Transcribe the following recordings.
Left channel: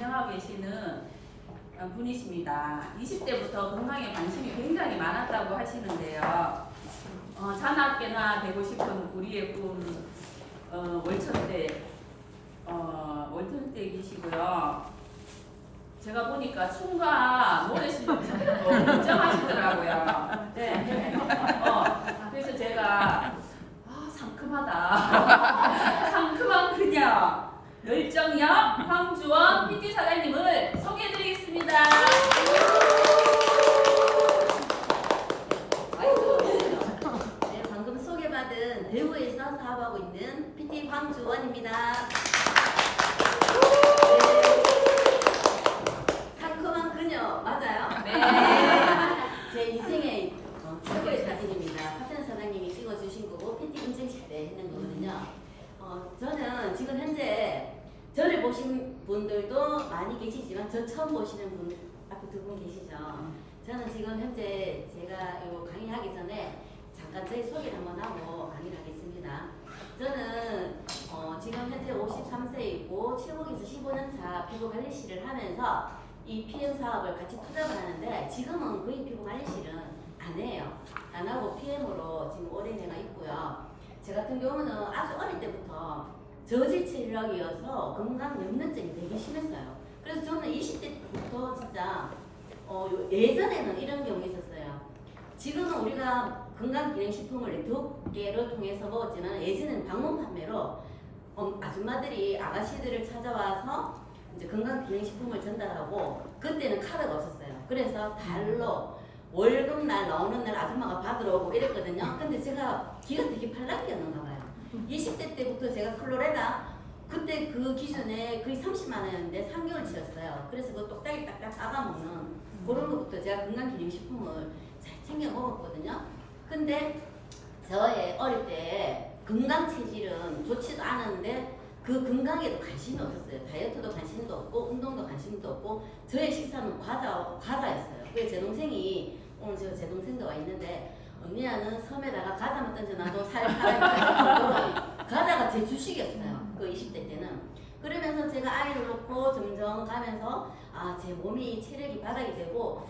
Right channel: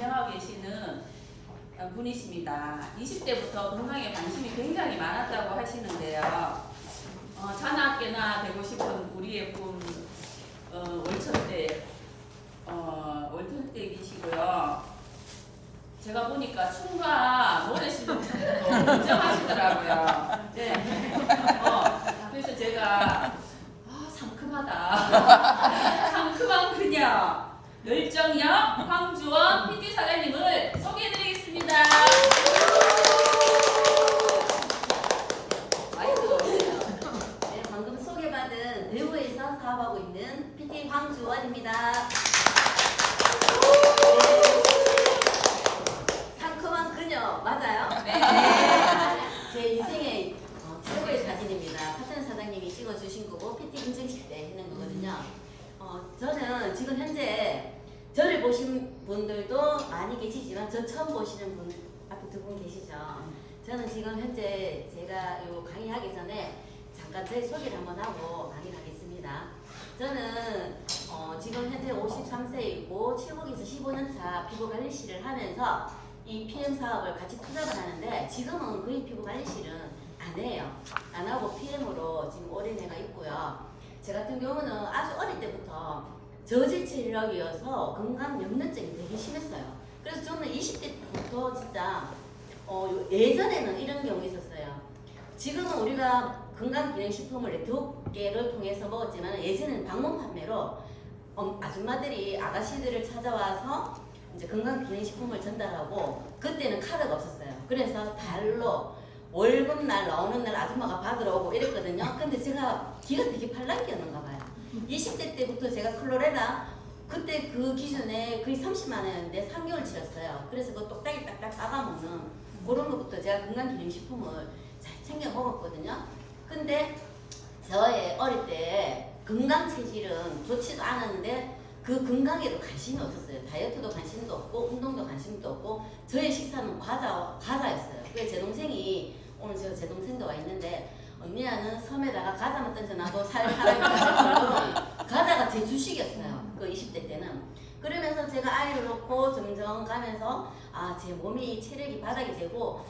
진행하고 계시는 분이십니다. 20대부터 건강에 관심이 굉장히 많았다고 하시는데요. 자나깨나 되고 싶은 우리의 꿈 월천댁이시고요. 제가 보니까 춤과 노래 실력도 인정하시더라고요. 네. 그래서 제가 상큼하다. 상큼한 그녀 열정역 황주원 PT 사장님을 소개해드리겠습니다. 네, 방금 소개받은 대구에서 사업하고 있는 PT 황주원입니다. 네. 상큼한 그녀 맞아요? 네. 제 인생의 최고의 사진입니다. 파트너 사장님이 찍어주신 거고 PT 인증식 때 했는 거거든요. 저는 지금 현재 저를 보신 분들도 많이 계시지만 저 처음 보시는 분 앞에 두 분 계시죠. 저는 지금 현재 제가 이거 강의하기 전에 잠깐 제 소개를 한번 하고 강의를 하겠습니다. 저는 지금 현재 53세이고 7국에서 15년차 피부관리실을 하면서 이 PM 사업을 같이 투잡을 하는데 지금은 거의 피부관리실은 안 해요. 안 하고 PM으로 지금 올인해가 있고요. 제 같은 경우는 아주 어릴 때부터 저질 체력이어서 건강 염려증이 되게 심했어요. 그래서 저는 20대부터 진짜 예전에는 이런 경우 있었어요. 지금은 우리가 건강기능식품을 네트워크를 통해서 먹었지만 예전에는 방문 판매로 아줌마들이 아가씨들을 찾아와서 이제 건강기능식품을 전달하고 그때는 카드가 없었어요. 그래서 달로 월급날 나오는 날 아줌마가 받으러 오고 이랬거든요. 근데 제가 기가 되게 팔랑귀였는가 봐요. 20대 때부터 제가 클로레다 그때 그 기준에 거의 30만 원이었는데 3개월치였어요. 그래서 그 똑딱이 딱딱 따가먹는 그런 것부터 제가 건강기능식품을 잘 챙겨 먹었거든요. 근데 저의 어릴 때 건강체질은 좋지도 않았는데 그 건강에도 관심이 없었어요. 다이어트도 관심도 없고 운동도 관심도 없고 저의 식사는 과자였어요. 그게 제 동생이 오늘 제 동생도 와 있는데 언니야는 섬에다가 과자만 던져놔도 살 사람이다 할 정도로 과자가 제 주식이었어요. 그 20대 때는. 그러면서 제가 아이를 놓고 점점 가면서 제 몸이 체력이 바닥이 되고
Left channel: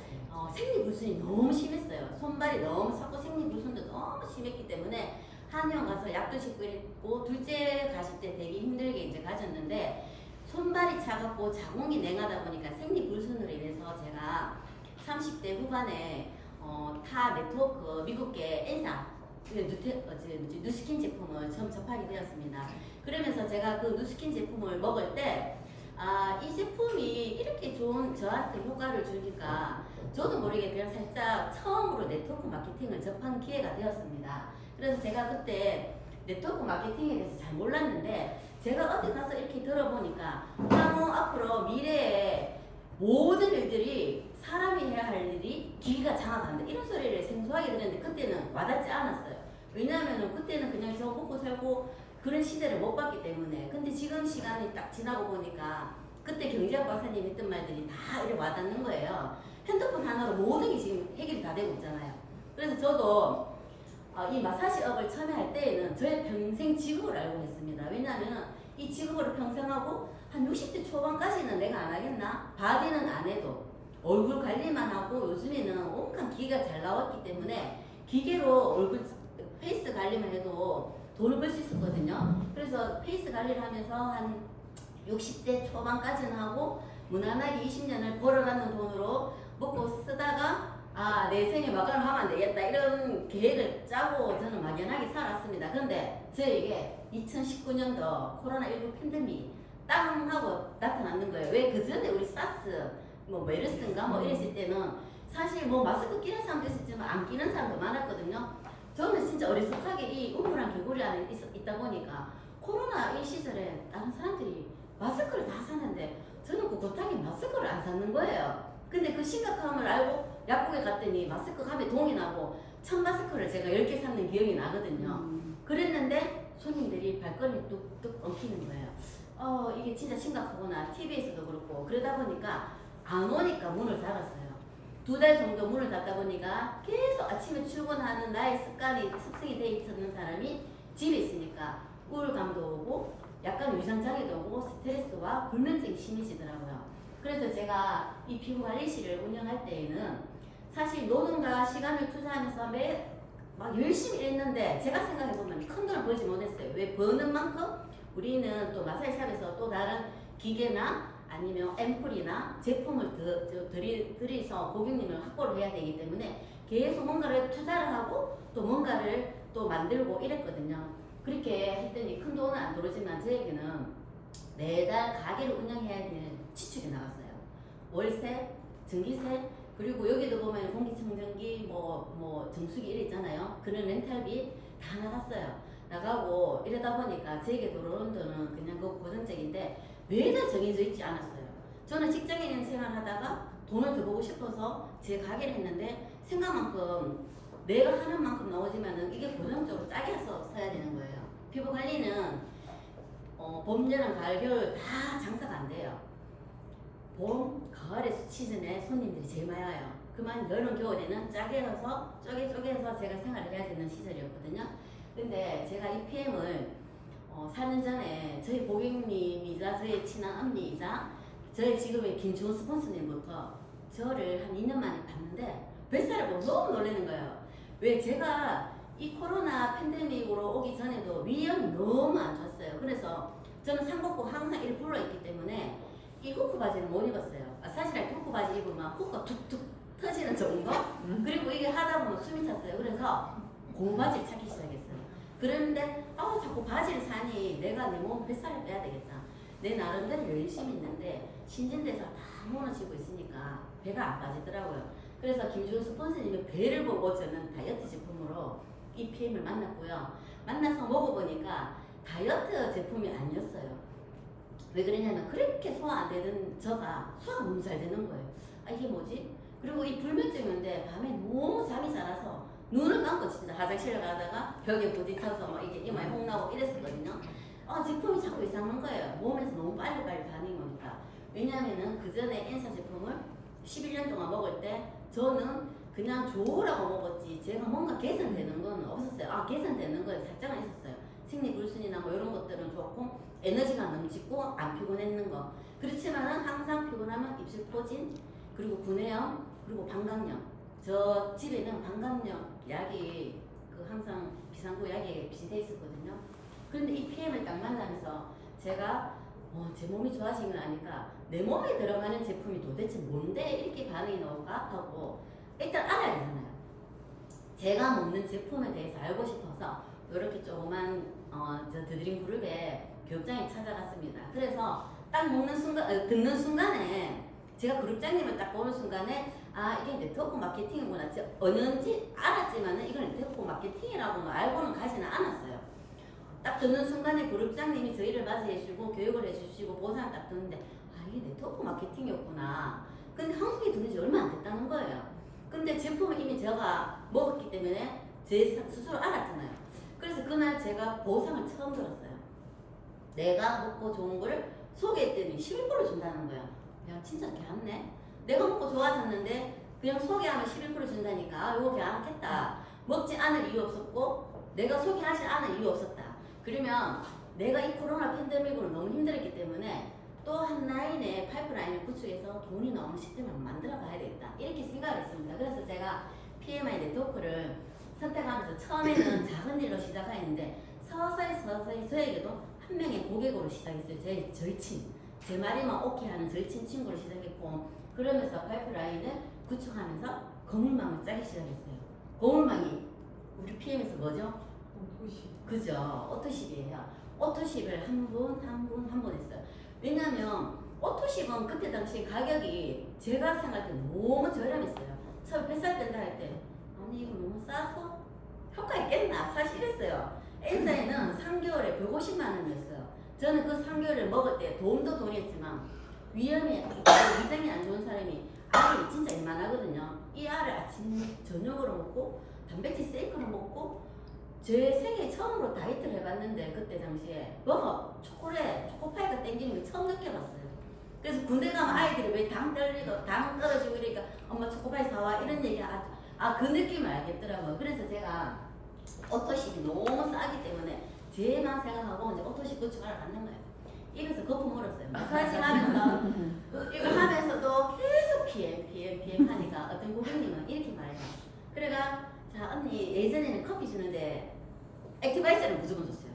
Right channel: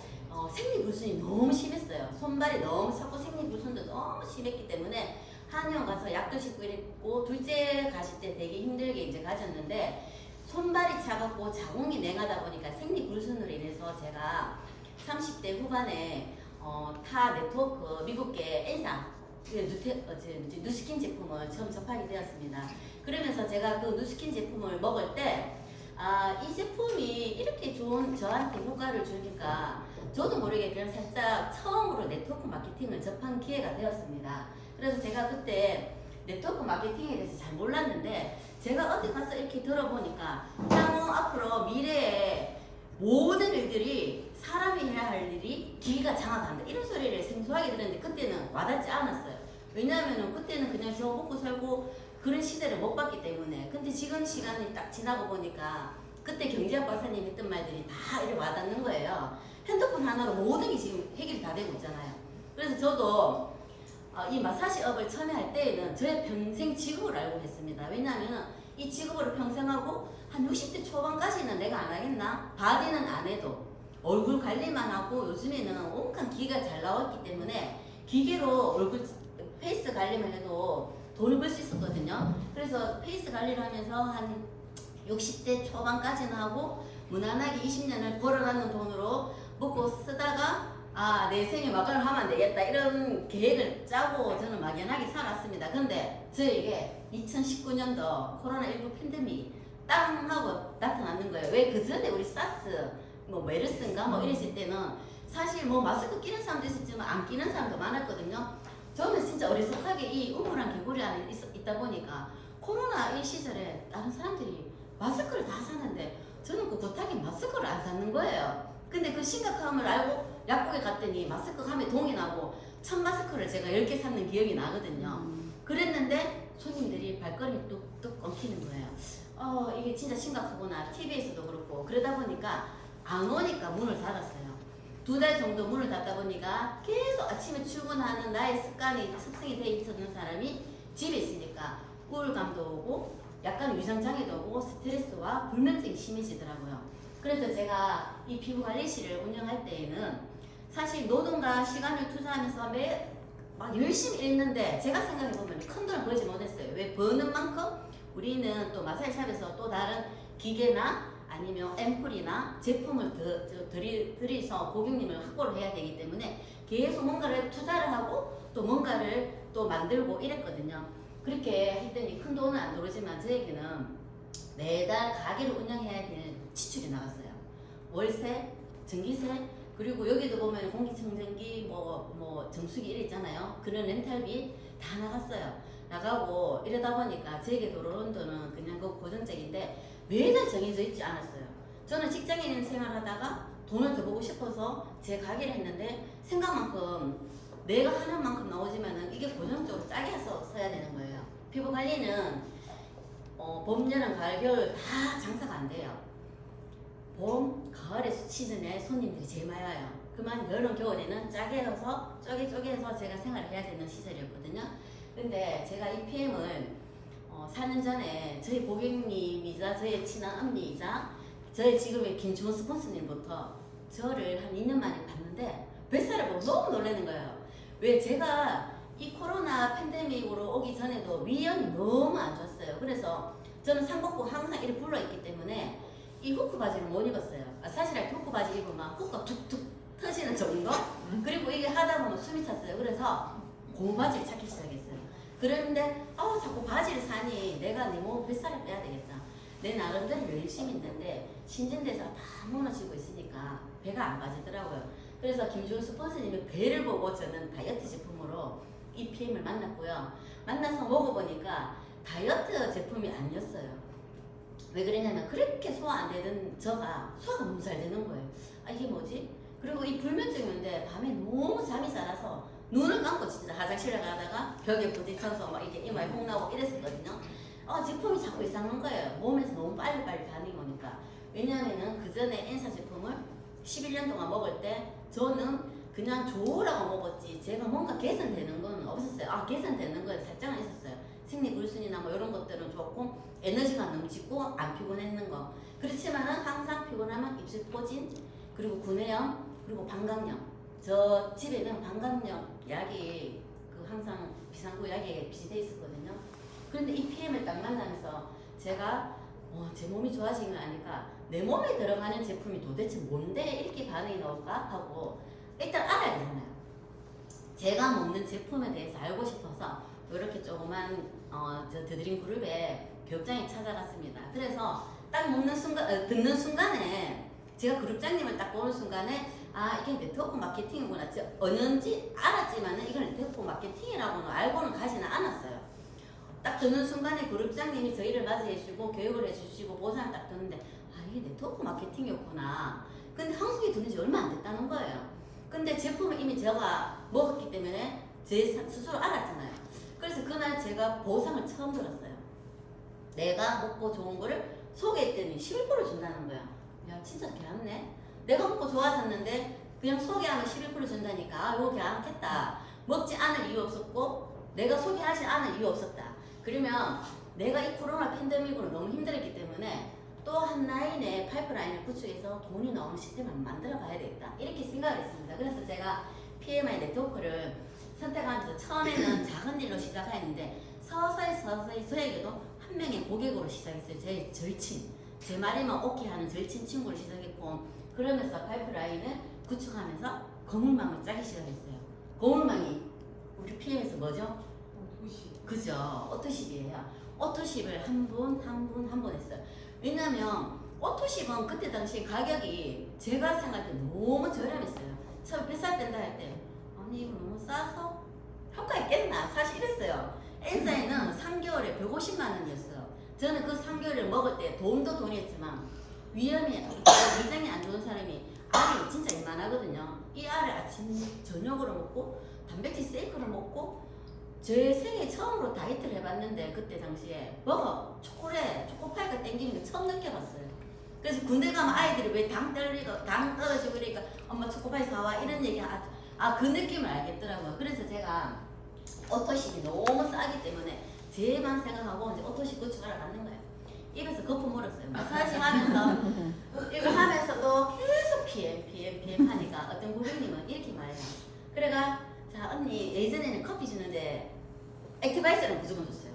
생리불순이 너무 심했어요. 손발이 너무 찼고 생리불순도 너무 심했기 때문에 한의원 가서 약도 싣고 이랬고 둘째 가실 때 되게 힘들게 이제 가졌는데 손발이 차갑고 자궁이 냉하다 보니까 생리불순으로 인해서 제가 30대 후반에 타 네트워크 미국계 N사 누스킨 제품을 처음 접하게 되었습니다. 그러면서 제가 그 누스킨 제품을 먹을 때 이 제품이 이렇게 좋은 저한테 효과를 주니까 저도 모르게 그냥 살짝 처음으로 네트워크 마케팅을 접한 기회가 되었습니다. 그래서 제가 그때 네트워크 마케팅에 대해서 잘 몰랐는데 제가 어디 가서 이렇게 들어보니까 향후 앞으로 미래에 모든 일들이 사람이 해야 할 일이 기기가 장악한다 이런 소리를 생소하게 들었는데 그때는 와닿지 않았어요. 왜냐하면 그때는 그냥 저 먹고 살고 그런 시대를 못 봤기 때문에. 근데 지금 시간이 딱 지나고 보니까 그때 경제학 박사님 했던 말들이 다 이렇게 와닿는 거예요. 핸드폰 하나로 모든 게 지금 해결이 다 되고 있잖아요. 그래서 저도 이 마사지업을 처음에 할 때에는 저의 평생 직업을 알고 했습니다. 왜냐하면 이 직업을 평생 하고 한 60대 초반까지는 내가 안 하겠나? 바디는 안 해도 얼굴 관리만 하고 요즘에는 온갖 기계가 잘 나왔기 때문에 기계로 얼굴 페이스 관리만 해도 돈을 벌 수 있었거든요. 그래서 페이스 관리를 하면서 한 60대 초반까지는 하고 무난하게 20년을 벌어가는 돈으로 먹고 쓰다가 내 생에 막간을 하면 안 되겠다 이런 계획을 짜고 저는 막연하게 살았습니다. 근데 저에게 2019년도 코로나19 팬데믹 땅 하고 나타났는 거예요. 왜 그 전에 우리 사스 메르스인가 이랬을 때는 사실 마스크 끼는 사람도 있었지만 안 끼는 사람도 많았거든요. 저는 진짜 어리숙하게 이 우물한 개구리 안에 있다 보니까 코로나 이 시절에 다른 사람들이 마스크를 다 사는데 저는 그 고타게 마스크를 안 샀는 거예요. 근데 그 심각함을 알고 약국에 갔더니 마스크 감에 동이 나고 천 마스크를 제가 10개 샀는 기억이 나거든요. 그랬는데 손님들이 발걸음이 뚝뚝 엉키는 거예요. 이게 진짜 심각하구나. TV에서도 그렇고 그러다 보니까 안 오니까 문을 닫았어요. 2달 정도 문을 닫다 보니까 계속 아침에 출근하는 나의 습성이 돼 있었는 사람이 집에 있으니까 우울감도 오고 약간 위장장애도 오고 스트레스와 불면증이 심해지더라고요. 그래서 제가 이 피부관리실을 운영할 때에는 사실 노동과 시간을 투자하면서 막 열심히 했는데 제가 생각해보면 큰 돈을 벌지 못했어요. 왜? 버는 만큼 우리는 또 마사지샵에서 또 다른 기계나 아니면 앰플이나 제품을 들이서 고객님을 확보를 해야 되기 때문에 계속 뭔가를 투자를 하고 또 뭔가를 또 만들고 이랬거든요. 그렇게 했더니 큰 돈은 안 들어오지만 저에게는 매달 가게를 운영해야 될 지출이 나갔어요. 월세, 전기세, 그리고 여기도 보면 공기청정기, 정수기 이래 있잖아요. 그런 렌탈비 다 나갔어요. 나가고 이러다 보니까 제게 들어오는 돈은 그냥 그 고정적인데 매달 정해져 있지 않았어요. 저는 직장인 생활하다가 돈을 더 벌고 싶어서 제 가게를 했는데 생각만큼 내가 하는 만큼 나오지만은 이게 고정적으로 짜게 해서 써야 되는 거예요. 피부 관리는 봄, 여름, 가을, 겨울 다 장사가 안 돼요. 봄, 가을의 시즌에 손님들이 제일 많이 와요. 그만 여름, 겨울에는 짜게 해서 쪼개서 제가 생활을 해야 되는 시절이었거든요. 근데 제가 이 PM을 4년 전에 저희 고객님이자 저희 친한 언니이자 저희 지금의 김주원 스폰서님부터 저를 한 2년 만에 봤는데 뱃살을 보고 너무 놀라는 거예요. 왜? 제가 이 코로나 팬데믹으로 오기 전에도 위염이 너무 안 좋았어요. 그래서 저는 상복부 항상 이렇게 불러있기 때문에 이 후크 바지를 못 입었어요. 사실 후크 바지 입으면 후크가 툭툭 터지는 정도? 그리고 이게 하다 보면 숨이 찼어요. 그래서 고무 바지를 찾기 시작했어요. 그런데 자꾸 바지를 사니 내가 내 몸 뱃살을 빼야 되겠다. 내 나름대로 열심히 있는데 신진대사가 다 무너지고 있으니까 배가 안 빠지더라고요. 그래서 김주훈 스폰서님의 배를 보고 저는 다이어트 제품으로 이 PM을 만났고요. 만나서 먹어보니까 다이어트 제품이 아니었어요. 왜 그러냐면 그렇게 소화 안 되던 저가 소화가 너무 잘 되는 거예요. 이게 뭐지? 그리고 이 불면증인데 밤에 너무 잠이 잘 와서 눈을 감고 진짜 화장실에 가다가 벽에 부딪혀서 막 이게 이마에 홍 나고 이랬었거든요. 제품이 자꾸 이상한 거예요. 몸에서 너무 빨리빨리 반응이 오니까. 왜냐면은 그 전에 엔사 제품을 11년 동안 먹을 때 저는 그냥 좋으라고 먹었지 제가 뭔가 개선되는 건 없었어요. 개선되는 건 살짝은 있었어요. 생리불순이나 이런 것들은 좋고 에너지가 넘치고 안 피곤했는 거. 그렇지만은 항상 피곤하면 입술 포진, 그리고 구내염, 그리고 방광염. 저 집에는 방광염 약이 항상 비상구 약에 비슷해 있었거든요. 그런데 이 PM을 딱 만나면서 제가 제 몸이 좋아지는 거 아니까 내 몸에 들어가는 제품이 도대체 뭔데 이렇게 반응이 나올까 하고 일단 알아야 되잖아요. 제가 먹는 제품에 대해서 알고 싶어서 이렇게 조그만 저 드드림 그룹에 교육장에 찾아갔습니다. 그래서 딱 먹는 순간, 듣는 순간에 제가 그룹장님을 딱 보는 순간에 이게 네트워크 마케팅이구나. 어는지 알았지만은 이건 네트워크 마케팅이라고는 알고는 가지는 않았어요. 딱 듣는 순간에 그룹장님이 저희를 맞이해주고 교육을 해주시고 보상을 딱 듣는데 이게 네트워크 마케팅이었구나. 근데 한국에 들은 지 얼마 안 됐다는 거예요. 근데 제품을 이미 제가 먹었기 때문에 제 스스로 알았잖아요. 그래서 그날 제가 보상을 처음 들었어요. 내가 먹고 좋은 거를 소개했더니 11% 준다는 거예요. 야 진짜 개안네. 내가 먹고 좋아졌는데 그냥 소개하면 11% 준다니까 이거 개안겠다. 먹지 않을 이유 없었고 내가 소개하지 않을 이유 없었다. 그러면 내가 이 코로나 팬데믹으로 너무 힘들었기 때문에 또 한 라인의 파이프라인을 구축해서 돈이 나오는 시스템을 만들어 가야 되겠다. 이렇게 생각을 했습니다. 그래서 제가 PMI 네트워크를 선택하면서 처음에는 작은 일로 시작했는데 서서히 저에게도 한 명의 고객으로 시작했어요. 제 절친. 제 말이면 오케이 하는 절친 친구를 시작했고 그러면서 파이프라인을 구축하면서 거물망을 짜기 시작했어요. 거물망이 우리 PM에서 뭐죠? 오토십. 그죠. 오토십이에요. 오토십을 한 분 했어요. 왜냐면 오토십은 그때 당시 가격이 제가 생각할 때 너무 저렴했어요. 처음에 뱃살 뺀다 할 때 아니 이거 너무 싸서 효과 있겠나? 사실 이랬어요. 엔사에는 3개월에 150만 원이었어요. 저는 그 3개월을 먹을 때 돈이 했지만 위장이 안 좋은 사람이 알이 진짜 이만하거든요. 이 알을 아침 저녁으로 먹고 단백질 세이크를 먹고 제 생애 처음으로 다이어트를 해봤는데 그때 당시에 초코파이가 땡기는 거 처음 느껴봤어요. 그래서 군대 가면 아이들이 왜 당 떨어지고 이러니까 엄마 초코파이 사와 이런 얘기 그 느낌을 알겠더라고요. 그래서 제가 오토십이 너무 싸기 때문에 쟤만 생각하고 이제 오토시 구축하러 갔는 거예요. 입에서 거품 물었어요. 마사지 하면서 이거 하면서도 계속 PM 하니까 어떤 고객님은 이렇게 말해요. 그래가 자 언니 예전에는 커피 주는데 액티바이저를 무조건 줬어요.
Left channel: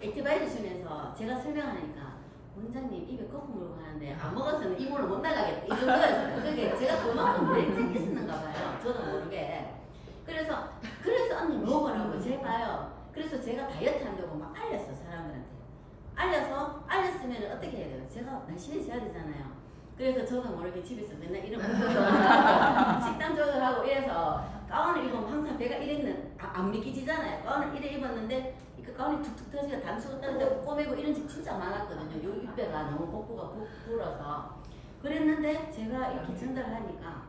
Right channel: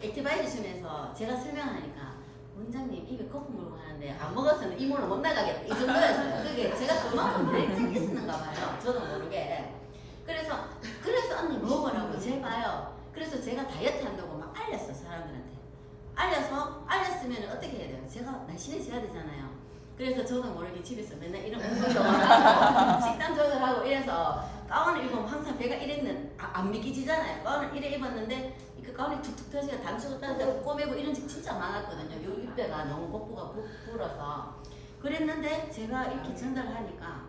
액티바이저 주면서 제가 설명하니까 원장님 입에 거품 물고 하는데 안 먹었으면 이모는 못 나가겠다 이 정도였어요. 그게 제가 그만큼 열정이 있었는가 봐요. 저도 모르게. 그래서 언니 먹으라고 제발요. 그래서 제가 다이어트 한다고 막 알렸어 사람들한테. 알렸으면 어떻게 해야 돼요? 제가 날씬해져야 되잖아요. 그래서 저도 모르게 집에서 맨날 이런 운동을 하고 식단 조절하고 이래서 가운을 입으면 항상 배가 안 믿기지잖아요. 가운을 이래 입었는데 그 가운이 툭툭 터지고 단추가 떨어져 꼬매고 이런 적 진짜 많았거든요. 요 입배가 너무 복부가 불어서 그랬는데 제가 이렇게 전달을 하니까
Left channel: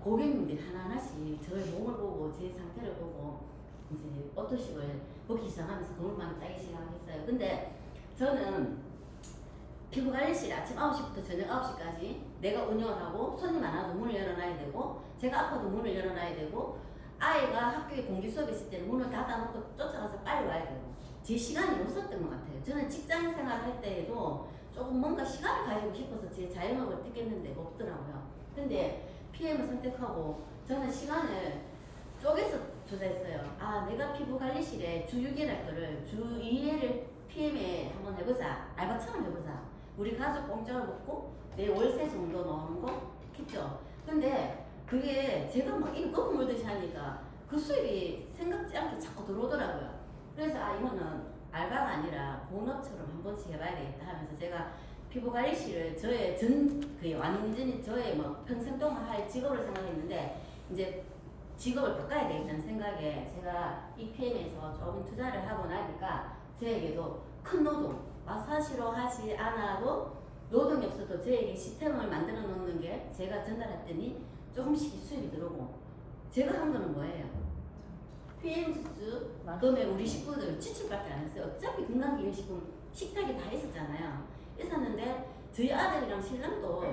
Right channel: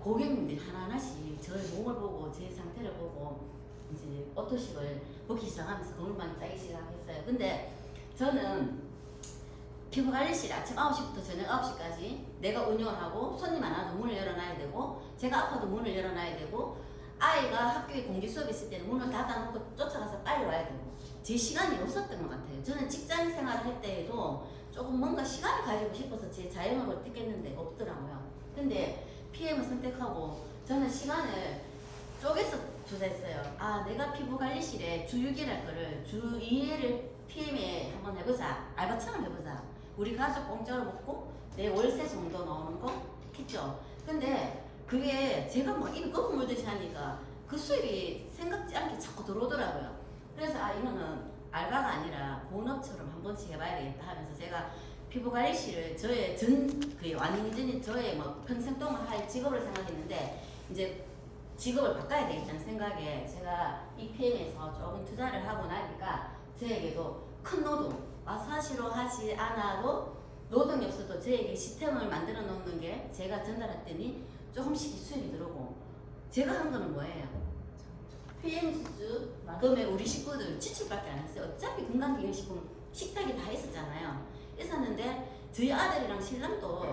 고객님들이 하나하나씩 저의 몸을 보고 제 상태를 보고 이제 오토식을 먹기 시작하면서 거울만 짜기 시작했어요. 근데 저는 피부관리실 아침 9시부터 저녁 9시까지 내가 운영을 하고 손님 안 와도 문을 열어놔야 되고 제가 아파도 문을 열어놔야 되고 아이가 학교에 공개 수업 있을 때는 문을 닫아놓고 쫓아가서 빨리 와야 되고 제 시간이 없었던 것 같아요. 저는 직장 생활을 할 때에도 조금 뭔가 시간을 가지고 싶어서 제 자영업을 택했는데 없더라고요. 근데 PM을 선택하고 저는 시간을 쪼개서 투자했어요. 아 내가 피부관리실에 주 6일 할 거를 주 2회를 PM에 한번 해보자. 알바처럼 해보자. 우리 가족 공짜로 먹고 내 월세 정도 넣는 거 했죠. 근데 그게 제가 막 이런 거품 물듯이 하니까 그 수입이 생각지 않게 자꾸 들어오더라고요. 그래서 아 이거는 알바가 아니라 본업처럼 한 번씩 해봐야 되겠다 하면서 제가 피부관리실을 저의 완전히 저의 뭐 평생 동안 할 직업을 생각했는데 이제 직업을 바꿔야 되겠다는 생각에 제가 이 PM에서 조금 투자를 하고 나니까 저에게도 큰 노동, 마사지로 하지 않아도 노동이 없어도 저에게 시스템을 만들어 놓는 게 제가 전달했더니 조금씩 수입이 들어오고 제가 한 거는 뭐예요? PM 주스 그러면 우리 식구들 지출밖에 안 했어요. 어차피 건강기능식품 식탁에 다 있었는데 저희 아들이랑 신랑도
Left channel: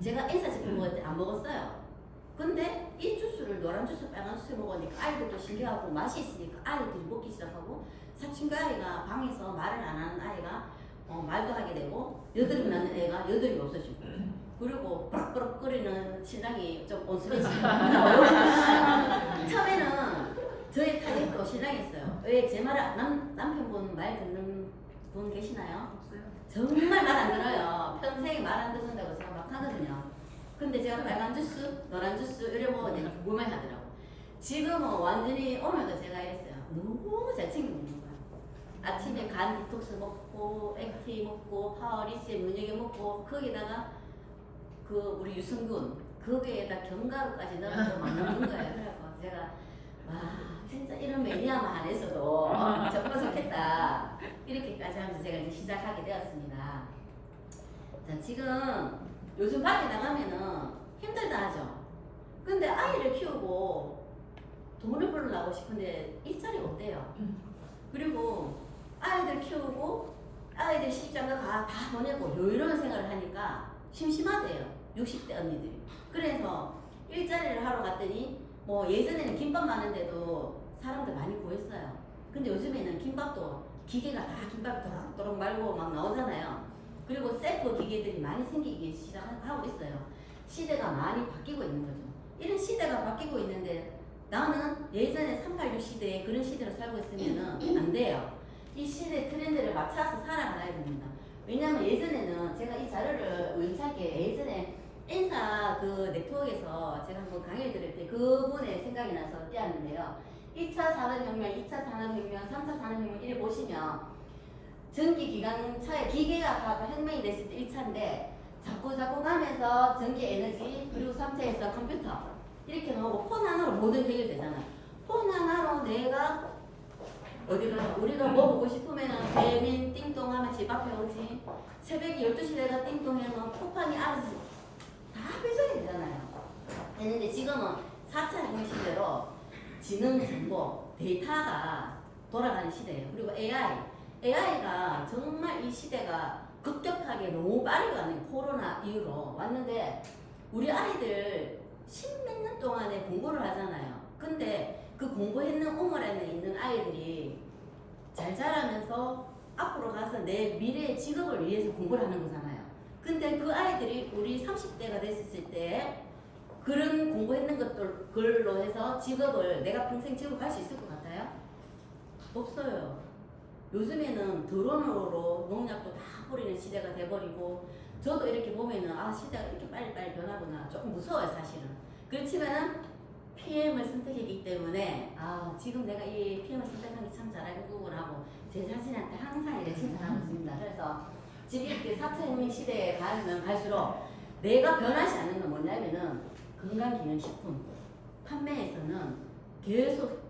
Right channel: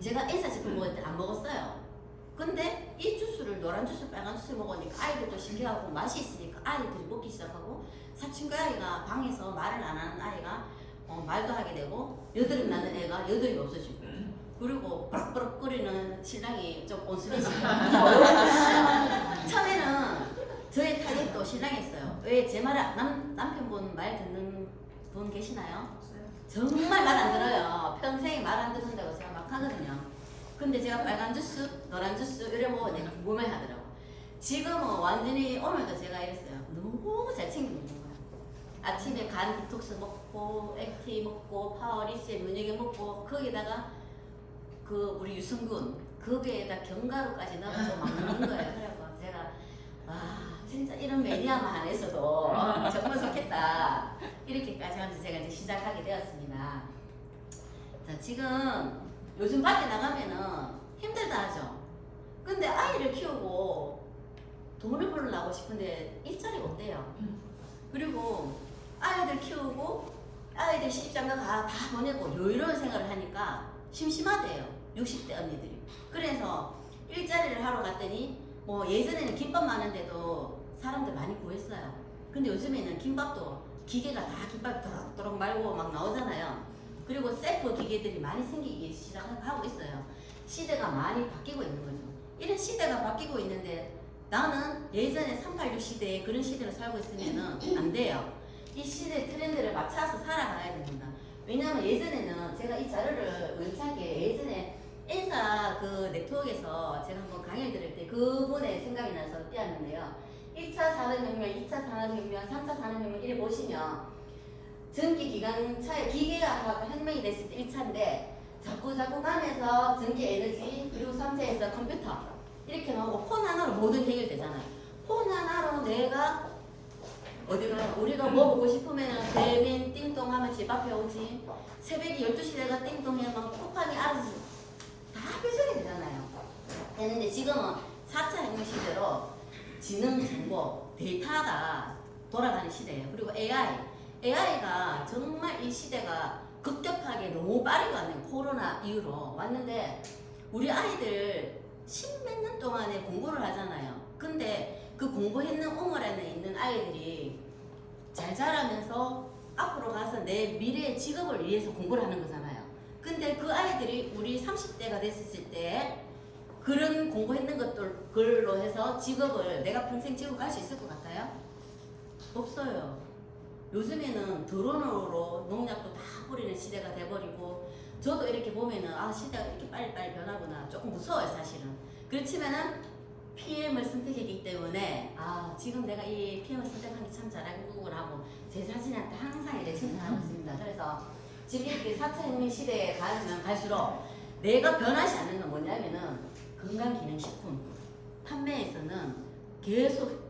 제가 인사식품 먹을 때 안 먹었어요. 근데 이 주스를 노란 주스 빨간 주스 먹으니까 아이들도 신기하고 맛이 있으니까 아이들이 먹기 시작하고 사춘기 아이가 방에서 말을 안 하는 아이가 말도 하게 되고 여드름 나는 애가 여드름이 없어지고 그리고 버럭버럭 거리는 신랑이 좀 온순해지고 처음에는 저희 타겟도 신랑이었어요. 왜 제 말을 남편분 말 듣는 분 계시나요? 없어요. 정말 말 안 들어요. 평생에 말 안 듣는다고 제가 막 하거든요. 근데 제가 빨간 주스, 노란 주스 이래 먹으니까 몸에 하더라고. 지금은 완전히 오늘도 제가 이랬어요. 너무 잘 챙겨 먹는 거야. 아침에 간 디톡스 먹고 액티 먹고 파워리스에 면역에 먹고 거기다가 그 우리 유승균 거기에다 견과류까지 넣어서 막 넣는 거예요. 그래서 제가 와 진짜 이런 매니아만 안 했어도 정말 좋겠다 이렇게까지 하면서 제가 이제 시작하게 되었습니다. 자 지금 요즘 밖에 나가면은 힘들다 하죠. 근데 아이를 키우고 돈을 벌려고 싶은데 일자리가 없대요. 그리고 아이들 키우고 아이들 시집장가 다 보내고 이런 생각을 하니까 심심하대요. 60대 언니들이. 그래서 일자리를 하러 갔더니 뭐 예전에는 김밥 많은데도 사람들 많이 구했어요. 근데 요즘에는 김밥도 기계가 다 김밥이 또록또록 말고 막 나오잖아요. 그리고 셀프 기계들이 많이 생기기 시작하고 있어요. 시대가 많이 바뀌고 있는 거죠. 이런 시대가 바뀌고 있는데 나는 예전에 386 시대에 그런 시대를 살고 있으면 안 돼요. 이 시대 트렌드를 맞춰서 살아가야 됩니다. 왜냐면 예전에는 제가 이 자료를 우연찮게 예전에 인사 그 네트워크에서 제가 한번 강의를 들을 때 그분의 생각이 나서 띄었는데요. 1차 산업혁명, 2차 산업혁명, 3차 산업혁명 이래 보시면 전기 기관차의 기계가 혁명이 됐을 때 1차인데 자꾸 가면서 전기 에너지 그리고 3차에서 컴퓨터 이렇게 나오고 폰 하나로 모든 해결되잖아요. 폰 하나로 내가 어디가 우리가 뭐 먹고 싶으면은 대면 띵동 하면 집 앞에 오지. 새벽에 12시 내가 띵동 하면 쿠팡이 알아서 다 배송이 되잖아요. 했는데 지금은 4차 혁명 시대로 지능 정보 데이터가 돌아가는 시대예요. 그리고 AI가 정말 이 시대가 급격하게 너무 빠르게 왔네요. 코로나 이후로 왔는데 우리 아이들 10몇 년 동안에 공부를 하잖아요. 근데 그 공부했는 우물에 있는 아이들이 잘 자라면서 앞으로 가서 내 미래의 직업을 위해서 공부를 하는 거잖아요. 근데 그 아이들이 우리 30대가 됐을 때 그런 공부했는 것들로 해서 직업을 내가 평생 지고 갈 수 있을 것 같아요? 없어요. 요즘에는 드론으로 농약도 다 뿌리는 시대가 돼버리고 저도 이렇게 보면은 아 시대가 이렇게 빨리빨리 변하구나 조금 무서워요 사실은. 그렇지만은 PM을 선택했기 때문에 아 지금 내가 이 PM을 선택한 게 참 잘하구나 하고 제 자신한테 항상 이렇게 칭찬하고 있습니다. 그래서 지금 이렇게 4차 시대에 가면 갈수록 내가 변하지 않는 건 뭐냐면은 건강기능식품 판매에서는 계속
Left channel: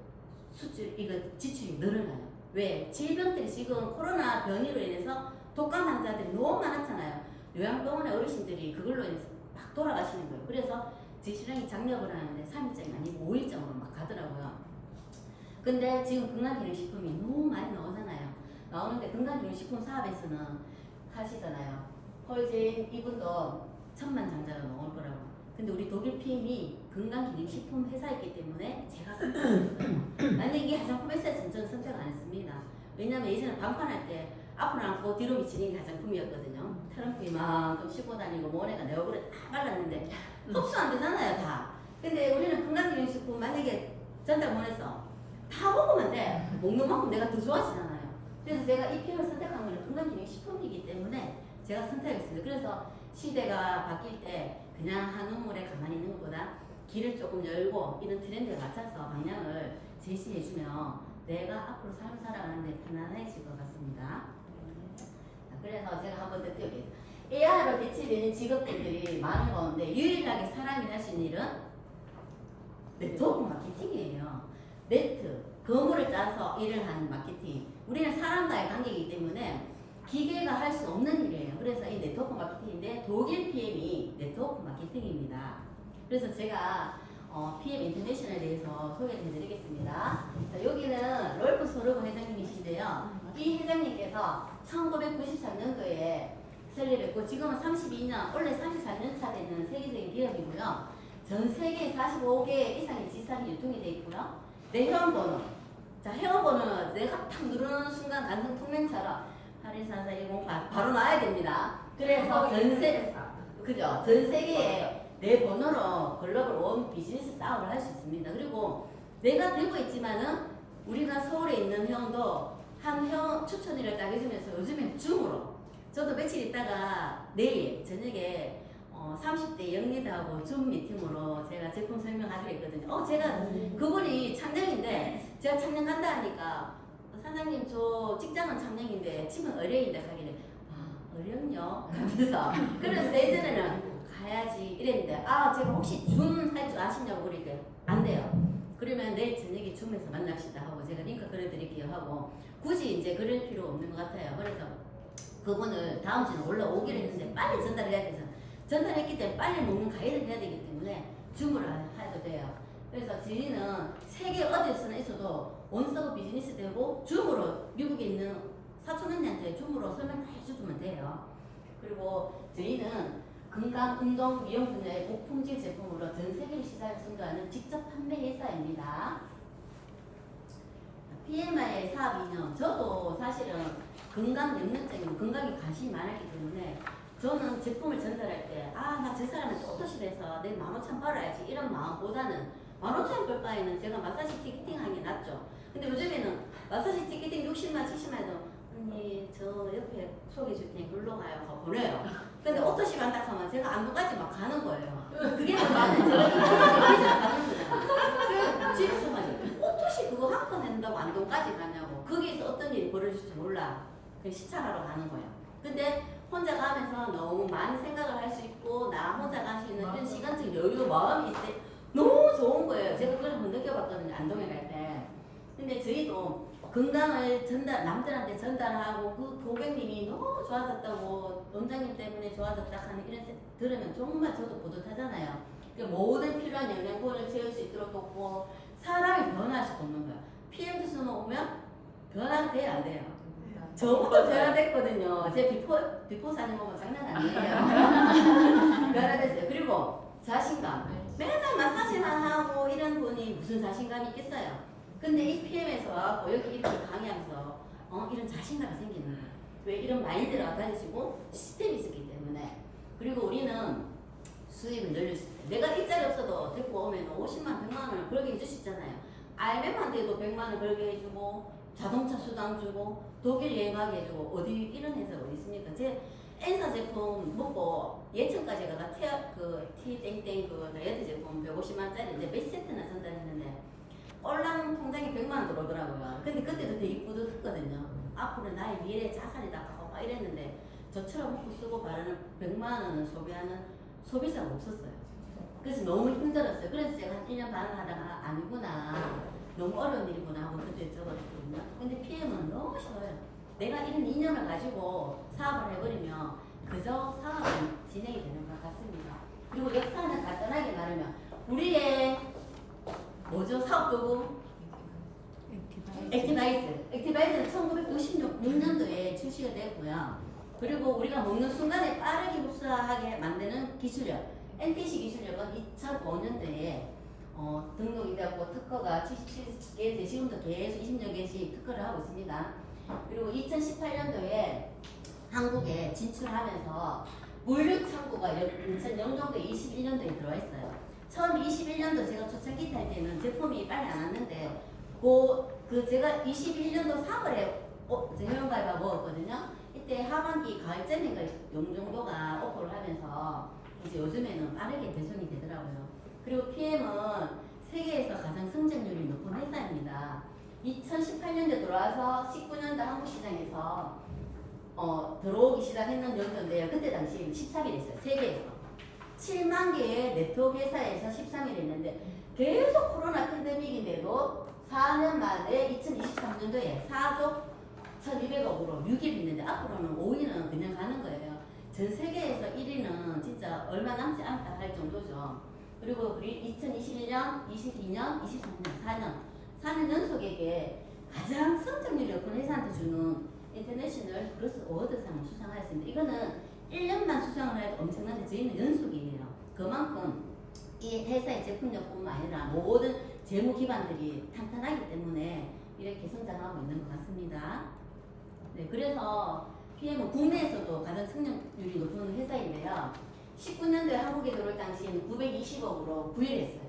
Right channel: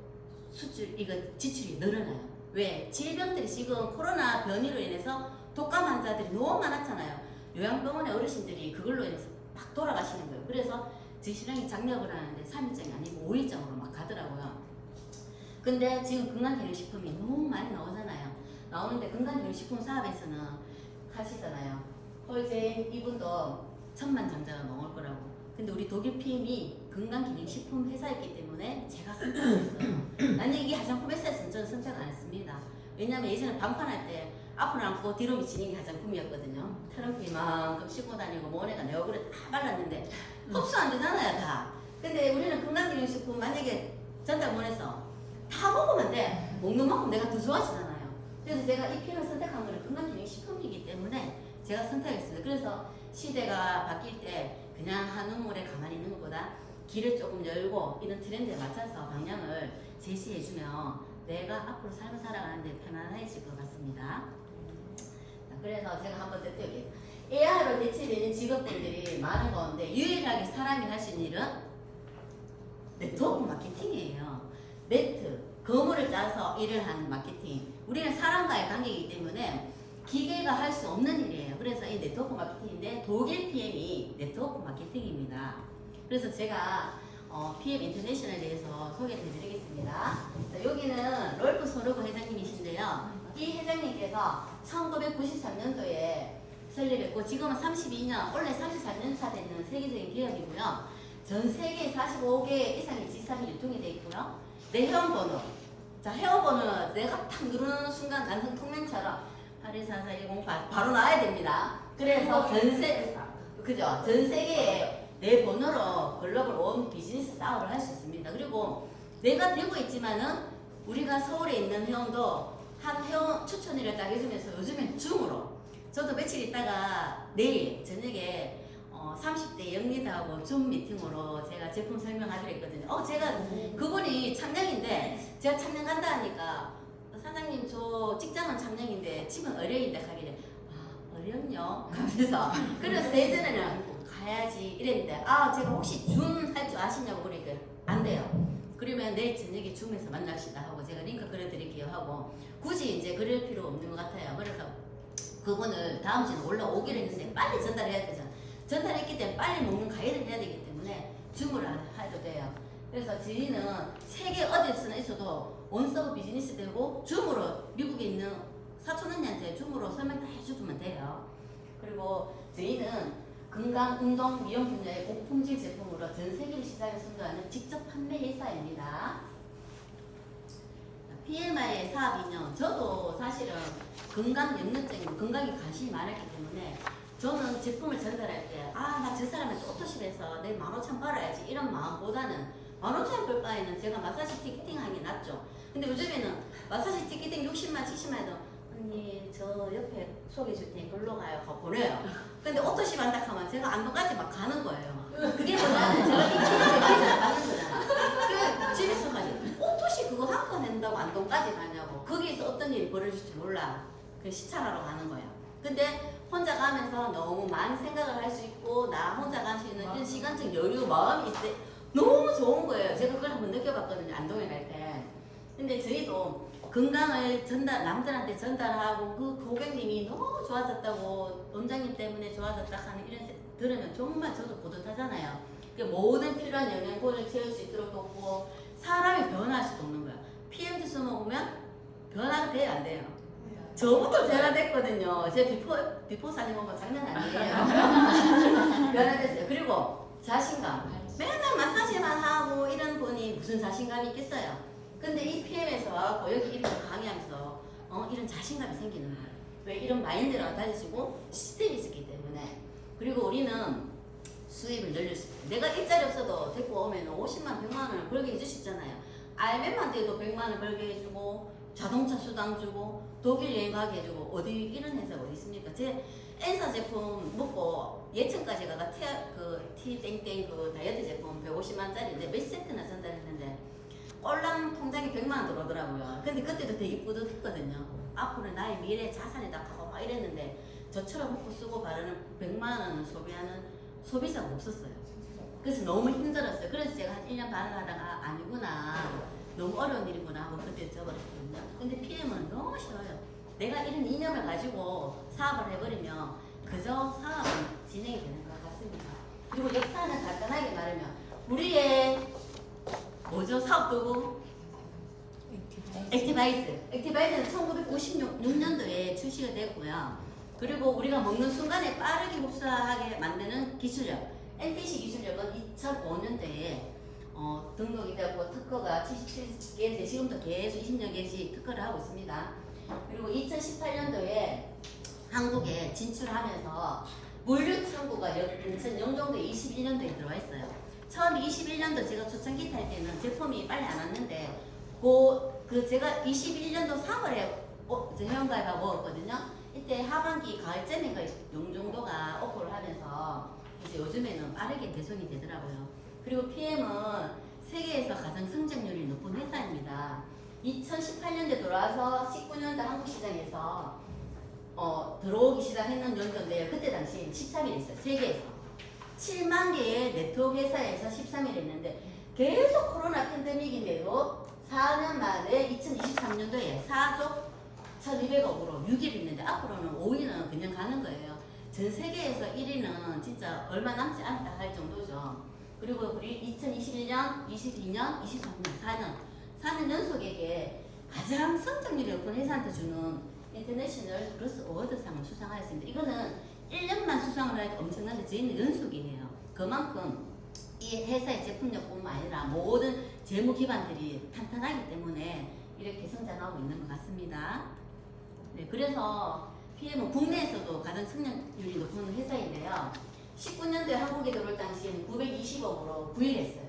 수출 이거 지출이 늘어나요. 왜? 질병들이 지금 코로나 변이로 인해서 독감 환자들이 너무 많았잖아요. 요양병원의 어르신들이 그걸로 인해서 막 돌아가시는 거예요. 그래서 지시량이 장려를 하는데 3일장이 아니고 5일장으로 막 가더라고요. 근데 지금 건강기능식품이 너무 많이 나오잖아요. 나오는데 건강기능식품 사업에서는 하시잖아요. 홀젠 이분도 1000만 장자가 나올 거라고. 근데 우리 독일 PM이 건강기능식품 회사였기 때문에 제가 선택했어요. 만약 이게 화장품 회사였으면 저는 선택 안 했습니다. 왜냐면 예전에 방판할 때 앞으로 안고 뒤로 미치는 게 화장품이었거든요. 트럼프 이만큼 씹고 다니고 모네가 내 얼굴에 다 발랐는데 흡수 안 되잖아요 다. 근데 우리는 건강기능식품 만약에 전달보내서 다 먹으면 돼. 먹는 만큼 내가 더 좋아지잖아요. 그래서 제가 이 PM을 선택한 거는 건강기능식품이기 때문에 제가 선택했어요. 그래서 시대가 바뀔 때 그냥 한 우물에 가만히 있는 것보다 길을 조금 열고 이런 트렌드에 맞춰서 방향을 제시해주면 내가 앞으로 삶을 살아가는데 편안해질 것 같습니다. 그래서 제가 한번 더 띄워드릴게요. AI로 대체되는 직업들이 많은 가운데 유일하게 사람이 할 수 있는 일은 네트워크 마케팅이에요. 네트, 거물을 짜서 일을 하는 마케팅. 우리는 사람과의 관계이기 때문에 기계가 할 수 없는 일이에요. 그래서 이 네트워크 마케팅인데 독일 PM이 네트워크 마케팅입니다. 그래서 제가 PM 인터내셔널에 대해서 소개를 해드리겠습니다. 자, 여기는 롤프 소르브 회장님이신데요. 이 회장님께서 1993년도에 설립했고 지금은 32년, 원래 34년차 되는 세계적인 기업이고요. 전 세계 45개 이상의 지상이 유통이 되어 있고요. 내 회원번호. 자, 회원번호 내가 탁 누르는 순간 단순 통면처럼 814410 바로 나와야 됩니다. 그래서 그죠? 전 세계에 내 번호로 글로벌 원 비즈니스 사업을 할 수 있습니다. 그리고 내가 되고 있지만은 우리가 서울에 있는 회원도 한 회원 추천일을 딱 해주면서 요즘엔 줌으로 저도 며칠 있다가 내일 저녁에 30대 영리다하고 줌 미팅으로 제가 제품 설명하기로 했거든요. 제가 그분이 참량인데 제가 참량 간다 하니까 사장님 저 직장은 참량인데 집은 의뢰인데 하길래 의뢰요? 그래서 예전에는 가야지 이랬는데 제가 혹시 줌 할 줄 아시냐고 그러니까 안 돼요. 그러면 내일 저녁에 줌에서 만납시다 하고 제가 링크 그려드릴게요 하고 굳이 이제 그릴 필요 없는 것 같아요. 그래서 그분을 다음 주에 올라오기로 했는데 빨리 전달해야 되잖아. 전달했기 때문에 빨리 먹는 가이드를 해야 되기 때문에 줌을 해도 돼요. 그래서 저희는 세계 어디서나 있어도 원서브 비즈니스 되고 줌으로 미국에 있는 사촌 언니한테 줌으로 설명 다 해주면 돼요. 그리고 저희는 건강, 운동, 미용 분야의 고품질 제품으로 전 세계 시장에 선도하는 직접 판매 회사입니다. PMI 사업 인연, 저도 사실은 건강 염려증이고 건강에 관심이 많았기 때문에 저는 제품을 전달할 때 나 저 사람한테 오토실에서 내 15,000 벌어야지 이런 마음보다는 15,000 벌 바에는 제가 마사지 티켓팅 하는 게 낫죠. 근데 요즘에는 마사지 티켓팅 60만 70만 해도 언니 저 옆에 소개해 줄 테니 글로 가요 하고 보내요. 근데 오토실 한다 하면 제가 안동까지 막 가는 거예요. 그게 뭐냐면 제가 이 PM에 비자를 받는 거잖아요. 그 집에서 가지고 오토실 그거 한 건 한다고 안동까지 가냐고. 거기에서 어떤 일이 벌어질지 몰라. 그 시찰하러 가는 거예요. 근데 혼자 가면서 너무 많은 생각을 할 수 있고 나 혼자 갈 수 있는 이런 시간적 여유 마음이 있을 때 너무 좋은 거예요. 제가 그걸 한번 느껴봤거든요. 안동에 갈 때. 근데 저희도 건강을 남들한테 전달하고 그 고객님이 너무 좋아졌다고 원장님 때문에 좋아졌다 하는 이런 들으면 정말 저도 뿌듯하잖아요. 그러니까 모든 필요한 영양분을 채울 수 있도록 돕고 사람이 변화할 수도 없는 거야. PM 주스 먹으면 변화가 돼야 안 돼요. 저부터 변화됐거든요. 제 비포 사진 보면 장난 아니에요. 변화됐어요. 그리고 자신감. 맨날 마사지만 하고 이런 분이 무슨 자신감이 있겠어요. 근데 이 PM에서 와갖고 여기 이렇게 강의하면서 이런 자신감이 생기는 거예요. 왜 이런 마인드가 달라지고 시스템이 있었기 때문에. 그리고 우리는 수입을 늘릴 수 있어요. 내가 일자리 없어도 데리고 오면 50만, 100만 원을 벌게 해줄 수 있잖아요. 알면만 돼도 100만 원 벌게 해주고 자동차 수당 주고 독일 여행 가게 해주고 어디 이런 회사가 어디 있습니까? 제 엔사 제품 먹고 예천까지 가가 티 땡땡 그 다이어트 제품 150만짜리인데 몇 세트나 전달했는데 꼴랑 통장에 100만 원 들어오더라고요. 근데 그때도 되게 뿌듯했거든요. 앞으로 나의 미래 자산이다 하고 막 이랬는데 저처럼 먹고 쓰고 바르는 100만 원을 소비하는 소비자가 없었어요. 그래서 너무 힘들었어요. 그래서 제가 한 1년 반 하다가 아니구나. 너무 어려운 일이구나 하고 그때 접어들었거든요. 근데 PM은 너무 쉬워요. 내가 이런 이념을 가지고 사업을 해버리면 그저 사업이 진행이 되는 것 같습니다. 그리고 역사는 간단하게 말하면 우리의 뭐죠? 사업 도구? 액티바이스. 액티바이스는 1996년도에 출시가 됐고요. 그리고 우리가 먹는 순간에 빠르게 흡수하게 만드는 기술력. NTC 기술력은 2005년도에 등록이 되고 특허가 77개 돼 지금도 계속 20년 개씩 특허를 하고 있습니다. 그리고 2018년도에 한국에 진출하면서 물류 창구가 인천 영종도에 21년도에 들어와 있어요. 처음 21년도 제가 초창기 탈 때는 제품이 빨리 안 왔는데 제가 21년도 3월에 회원가입하고 먹었거든요. 이때 하반기 가을쯤인가 영종도가 오픈을 하면서 이제 요즘에는 빠르게 개선이 되더라고요. 그리고 PM은 세계에서 가장 성장률이 높은 회사입니다. 2018년도에 들어와서 19년도 한국 시장에서 들어오기 시작했는 연도인데요. 그때 당시 13일 했어요. 세계에서 7만 개의 네트워크 회사에서 13일 했는데 계속 코로나 팬데믹인데도 4년 만에 2023년도에 4조 1200억으로 6일 했는데 앞으로는 5위는 그냥 가는 거예요. 전 세계에서 1위는 진짜 얼마 남지 않다 할 정도죠. 그리고 우리 2021년, 22년, 23년, 4년 연속에게 가장 성장률이 높은 회사한테 주는 인터내셔널 크로스 어워드상을 수상하였습니다. 이거는 1년만 수상을 해도 엄청난데 저희는 연속이에요. 그만큼 이 회사의 제품력뿐만 아니라 모든 재무 기반들이 탄탄하기 때문에 이렇게 성장하고 있는 것 같습니다. 네, 그래서 PM은 국내에서도 가장 성장률이 높은 회사인데요. 19년도에 한국에 들어올 당시에는 920억으로 9일 했어요.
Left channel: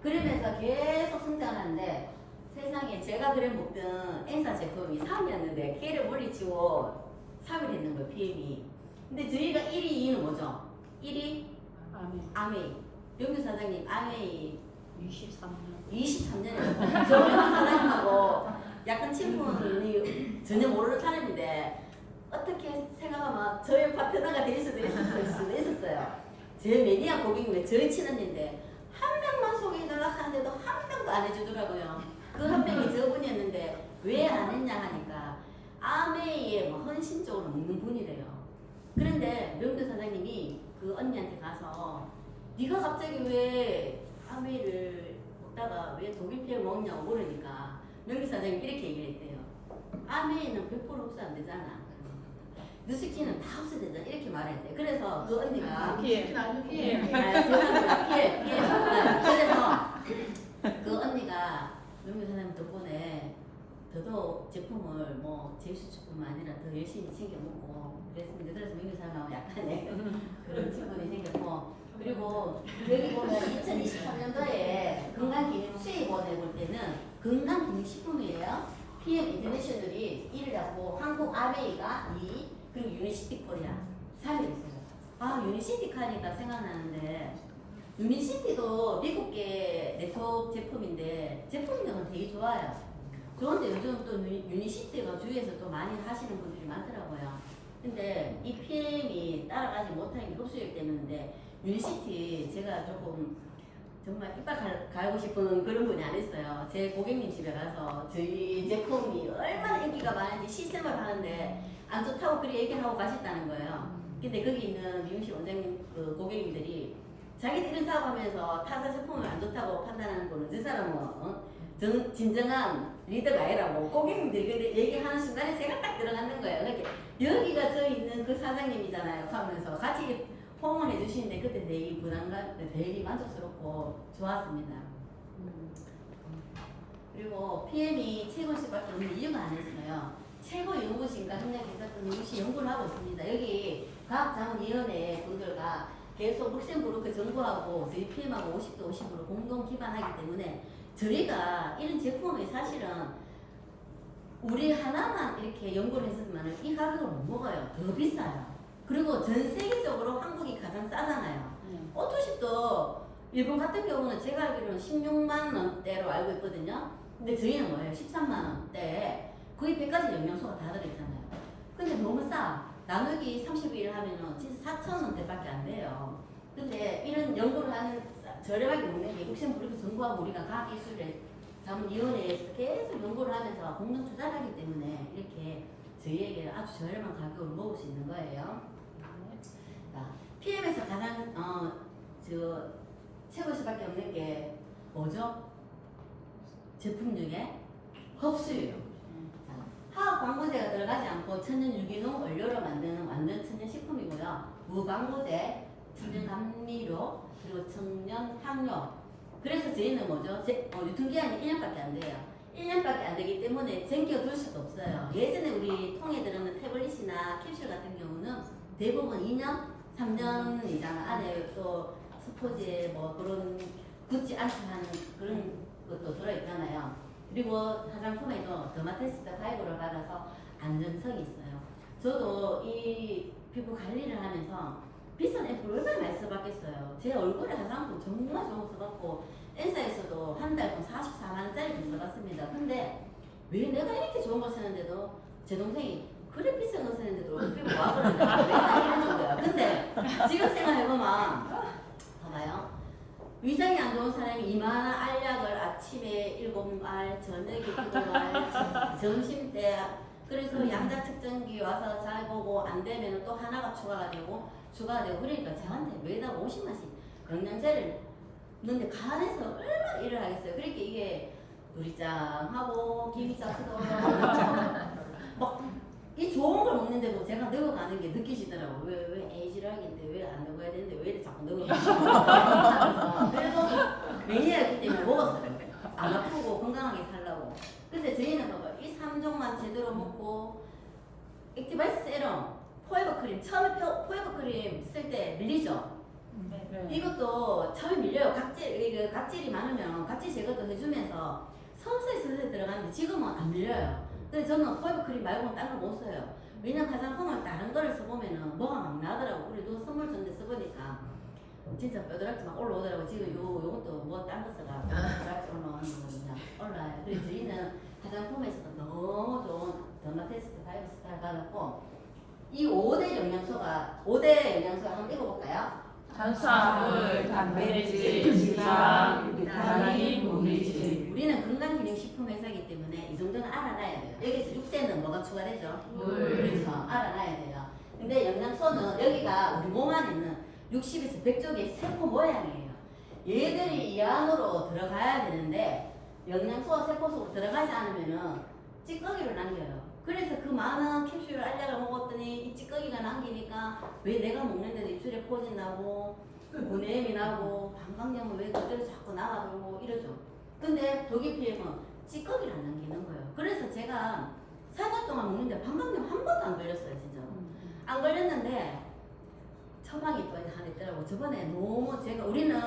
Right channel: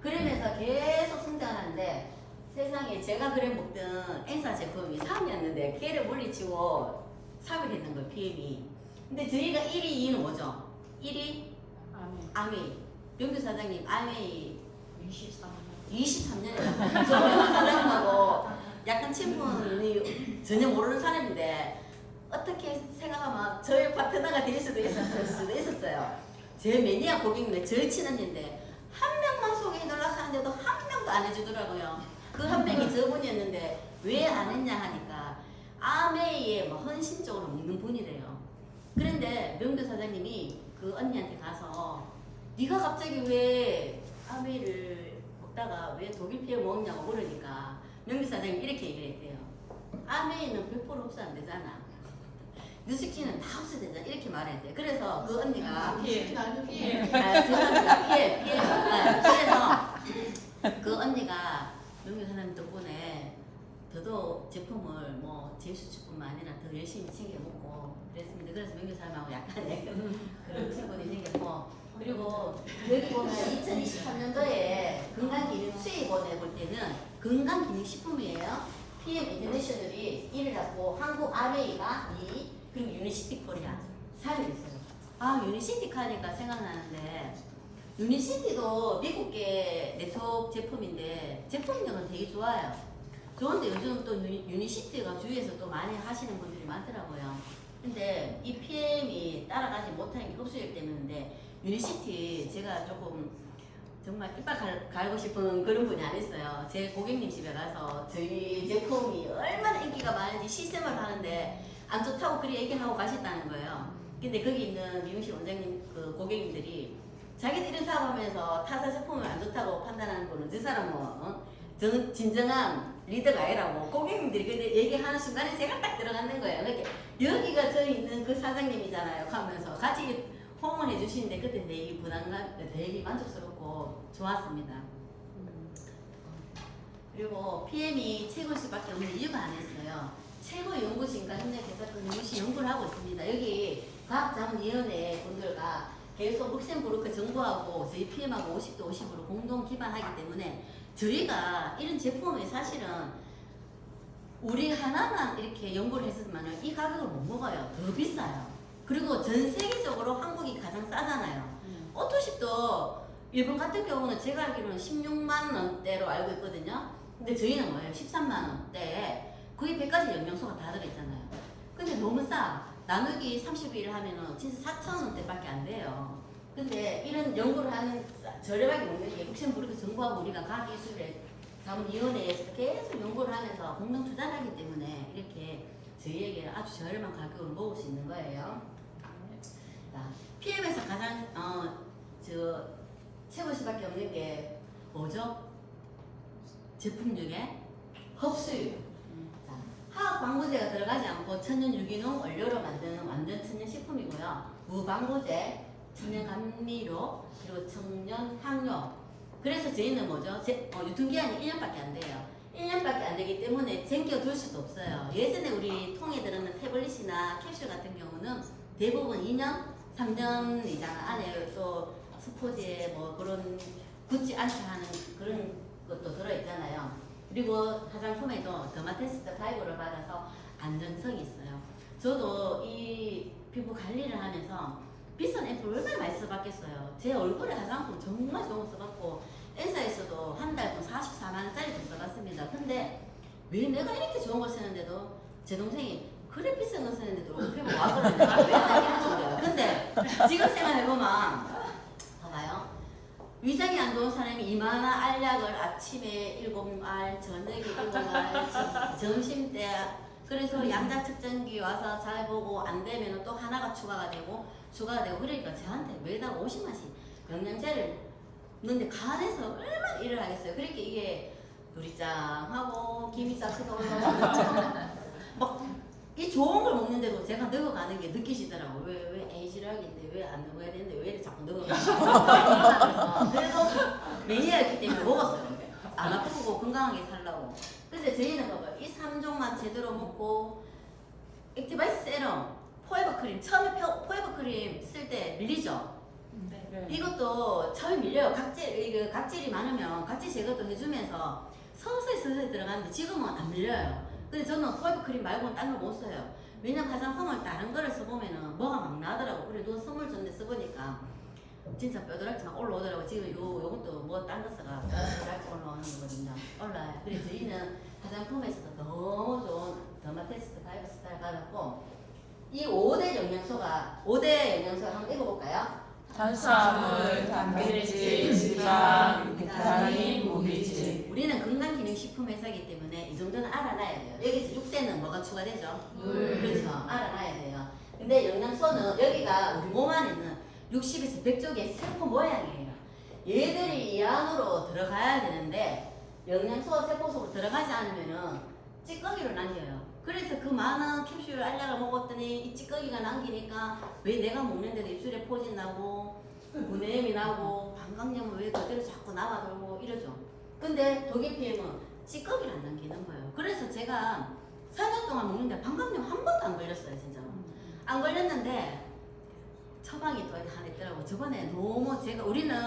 그러면서 계속 성장하는데 세상에 제가 그래 먹던 엔사 제품이 3위였는데 걔를 물리치고 3위를 했는 거예요, PM이. 근데 저희가 1위, 2위는 뭐죠? 1위? 아메이. 명규 사장님, 아메이 23년이요. 저 명규 사장님하고 약간 친분이 전혀 모르는 사람인데 어떻게 생각하면 저의 파트너가 될 수도 있었어요. 제 매니아 고객님이 저희 친언니인데 한 명만 소개해달라고 하는데도 한 명도 안 해주더라고요. 그 한 명이 저분이었는데 왜 안 했냐 하니까 아메이에 뭐 헌신적으로 먹는 분이래요. 그런데 명규 사장님이 그 언니한테 가서 네가 갑자기 왜 아메이를 먹다가 왜 독일 피해 먹냐고 물으니까 명규 사장님이 이렇게 얘기를 했대요. 아메이는 100% 흡수 안 되잖아. 뉴스키는 다 흡수되잖아. 이렇게 말했대. 그래서 그 언니가 죄송합니다. 피해. 그래서 그 언니가 명규 사장님 덕분에 더더욱 제품을 뭐 제수주뿐만 아니라 더 열심히 챙겨 먹고 그랬습니다. 그래서 명규 사장님하고 약간의 그런 친분이 생겼고 그리고 여기 보면 2023년도에 건강기능 수입원에 볼 때는 건강기능식품이에요. PM 인터내셔널이 1을 잡고 한국 아메이가 2, 그리고 유니시티 코리아 3위 있어요. 아 유니시티 카니까 생각나는데 유니시티도 미국계 네트워크 제품인데 제품력은 되게 좋아요. 좋은데 요즘 또 유니시티가 주위에서 또 많이 하시는 분들이 많더라고요. 근데 이 PM이 따라가지 못하는 게 흡수력 때문인데 유니시티 제가 조금 정말 이빨 갈고 싶은 그런 분이 아니었어요. 제 고객님 집에 가서 저희 제품이 얼마나 인기가 많은지 시샘을 하는데 안 좋다고 그리 얘기하고 가셨다는 거예요. 근데 거기 있는 미용실 원장님 그 고객님들이 자기들 이런 사업하면서 타사 제품을 안 좋다고 판단하는 분은 저 사람은 진정한 리더가 아니라고 고객님들이 그렇게 얘기하는 순간에 제가 딱 들어가는 거예요. 그러니까 여기가 저 있는 그 사장님이잖아요 하면서 같이 호응을 해주시는데 그때 되게 부담감, 되게 만족스럽고 좋았습니다. 그리고 PM이 최고일 수밖에 없는 이유가 하나 있어요. 최고 연구진과 협력해서 또 연구실 연구를 하고 있습니다. 여기 과학자문위원회 분들과 계속 룩셈부르크 정부하고 저희 PM하고 50대 50으로 공동 기반하기 때문에 저희가 이런 제품을 사실은 우리 하나만 이렇게 연구를 했으면 이 가격을 못 먹어요. 더 비싸요. 그리고 전 세계적으로 한국이 가장 싸잖아요. 오토십도 일본 같은 경우는 제가 알기로는 16만 원대로 알고 있거든요. 근데 저희는 뭐예요? 13만 원대에 거의 100가지 영양소가 다 들어있잖아요. 근데 너무 싸. 나누기 30일 하면은 진짜 4천 원대밖에 안 돼요. 근데 이런 연구를 하는 저렴하게 먹는 게 룩셈부르크 정부하고 우리가 과학기술의 자문위원회에서 계속 연구를 하면서 공동 투자를 하기 때문에 이렇게 저희에게 아주 저렴한 가격으로 먹을 수 있는 거예요. 자, PM에서 가장 채울 수밖에 없는 게 뭐죠? 제품 중에 흡수율. 자, 화학 방부제가 들어가지 않고 천연 유기농 원료로 만드는 완전 천연 식품이고요. 무방부제, 천연 감미료, 그리고 천연 향료. 그래서 저희는 뭐죠? 유통기한이 1년밖에 안 돼요. 1년밖에 안 되기 때문에 쟁겨둘 수도 없어요. 예전에 우리 통에 들어있는 태블릿이나 캡슐 같은 경우는 대부분 2년, 3년 이상 안에 또 스포지에 뭐 그런 굳지 않게 하는 그런 것도 들어있잖아요. 그리고 화장품에도 더마테스트 5를 받아서 안전성이 있어요. 저도 이 피부 관리를 하면서 비싼 앰플 얼마나 많이 써봤겠어요. 제 얼굴에 화장품 정말 좋은 거 써봤고 엔사에서도 한 달 돈 44만원짜리도 써봤습니다. 근데 왜 내가 이렇게 좋은 걸 쓰는데도 제 동생이 그래 비싼 거 쓰는데도 피부 와 그러네. 맨날 이런 정도야. 근데 지금 생각해보면 봐봐요. 위장이 안 좋은 사람이 이만한 알약을 아침에 7알, 저녁에 7알, 점심때 그래서 양자 측정기 와서 잘 보고 안 되면 또 하나가 추가가 되고 그러니까 저한테 매달 50만씩 영양제를 넣는데 간에서 얼마나 일을 하겠어요. 그러니까 이게 누리짱하고 김이싹스도 올라오고 이 좋은 걸 먹는데도 제가 넣어가는 게 느끼시더라고요. 왜 에이지락인데 왜 안 넣어야 되는데 왜 이렇게 자꾸 넣어가는 그래도 매니아였기 때문에 먹었어요. 안 아프고 건강하게 살라고. 근데 저희는 봐봐요. 이 3종만 제대로 먹고 액티바이스 세럼, 포에버 크림 처음에 포에버 크림 쓸 때 밀리죠? 네. 이것도 처음에 밀려요. 각질이 많으면 각질 제거도 해주면서 서서히 들어가는데 지금은 안 밀려요. 근데 저는 포에버 크림 말고는 딴 걸 못 써요. 왜냐면 화장품을 다른 거를 써보면은 뭐가 막 나더라고. 그래 누가 선물 줬는데 써보니까 진짜 뼈다락지 막 올라오더라고. 지금 요것도 뭐 딴 거 써가 뼈다락지 올라오는 거거든요. 올라요. 그래서 저희는 화장품에서도 너무 좋은 더마테스트 5 스타를 가졌고 이 5대 영양소가 한번 읽어볼까요? 탄수화물, 단백질, 지방, 비타민, 물질. 우리는 건강기능식품 회사이기 때문에 이 정도는 알아놔야 돼요. 여기서 6대는 뭐가 추가되죠? 물. 그렇죠. 알아놔야 돼요. 근데 영양소는 여기가 우리 몸 안에 있는 60에서 100쪽의 세포 모양이에요. 얘들이 이 안으로 들어가야 되는데 영양소가 세포 속으로 들어가지 않으면은 찌꺼기를 남겨요. 그래서 그 많은 캡슐 알약을 먹었더니 이 찌꺼기가 남기니까 왜 내가 먹는데도 입술에 포진 나고 분해염이 나고 방광염은 왜 그대로 자꾸 남아돌고 이러죠. 근데 독일 PM은 찌꺼기를 안 남기는 거예요. 그래서 제가 4년 동안 먹는데 방광염 한 번도 안 걸렸어요. 진짜로. 안 걸렸는데 처방이 또 하나 있더라고. 저번에 너무 우리는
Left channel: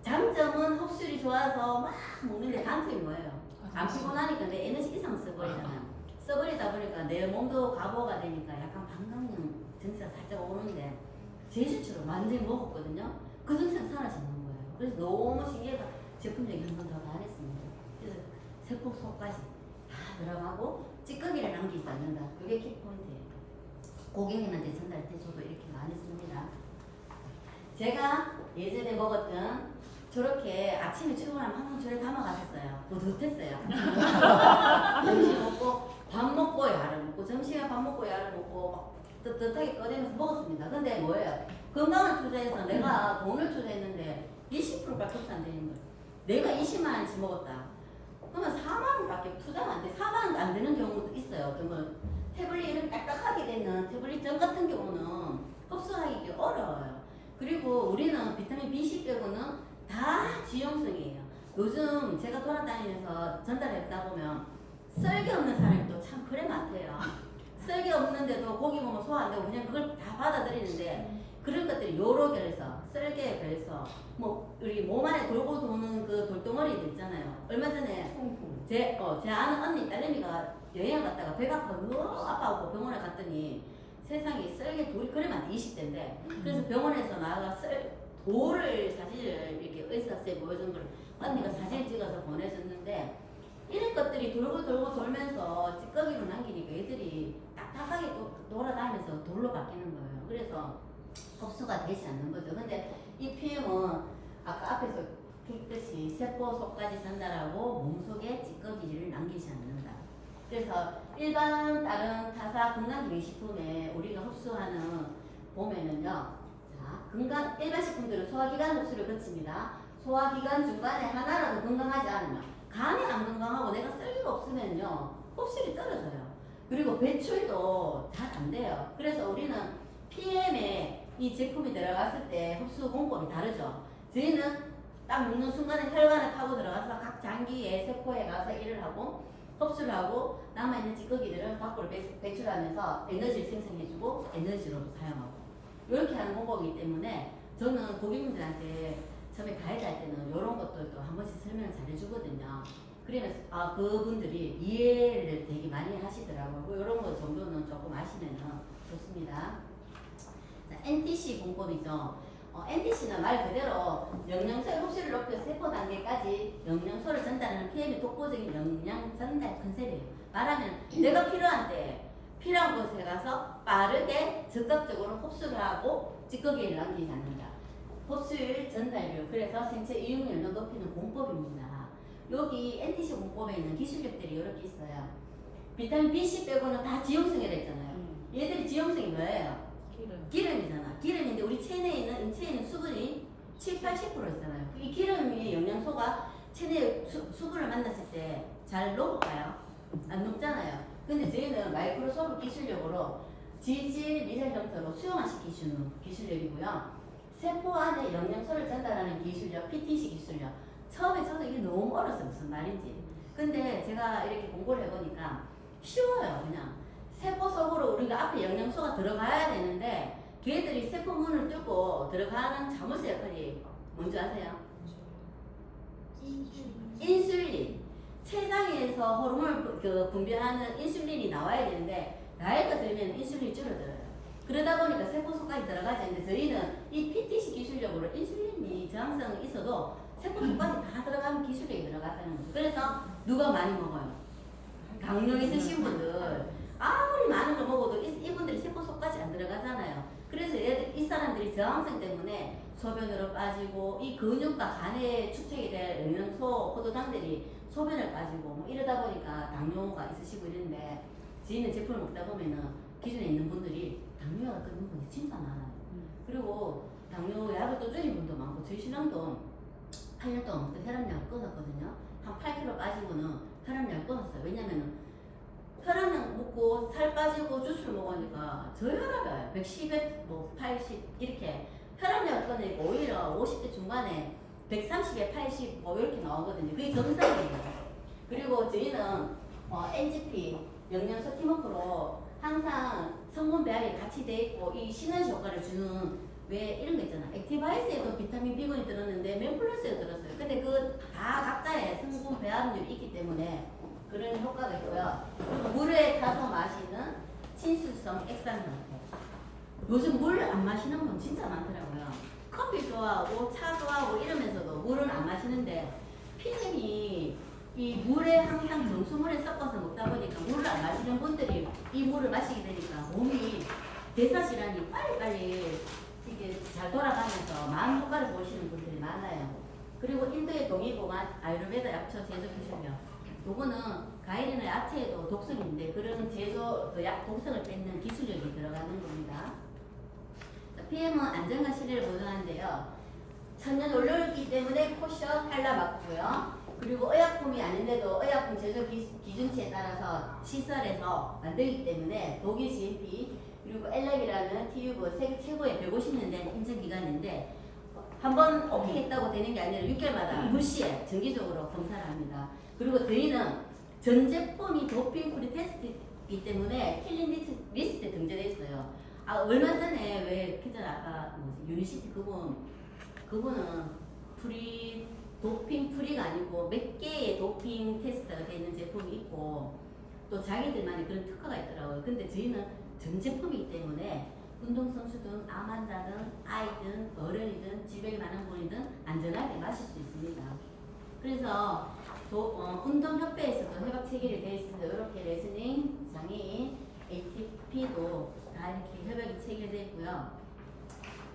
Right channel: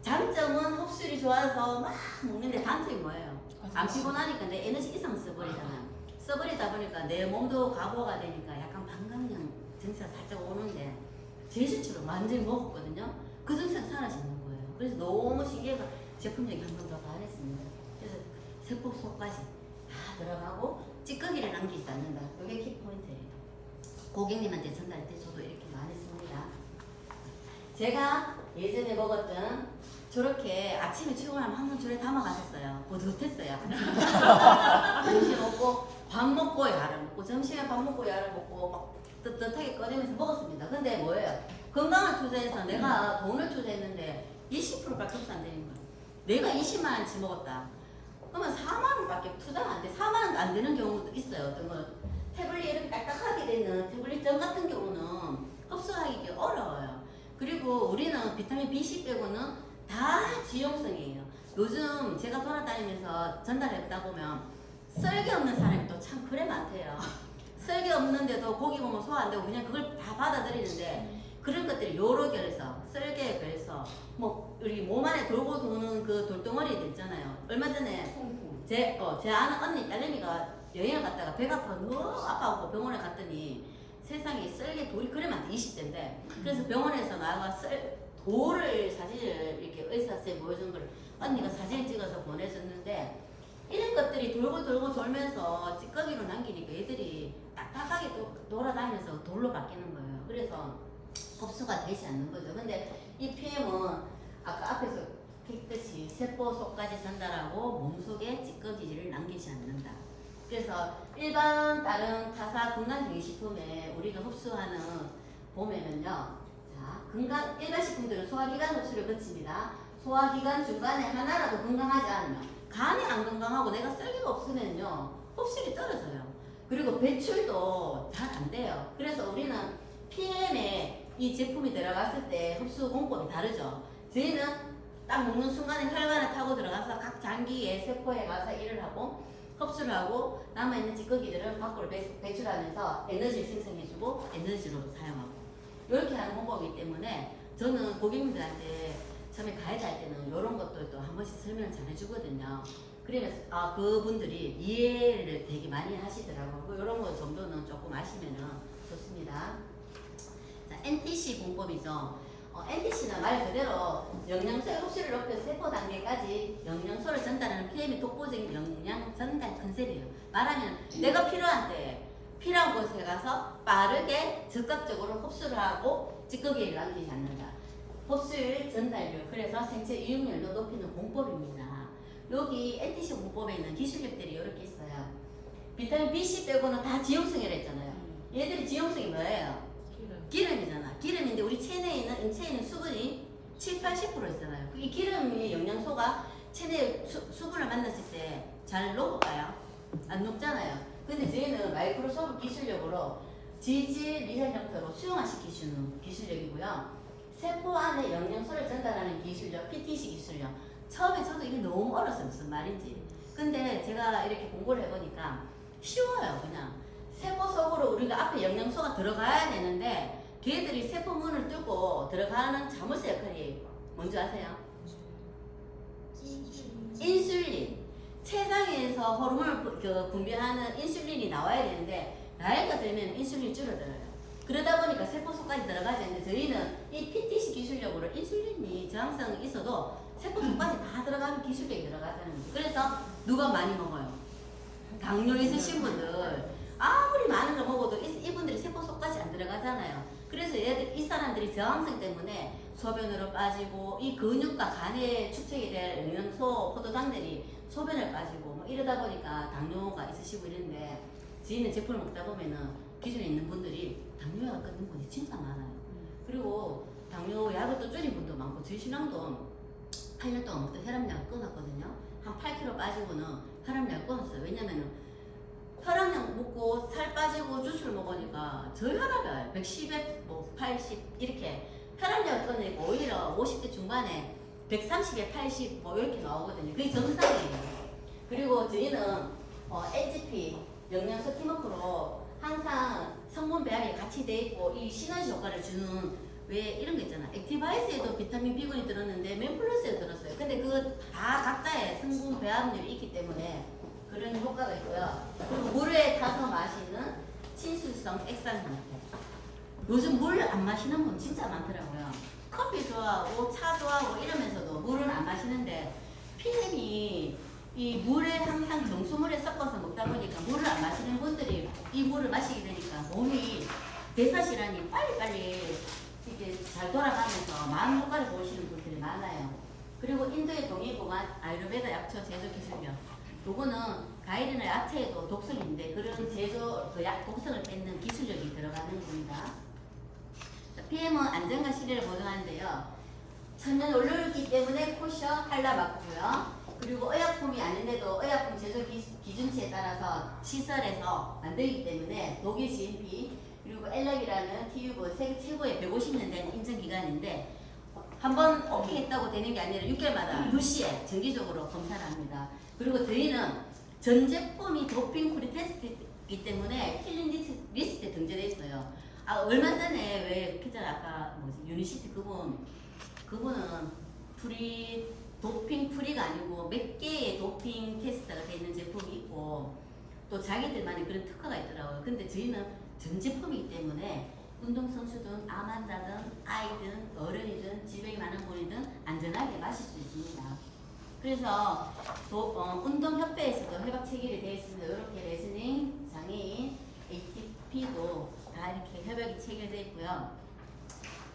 장점은 흡수율이 좋아서 막 먹는데 단점이 뭐예요? 안 피곤하니까 내 에너지 이상 써버리잖아요. 써버리다 보니까 내 몸도 과부하가 되니까 약간 방광염 증세가 살짝 오는데 제실처럼 완전히 먹었거든요. 그 증세가 사라지는 거예요. 그래서 너무 신기해서 제품적인 한 번 더 가했습니다. 그래서 세포 속까지 다 들어가고 찌꺼기를 남기지 않는다. 이게 키포인트예요. 고객님한테 전달 때 저도 이렇게 많이 씁니다. 제가 예전에 먹었던 저렇게 아침에 출근하면 항상 저래 담아가셨어요. 뿌듯했어요. 점심 먹고 밥 먹고 야를 먹고 점심에 밥 먹고 야를 먹고 막 뜨뜻하게 꺼내면서 먹었습니다. 근데 뭐예요? 건강을 투자해서 내가 돈을 투자했는데 20%밖에 흡수 안 되는 거예요. 내가 20만 원치 먹었다. 그러면 4만 원밖에 투자가 안 돼. 4만 원도 안 되는 경우도 있어요. 어떤 건 태블릿 이렇게 딱딱하게 되는 태블릿점 같은 경우는 흡수하기 어려워요. 그리고 우리는 비타민 B10 빼고는 다 지용성이에요. 요즘 제가 돌아다니면서 전달했다 보면 썰기 없는 사람이 또 참 그래 많대요. 썰기 없는데도 고기 먹으면 소화 안 되고 그냥 그걸 다 받아들이는데 그런 것들이 여러 결에서 썰개에 결에서 뭐 우리 몸 안에 돌고 도는 그 돌덩어리들 있잖아요. 얼마 전에 제 아는 언니 딸내미가 여행을 갔다가 배가 아파 너무 아파하고 병원에 갔더니 세상에 썰개 돌이 그래 많대 20대인데 그래서 병원에서 나가 돌을 사진을 이렇게 의사쌤 보여준 걸 언니가 사진을 찍어서 보내줬는데 이런 것들이 돌고 돌면서 찌꺼기로 남기니까 얘들이 딱딱하게 돌아다니면서 돌로 바뀌는 거예요. 그래서 흡수가 되지 않는 거죠. 근데 이 PM은 아까 앞에서 했듯이 세포 속까지 전달하고 몸속에 찌꺼기를 남기지 않는다. 그래서 일반 다른 타사 건강기능식품에 우리가 흡수하는 보면은요. 자, 일반 식품들은 소화기관 흡수를 거칩니다. 소화기관 중간에 하나라도 건강하지 않으면 간이 안 건강하고 내가 썰기가 없으면요. 흡수율이 떨어져요. 그리고 배출도 잘 안 돼요. 그래서 우리는 PM에 이 제품이 들어갔을 때 흡수 공법이 다르죠. 저희는 딱 먹는 순간에 혈관을 타고 들어가서 각 장기의 세포에 가서 일을 하고 흡수를 하고 남아있는 찌꺼기들을 밖으로 배출하면서 에너지를 생성해주고 에너지로 사용하고 이렇게 하는 공법이기 때문에 저는 고객님들한테 처음에 가이드 할 때는 이런 것들도 한 번씩 설명을 잘 해주거든요. 그러면서 그분들이 이해를 되게 많이 하시더라고요. 이런 거 정도는 조금 아시면 좋습니다. 자, NTC 공법이죠. NTC는 말 그대로 영양소의 흡수를 높여 세포 단계까지 영양소를 전달하는 PM의 독보적인 영양 전달 컨셉이에요. 말하면 내가 필요한 때 필요한 곳에 가서 빠르게 적극적으로 흡수를 하고 찌꺼기를 남기지 않는다. 흡수율 전달률, 그래서 생체 이용률을 높이는 공법입니다. 여기 NTC 공법에 있는 기술력들이 이렇게 있어요. 비타민 B, C 빼고는 다 지용성이라 했잖아요. 얘들이 지용성이 뭐예요? 기름이잖아. 기름인데 우리 체내에 있는 수분이 7, 80% 있잖아요. 이 기름의 영양소가 체내 수분을 만났을 때 잘 녹을까요? 안 녹잖아요. 근데 저희는 마이크로소프트 기술력으로 지질 미세 형태로 수용화시키는 기술력이고요. 세포 안에 영양소를 전달하는 기술력, PTC 기술력. 처음에 저도 이게 너무 어려웠어요. 무슨 말인지. 근데 제가 이렇게 공부를 해보니까 쉬워요. 그냥 세포 속으로 우리가 앞에 영양소가 들어가야 되는데 걔들이 세포 문을 뚫고 들어가는 자물쇠 역할이 뭔지 아세요? 인슐린. 체장에서 호르몬을 분비하는 인슐린이 나와야 되는데 나이가 들면 인슐린이 줄어들어요. 그러다 보니까 세포 속까지 들어가지 않는데 저희는 이 PTC 기술력으로 인슐린이 저항성이 있어도 세포 속까지 다 들어가는 기술력이 들어갔다는 거죠. 그래서 누가 많이 먹어요? 당뇨 있으신 분들 아무리 많은 걸 먹어도 이분들이 세포 속까지 안 들어가잖아요. 그래서 이 사람들이 저항성 때문에 소변으로 빠지고 이 근육과 간에 축적이 될 영양소, 포도당들이 소변을 빠지고 뭐 이러다 보니까 당뇨가 있으시고 이런데 저희는 제품을 먹다 보면은 기존에 있는 분들이 당뇨가 끊는 분이 진짜 많아요. 그리고 당뇨 약을 또 줄인 분도 많고 저희 신랑도 8년 동안 먹던 혈압약을 끊었거든요. 한 8kg 빠지고는 혈압약을 끊었어요. 왜냐면은 혈압약 먹고 살 빠지고 주스를 먹으니까 저 혈압이 110에 뭐 80 이렇게 혈압약을 끊으니까 오히려 50대 중반에 130에 80 뭐 이렇게 나오거든요. 그게 정상이에요. 그리고 저희는 NGP 영양소 팀워크로 항상 성분 배합이 같이 돼 있고 이 시너지 효과를 주는 왜 이런 거 있잖아. 액티바이스에도 비타민 B군이 들었는데 맨플러스에 들었어요. 근데 그 다 각자의 성분 배합률이 있기 때문에 그런 효과가 있고요. 그리고 물에 타서 마시는 친수성 액상 형태. 요즘 물 안 마시는 분 진짜 많더라고요. 커피 좋아하고 차 좋아하고 이러면서도 물은 안 마시는데 PM이 이 물에 항상 정수물에 섞어서 먹다 보니까 물을 안 마시는 분들이 이 물을 마시게 되니까 몸이 대사질환이 빨리빨리 이렇게 잘 돌아가면서 많은 효과를 보시는 분들이 많아요. 그리고 인도의 동의보관 아유르베다 약초 제조 기술력. 요거는 가이드나 야채에도 독성인데 그런 제조 약 독성을 뺏는 기술력이 들어가는 겁니다. 자, PM은 안전과 신뢰를 보장하는데요. 천연 원료이기 때문에 코션 할라 맞고요. 그리고 의약품이 아닌데도 의약품 제조 기준치에 따라서 시설에서 만들기 때문에 독일 GMP 그리고 엘랩이라는 TÜ브 세계 최고의 150년 된 인증기관인데 한번 오케이 했다고 되는 게 아니라 6개월마다 무시에 정기적으로 검사를 합니다. 그리고 저희는 전 제품이 도핑 프리 테스트이기 때문에 킬링 리스트에 등재돼 있어요. 얼마 전에 왜 기자 아까 뭐지 유니시티 그분은 도핑 프리가 아니고 몇 개의 도핑 테스트가 되어 있는 제품이 있고 또 자기들만의 그런 특허가 있더라고요. 근데 저희는 전 제품이기 때문에 운동선수든 암 환자든 아이든 어른이든 지병이 많은 분이든 안전하게 마실 수 있습니다. 그래서 운동협회에서도 협약 체결이 되어 있습니다. 이렇게 레슬링, 장애인, ATP도 다 이렇게 협약이 체결되어 있고요.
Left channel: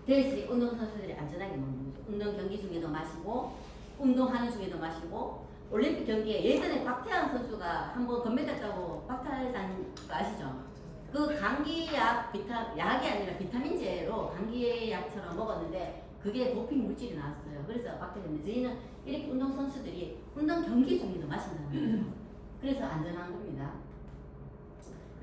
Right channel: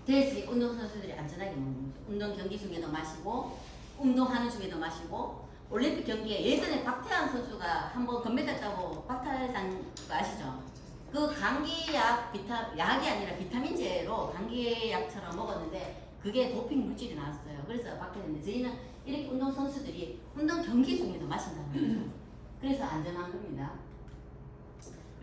대신 운동선수들이 안전하게 먹는 거죠. 운동 경기 중에도 마시고 운동하는 중에도 마시고 올림픽 경기에 예전에 박태환 선수가 한번 금메달 따고 박탈한 거 아시죠? 그 감기약 약이 아니라 비타민제로 감기약처럼 먹었는데 그게 도핑 물질이 나왔어요. 그래서 박탈했는데 저희는 이렇게 운동선수들이 운동 경기 중에도 마신다는 거죠. 그래서 안전한 겁니다.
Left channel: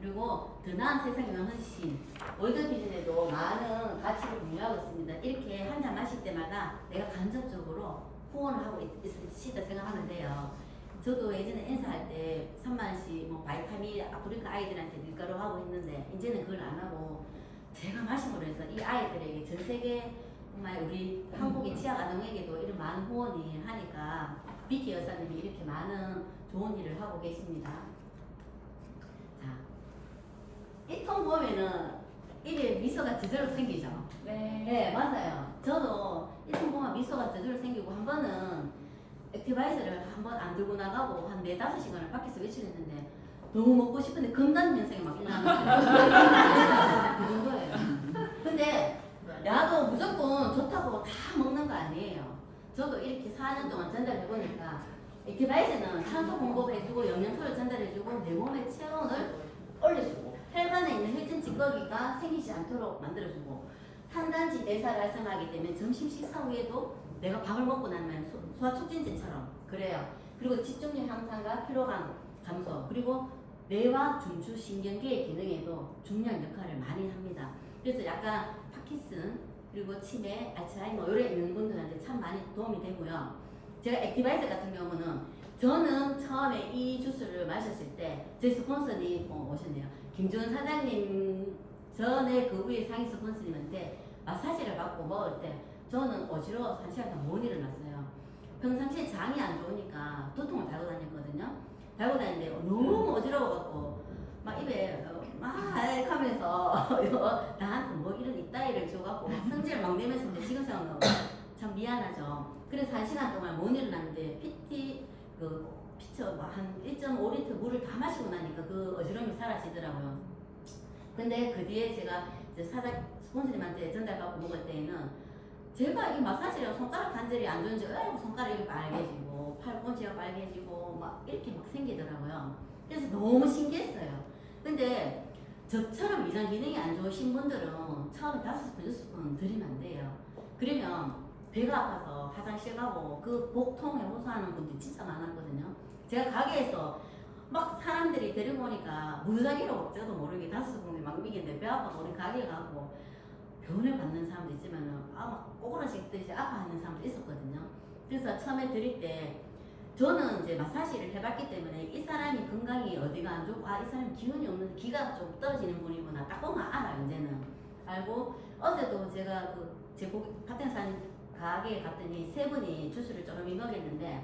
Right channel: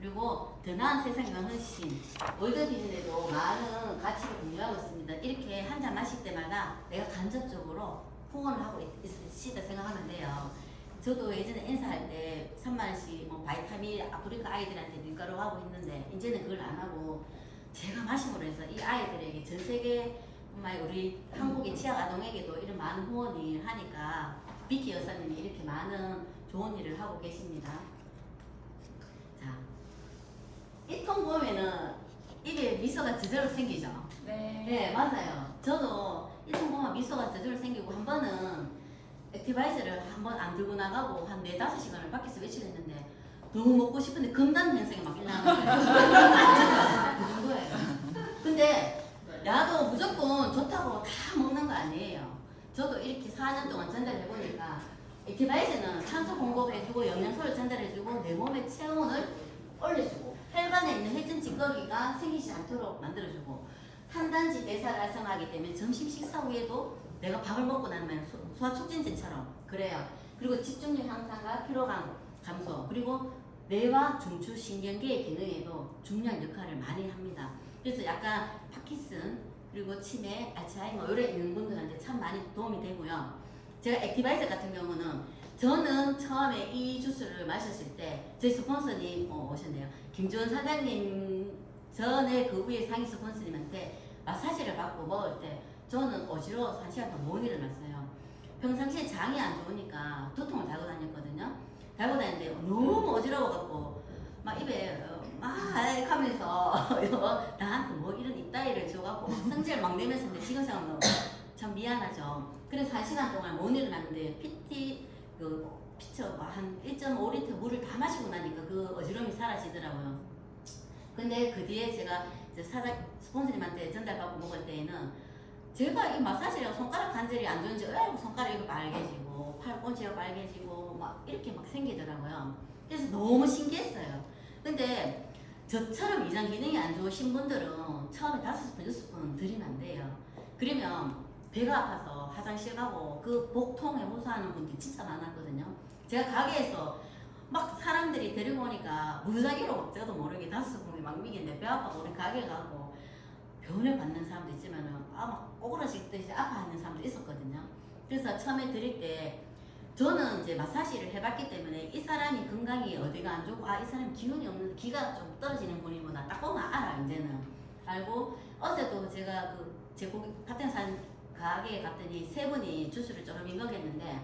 그리고 더 나은 세상이면 훨씬 월드비전에도 많은 가치를 공유하고 있습니다. 이렇게 한 잔 마실 때마다 내가 간접적으로 후원을 하고 있으시다 생각하면 돼요. 저도 예전에 인사할 때 3만원씩 뭐 바이타민 아프리카 아이들한테 밀가루 하고 있는데 이제는 그걸 안 하고 제가 마심으로 해서 이 아이들에게 전 세계 정말 우리 한국의 취약 아동에게도 이런 많은 후원을 하니까 비키 여사님이 이렇게 많은 좋은 일을 하고 계십니다. 자, 이 통 보면은 입에 미소가 저절로 생기죠? 네, 맞아요. 저도 이 통 보면 미소가 저절로 생기고 한 번은 액티바이저를 한 번 안 들고 나가고 한 4-5시간을 밖에서 외출했는데 너무 먹고 싶은데 금단 현상이 막 일어나는 거예요. 그 정도예요. 근데 나도 무조건 좋다고 다 먹는 거 아니에요. 저도 이렇게 4년 동안 전달해보니까 액티바이저는 산소 공급해주고 영양소를 전달해주고 내 몸의 체온을 올려주고 혈관에 있는 혈전 찌꺼기가 생기지 않도록 만들어주고 탄단지 대사를 활성화하기 때문에 점심 식사 후에도 내가 밥을 먹고 나면 소화 촉진제처럼 그래요. 그리고 집중력 향상과 피로감 감소 그리고 뇌와 중추 신경계의 기능에도 중요한 역할을 많이 합니다. 그래서 약간 파킨슨 그리고 치매, 알츠하이머 이런 있는 분들한테 참 많이 도움이 되고요. 제가 액티바이저 같은 경우는 저는 처음에 이 주스를 마셨을 때 저희 스폰서님 오셨네요. 김주원 사장님 전에 그 위에 상위 스폰서님한테 마사지를 받고 먹을 때 저는 어지러워서 1시간 동안 못 일어났어요. 평상시에 장이 안 좋으니까 두통을 달고 다녔거든요. 달고 다니는데 너무 어지러워갖고 막 입에 막 하면서 나한테 뭐 이런 이따위를 줘갖고 성질 막 내면서 근데 지금 생각하면 참 미안하죠. 그래서 1시간 동안 못 일어났는데 피처 한 1.5리터 물을 다 마시고 나니까 그 어지러움이 사라지더라고요. 근데 그 뒤에 제가 이제 스폰서님한테 전달받고 먹을 때에는 제가 이 마사지를 손가락 관절이 안 좋은지 손가락이 빨개지고 팔꿈치가 빨개지고 막 이렇게 막 생기더라고요. 그래서 너무 신기했어요. 근데 저처럼 위장 기능이 안 좋으신 분들은 처음에 5스푼, 6스푼 드리면 안 돼요. 그러면 배가 아파서 화장실 가고 그 복통에 호소하는 분들이 진짜 많았거든요. 제가 가게에서 막 사람들이 데리고 오니까 무작위로 저도 모르게 5스푼이 막 미겠는데 배 아파서 우리 가게 가고 병원을 받는 사람도 있지만은 막 꼬꾸라지듯이 아파하는 사람도 있었거든요. 그래서 처음에 드릴 때 저는 이제 마사지를 해봤기 때문에 이 사람이 건강이 어디가 안 좋고 이 사람이 기운이 없는 기가 좀 떨어지는 분이구나 딱 보면 알아. 이제는 알고 어제도 제가 제 고기 파텐산 가게에 갔더니 3분이 주스를 조금 먹였는데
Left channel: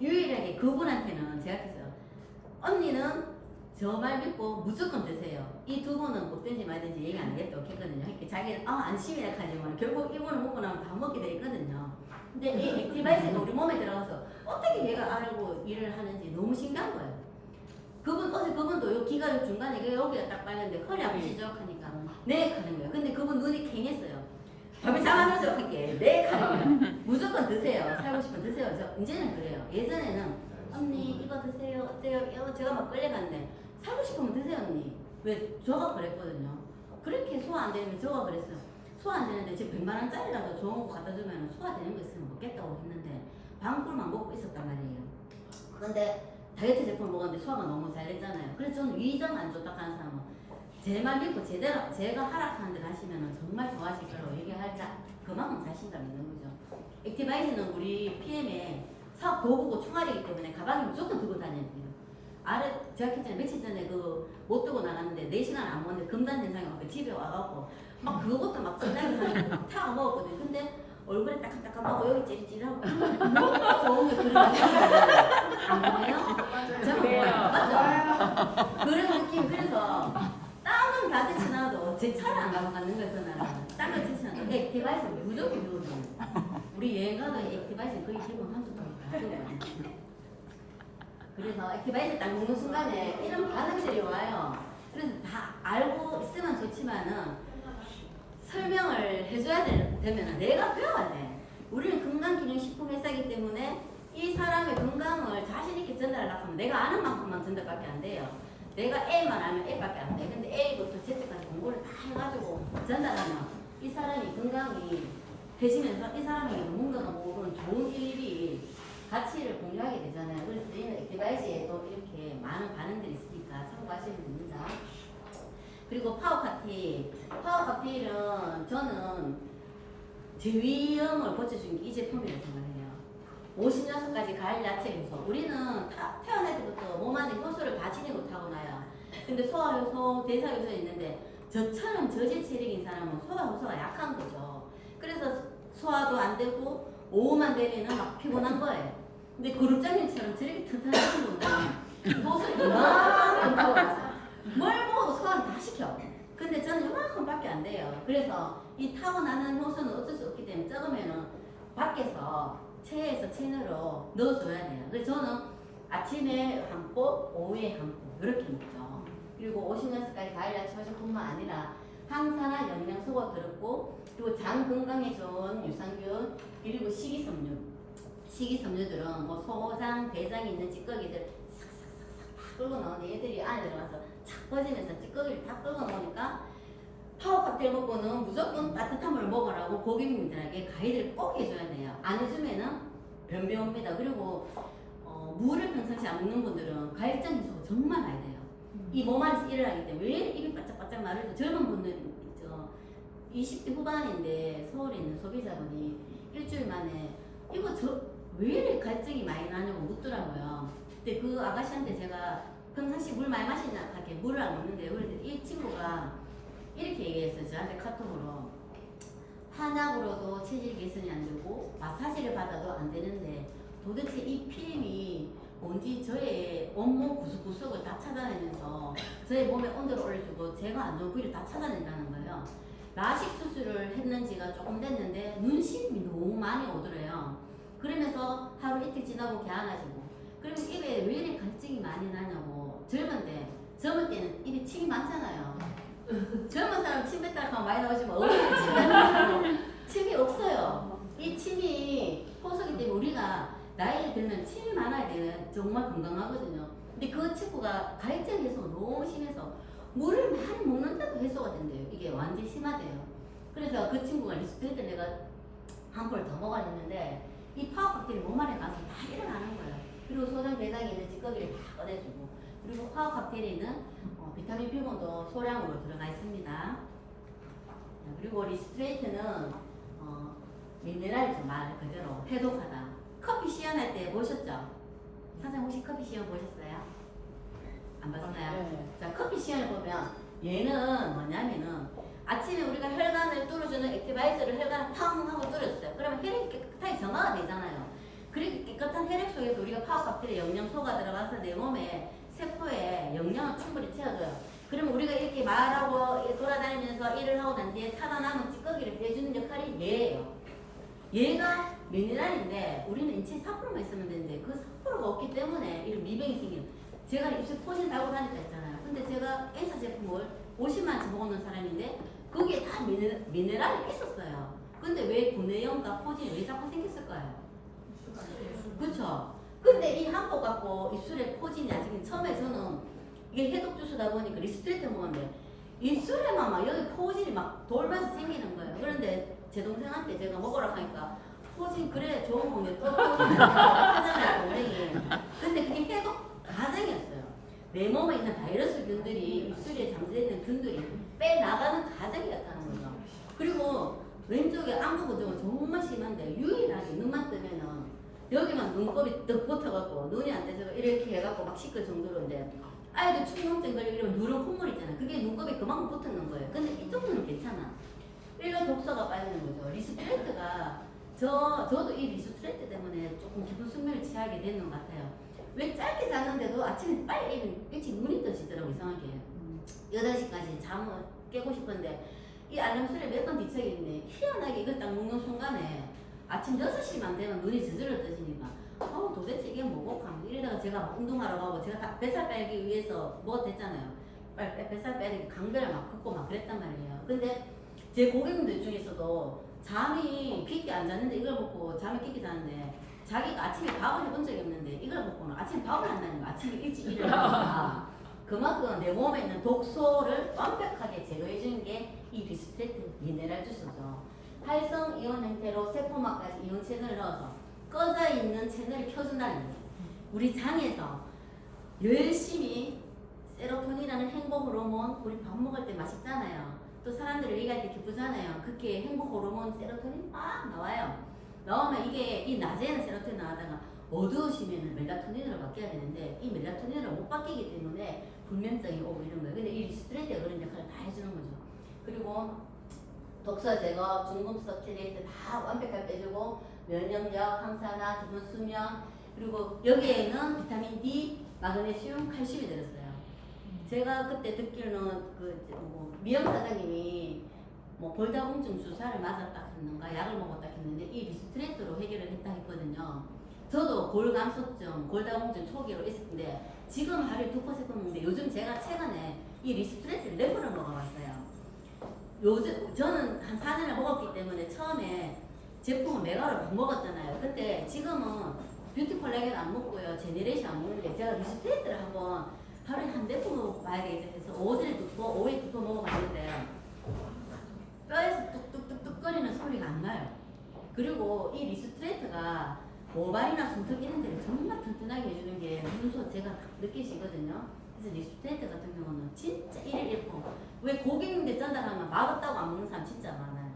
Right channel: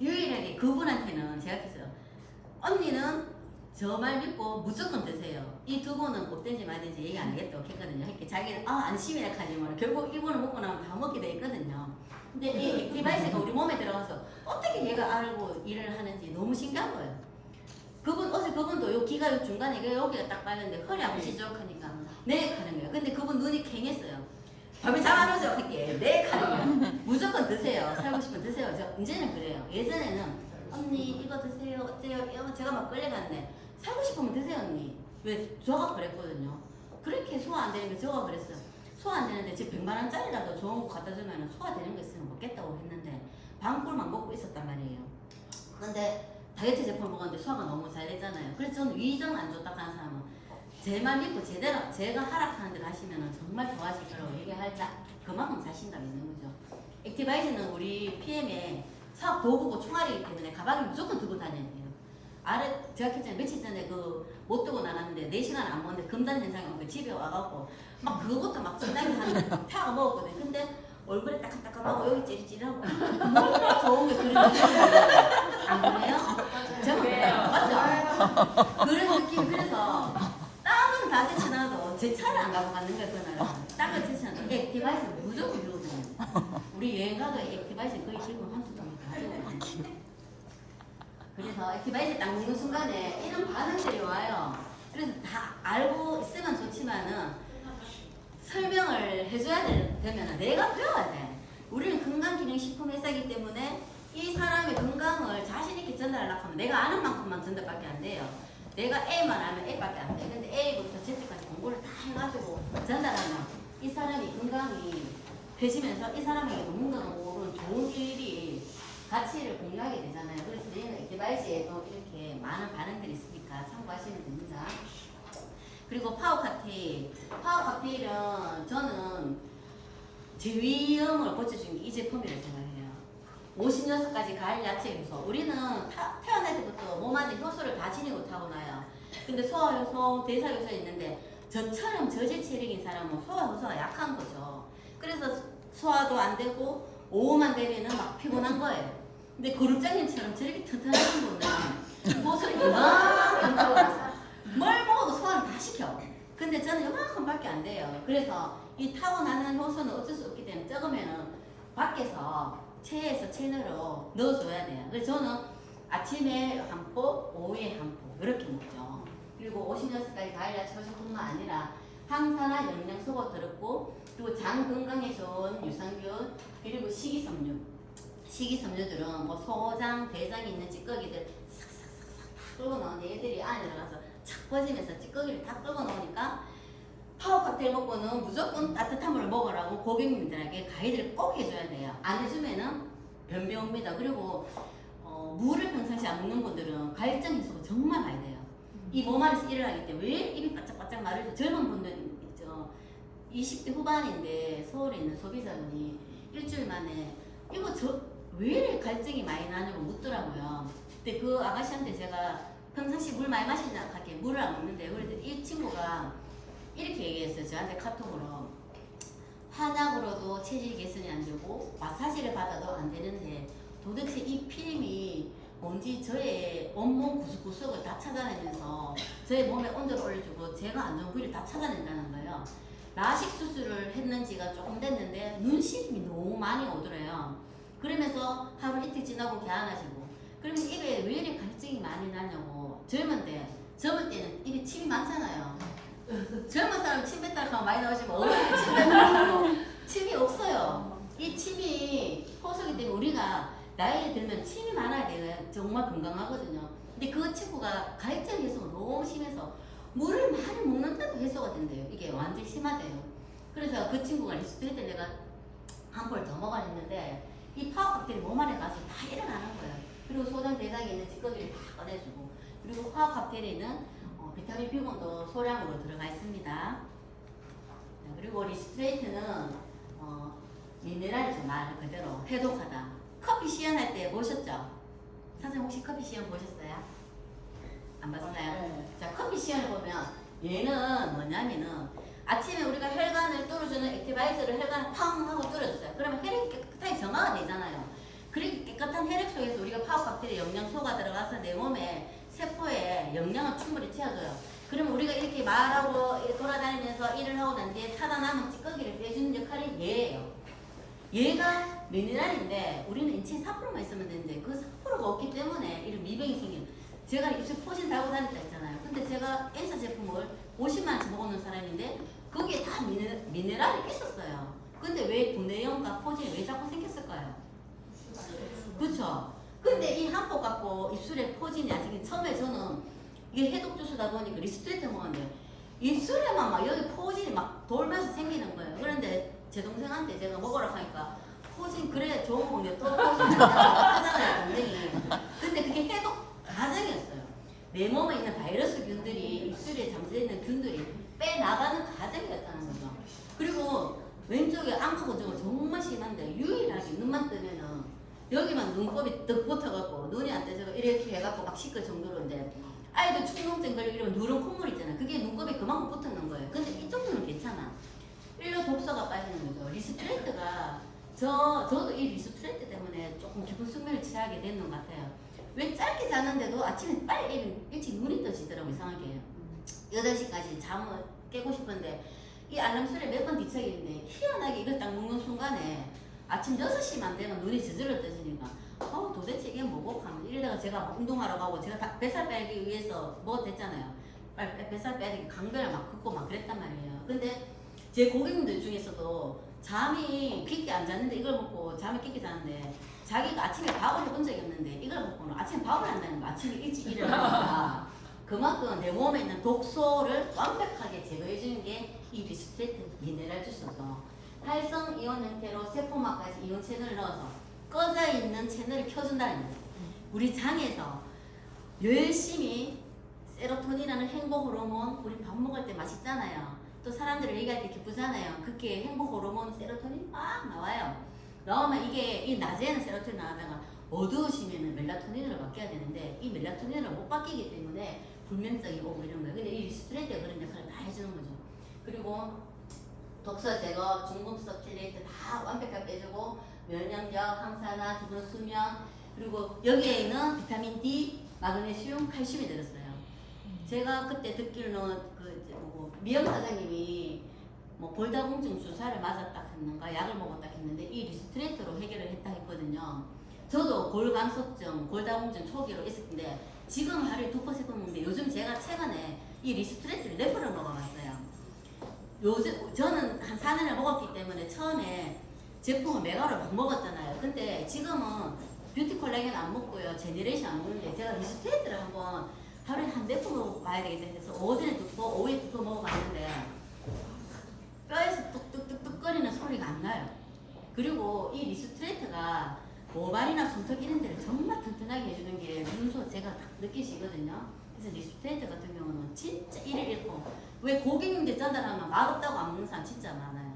유일하게 그분한테는 제가 했어요. 언니는 저 말 믿고 무조건 드세요. 이 2분은 못된지 말든지 얘기 안 하겠다고 했거든요. 이렇게 자기는 안심이라 하지만 결국 이분은 먹고 나면 다 먹게 돼 있거든요. 근데 이 액티바이스가 우리 몸에 들어가서 어떻게 얘가 알고 일을 하는지 너무 신기한 거예요. 어제 그분도 요 귀가 요 중간에 여기가 딱 빨간데 허리 아프시죠? 하니까 네 하는 거예요. 근데 그분 눈이 캥했어요. 밥을 잘안 오죠? 할게 네 하는 거예요. 무조건 드세요. 살고 싶으면 드세요. 이제는 그래요. 예전에는 언니 이거 드세요 어때요? 제가 막 끌려갔는데 살고 싶으면 드세요 언니. 왜? 저가 그랬거든요. 그렇게 소화 안 되면 저가 그랬어요. 소화 안 되는데 지금 100만 원짜리라도 좋은 거 갖다 주면 소화되는 거 있으면 먹겠다고 했는데 방꿀만 먹고 있었단 말이에요. 근데 다이어트 제품 먹었는데 소화가 너무 잘 되잖아요. 그래서 저는 위장 안 좋다 하는 사람은 제 말 믿고 제대로 제가 하락하는 대로 하시면 정말 좋아하실 거라고 얘기할 그만큼 자신감이 있는 거죠. 액티바이즈는 우리 PM에 사업 도구고 총알이기 때문에 가방에 무조건 들고 다녀야 돼요. 제가 했잖아요. 며칠 전에 못 두고 나갔는데 4시간 안 먹었는데 금단 현상이 오니까 집에 와갖고 막 그것도 막 전날에 한 타가 먹었거든요. 근데 얼굴에 따끔따끔하고 여기 찌릿찌릿하고 너무 좋은 게 그런 느낌이에요. 안 그래요? 제가 맞죠? 그런 느낌. 그래서 땀은 다 제쳐놔도 제 차를 안 가고 가는 거예요. 그날은 땀을 제쳐놔도 액티바이스는 무조건 이러거든요. 우리 여행 가도 액티바이스 거의 지금 한두 통이 다 들어가요. 그래서 액티바이스 딱 먹는 순간에 이런 반응들이 와요. 그래서 다 알고 있으면 좋지만은 설명을 해줘야 되면 내가 배워야 돼. 우리는 건강기능식품 회사이기 때문에 이 사람의 건강을 자신있게 전달하려고 하면 내가 아는 만큼만 전달밖에 안 돼요. 내가 A만 알면 A밖에 안 돼. 근데 A부터 Z까지 공부를 다 해가지고 전달하면 이 사람이 건강이 되시면서 이 사람에게 누군가가 모르는 좋은 일이 가치를 공유하게 되잖아요. 그래서 저희는 액티바이즈에도 이렇게 많은 반응들이 있으니까 참고하시면 됩니다. 그리고 파워칵테일. 파워칵테일은 저는 제위염을 고쳐주는 게 이 제품이라고 생각해요. 56가지 과일 야채 효소. 우리는 태어날 때부터 몸 안에 효소를 다 지니고 타고나요. 근데 소화효소, 대사효소 있는데 저처럼 저질 체력인 사람은 소화효소가 약한 거죠. 그래서 소화도 안 되고 오후만 되면은 막 피곤한 거예요. 근데 그룹장님처럼 저렇게 튼튼하신 분은 효소를 이만큼 타고나서 뭘 먹어도 소화를 다 시켜. 근데 저는 이만큼밖에 안 돼요. 그래서 이 타고나는 효소는 어쩔 수 없기 때문에 적으면은 밖에서 체에서 체내로 넣어줘야 돼요. 그래서 저는 아침에 한 포, 오후에 한 포, 이렇게 먹죠. 그리고 56가지 과일 야채 효소뿐만 아니라 항산화 영양소가 들었고, 그리고 장 건강에 좋은 유산균, 그리고 식이섬유. 식이섬유들은 뭐 소장, 대장이 있는 찌꺼기들 싹싹싹싹 다 끌고 나오는데 얘들이 안에 들어가서 착 퍼지면서 찌꺼기를 다 끌고 나오니까 파워칵테일 먹고는 무조건 따뜻한 물 먹으라고 고객님들에게 가이드를 꼭 해줘야 돼요. 안 해주면은 변비 옵니다. 그리고 물을 평상시 안 먹는 분들은 갈증 해소가 정말 많이 돼요. 이 몸 안에서 일을 하기 때문에 왜 입이 바짝바짝 마르죠? 젊은 분들 있죠. 20대 후반인데 서울에 있는 소비자분이 일주일 만에 이거 왜 이렇게 갈증이 많이 나냐고 묻더라고요. 근데 그 아가씨한테 제가 평상시 물 많이 마시냐 하게 물을 안 먹는데 그랬더니 이 친구가 이렇게 얘기했어요. 저한테 카톡으로. 한약으로도 체질 개선이 안 되고 마사지를 받아도 안 되는데 도대체 이 피임이 뭔지 저의 온몸 구석구석을 다 찾아내면서 저의 몸에 온도를 올려주고 제가 안 좋은 부위를 다 찾아낸다는 거예요. 라식 수술을 했는지가 조금 됐는데 눈시림이 너무 많이 오더래요. 그러면서 하루 이틀 지나고 개안하시고 그러면 입에 왜 이렇게 갈증이 많이 나냐고. 젊을 때는 입에 침이 많잖아요. 젊은 사람 침 뱉다 하면 많이 나오지만 어른은 침 뱉다 하면 침이 없어요. 이 침이 효소기 때문에 우리가 나이에 들면 침이 많아야 돼요. 정말 건강하거든요. 근데 그 친구가 갈증 해소가 너무 심해서 물을 많이 먹는데도 해소가 된대요. 이게 완전 심하대요. 그래서 그 친구가 리스트레이트 내가 한 볼 더 먹어야 했는데 이 파워칵테일이 몸 안에 가서 다 일어나는 거예요. 그리고 소장 대장에 있는 찌꺼기를 다 꺼내주고, 그리고 파워칵테일에는 비타민 B1도 소량으로 들어가 있습니다. 그리고 리스트레이트는 미네랄이죠. 말 그대로 해독하다. 커피 시연할 때 보셨죠? 사장님 혹시 커피 시연 보셨어요? 안 봤어요? 네. 자, 커피 시연을 보면 얘는 뭐냐면은 아침에 우리가 혈관을 뚫어주는 액티바이저를 혈관을 팡 하고 뚫어줬어요. 그러면 혈액이 깨끗하게 정화가 되잖아요. 그렇게 깨끗한 혈액 속에서 우리가 파워칵테일의 영양소가 들어가서 내 몸에 세포에 영양을 충분히 채워줘요. 그러면 우리가 이렇게 말하고 돌아다니면서 일을 하고 난 뒤에 타다 남은 찌꺼기를 빼주는 역할이 얘예요. 얘가 미네랄인데 우리는 인체에 4%만 있으면 되는데 그 4%가 없기 때문에 이런 미병이 생겨요. 제가 입술 포진 달고 다녔다 했잖아요. 근데 제가 N사 제품을 50만원치 먹어놓은 사람인데 거기에 다 미네랄이 있었어요. 근데 왜 구내염과 포진이 왜 자꾸 생겼을까요? 그쵸? 근데 이 한 포 갖고 입술에 포진이 아직 처음에 저는 이게 해독 주스다 보니까 리스트레이트 먹었는데 입술에만 막 여기 포진이 막 돌면서 생기는 거예요. 그런데 제 동생한테 제가 먹으라고 하니까 포진 그래 좋은 건데 또 포진 하잖아요 동생이. 근데 그게 해독 과정이었어요. 내 몸에 있는 바이러스 균들이 입술에 잠재되어 있는 균들이 빼나가는 과정이었다는 거죠. 그리고 왼쪽에 안구 건조가 정말 심한데 유일하게 눈만 뜨면은 여기만 눈곱이 떡 붙어갖고 눈이 안 떼져가 이렇게 해갖고 막 시끌 정도로인데 아이들 충농증 걸리고 이러면 누런 콧물 있잖아. 그게 눈곱이 그만큼 붙었는 거예요. 근데 이 정도는 괜찮아. 일로 독소가 빠지는 거죠. 리스트레이트가 저도 이 리스트레이트 때문에 조금 깊은 숙면을 취하게 되는 것 같아요. 왜 짧게 잤는데도 아침에 빨리 일찍 눈이 떠지더라고 이상하게. 8시까지 잠을 깨고 싶은데 이 알람 소리에 몇 번 뒤척이는데 희한하게 이걸 딱 누는 순간에 아침 6시만 되면 눈이 저절로 떠지니까 도대체 이게 뭐고? 이러다가 제가 막 운동하러 가고 제가 다 뱃살 빼기 위해서 뭐 됐잖아요. 뱃살 빼기 강배를 막 긋고 막 그랬단 말이에요. 근데 제 고객님들 중에서도 잠이 깊게 안 잤는데 이걸 먹고 잠이 깊게 자는데 자기가 아침에 밥을 해본 적이 없는데 이걸 먹고는 아침에 밥을 한다는 거야. 아침에 일찍 일어나니까 그만큼 내 몸에 있는 독소를 완벽하게 제거해 주는 게 이 리스트레이트 미네랄 주스죠. 활성 이온 형태로 세포막까지 이온 채널을 넣어서 꺼져 있는 채널을 켜준다는 거죠. 우리 장에서 열심히 세로토닌이라는 행복 호르몬, 우리 밥 먹을 때 맛있잖아요. 또 사람들이 얘기할 때 기쁘잖아요. 그렇게 행복 호르몬 세로토닌 막 나와요. 나오면 이게 이 낮에는 세로토닌 나오다가 어두우시면 멜라토닌으로 바뀌어야 되는데 이 멜라토닌으로 못 바뀌기 때문에 불면증이 오고 이런 거예요. 근데 이 리스트레이트가 그런 역할을 다 해주는 거죠. 그리고 독소 제거, 중금속 킬레이트 다 완벽하게 빼주고 면역력, 항산화, 기본 수면 그리고 여기에는 비타민 D, 마그네슘, 칼슘이 들었어요. 제가 그때 듣기로는 미영 사장님이 골다공증 주사를 맞았다 했는가 약을 먹었다 했는데 이 리스트레이트로 해결을 했다 했거든요. 저도 골감소증, 골다공증 초기로 있었는데 지금 하루에 2번, 3번 먹는데 요즘 제가 최근에 이 리스트레이트를 4번을 먹어봤어요. 요즘 저는 한 4년을 먹었기 때문에 처음에 제품을 메가로 막 먹었잖아요. 근데 지금은 뷰티 콜라겐 안 먹고요. 제네레이션 안 먹는데 제가 리스트레이트를 한번 하루에 한 4번 먹어봐야 되겠다 해서 오전에 2번, 오후에 2번 먹어봤는데 뼈에서 뚝뚝뚝뚝 거리는 소리가 안 나요. 그리고 이 리스트레이트가 모발이나 손톱 이런 데를 정말 튼튼하게 해주는 게 문서 제가 딱 느끼시거든요. 그래서 리스트레이트 같은 경우는 진짜 1일 1품. 왜 고객님들 전달하면 맛없다고 안 먹는 사람 진짜 많아요.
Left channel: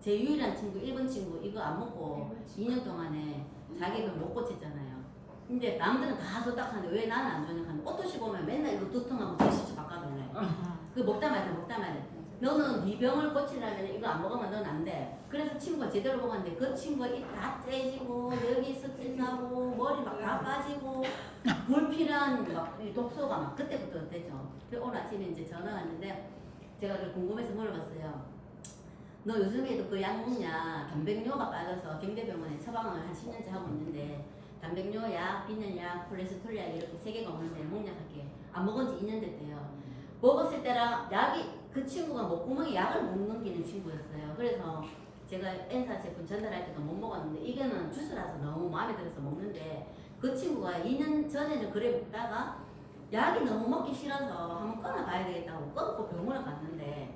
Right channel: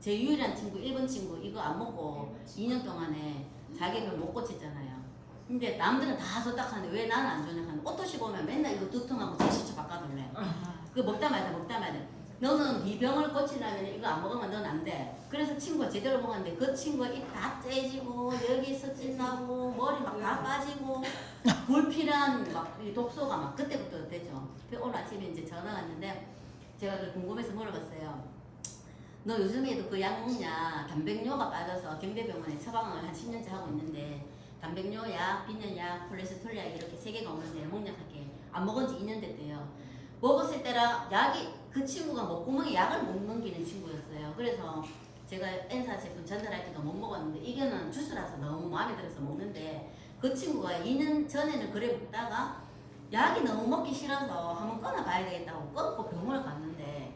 제 유일한 친구, 1번 친구 이거 안 먹고 2년 동안에 자기를 못 고쳤잖아요. 근데 남들은 다 좋다고 하는데 왜 나는 안 좋냐 하는데 옷도시 보면 맨날 이거 두통하고 제시처 바꿔달래. 그거 먹다 말다. 너는 네 병을 고치려면 이거 안 먹으면 넌 안 돼. 그래서 친구가 제대로 먹었는데 그 친구가 입 다 째지고 여기서 찐나고 머리 막 다 빠지고 불필요한 막 독소가 막 그때부터 됐죠. 오늘 아침에 이제 전화 왔는데 제가 그 궁금해서 물어봤어요. 너 요즘에도 그 약 먹냐? 단백뇨가 빠져서 경대병원에 처방을 한 10년째 하고 있는데 단백뇨 약, 비뇨약, 콜레스테롤 약 이렇게 3개가 오는데 먹냐하게 안 먹은 지 2년 됐대요. 먹었을 때랑 약이 그 친구가 목구멍에 약을 못 넘기는 친구였어요. 그래서 제가 N사 제품 전달할 때도 못 먹었는데 이거는 주스라서 너무 마음에 들어서 먹는데 그 친구가 2년 전에는 그래 먹다가 약이 너무 먹기 싫어서 한번 끊어봐야 되겠다고 끊고 병원을 갔는데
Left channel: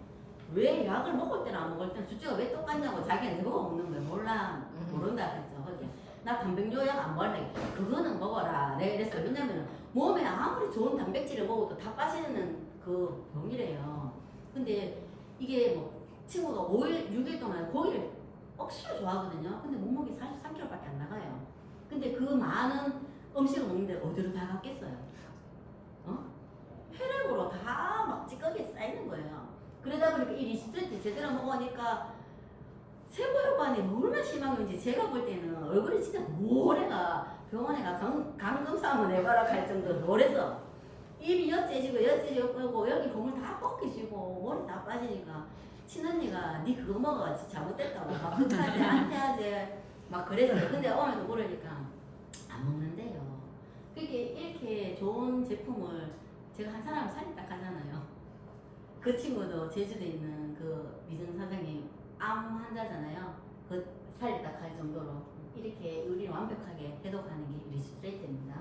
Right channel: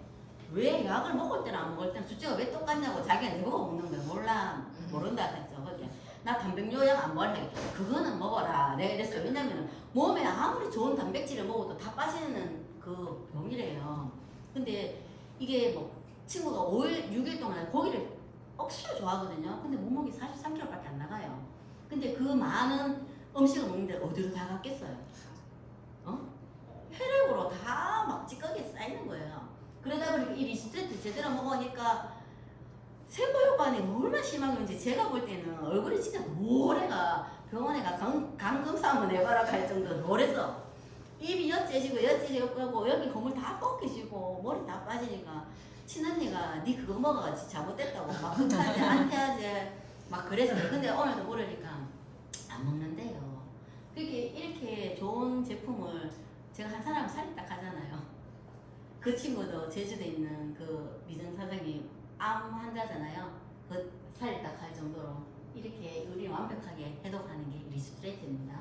왜 약을 먹을 때는 안 먹을 때는 주제가 왜 똑같냐고 자기가 내보고 먹는 거야. 몰라 모른다 했죠. 그죠? 나 단백뇨 약 안 먹을래. 그거는 먹어라. 내가 이랬어요. 왜냐면 몸에 아무리 좋은 단백질을 먹어도 다 빠지는 그 병이래요. 근데 이게 뭐 친구가 5일, 6일 동안 고기를 억수로 좋아하거든요. 근데 몸무게 43kg밖에 안 나가요. 근데 그 많은 음식을 먹는데 어디로 다 갔겠어요? 혈액으로 다 막 찌꺼기 쌓이는 거예요. 그러다 보니까 이 리스트레이트 제대로 먹으니까 세포 효과는 얼마나 심한 건지 제가 볼 때는 얼굴이 진짜 노래가 병원에 가 감금사 한번 해봐라 할 정도로 노래서 입이 엿째지고 엿째지고 여기 고물 다 꺾이지고 머리 다 빠지니까 친언니가 니 그거 먹어가지고 잘못됐다고 막 극하지 안태하지 막 그랬어요. 근데 오늘도 물으니까 안 먹는데요. 그렇게 이렇게 좋은 제품을 제가 한 사람 살이 딱 하잖아요. 그 친구도 제주도에 있는 그 미정 사장님 암 환자잖아요. 그 살이 딱 할 정도로 이렇게 우리 완벽하게 해독하는 게 리스트레이트입니다.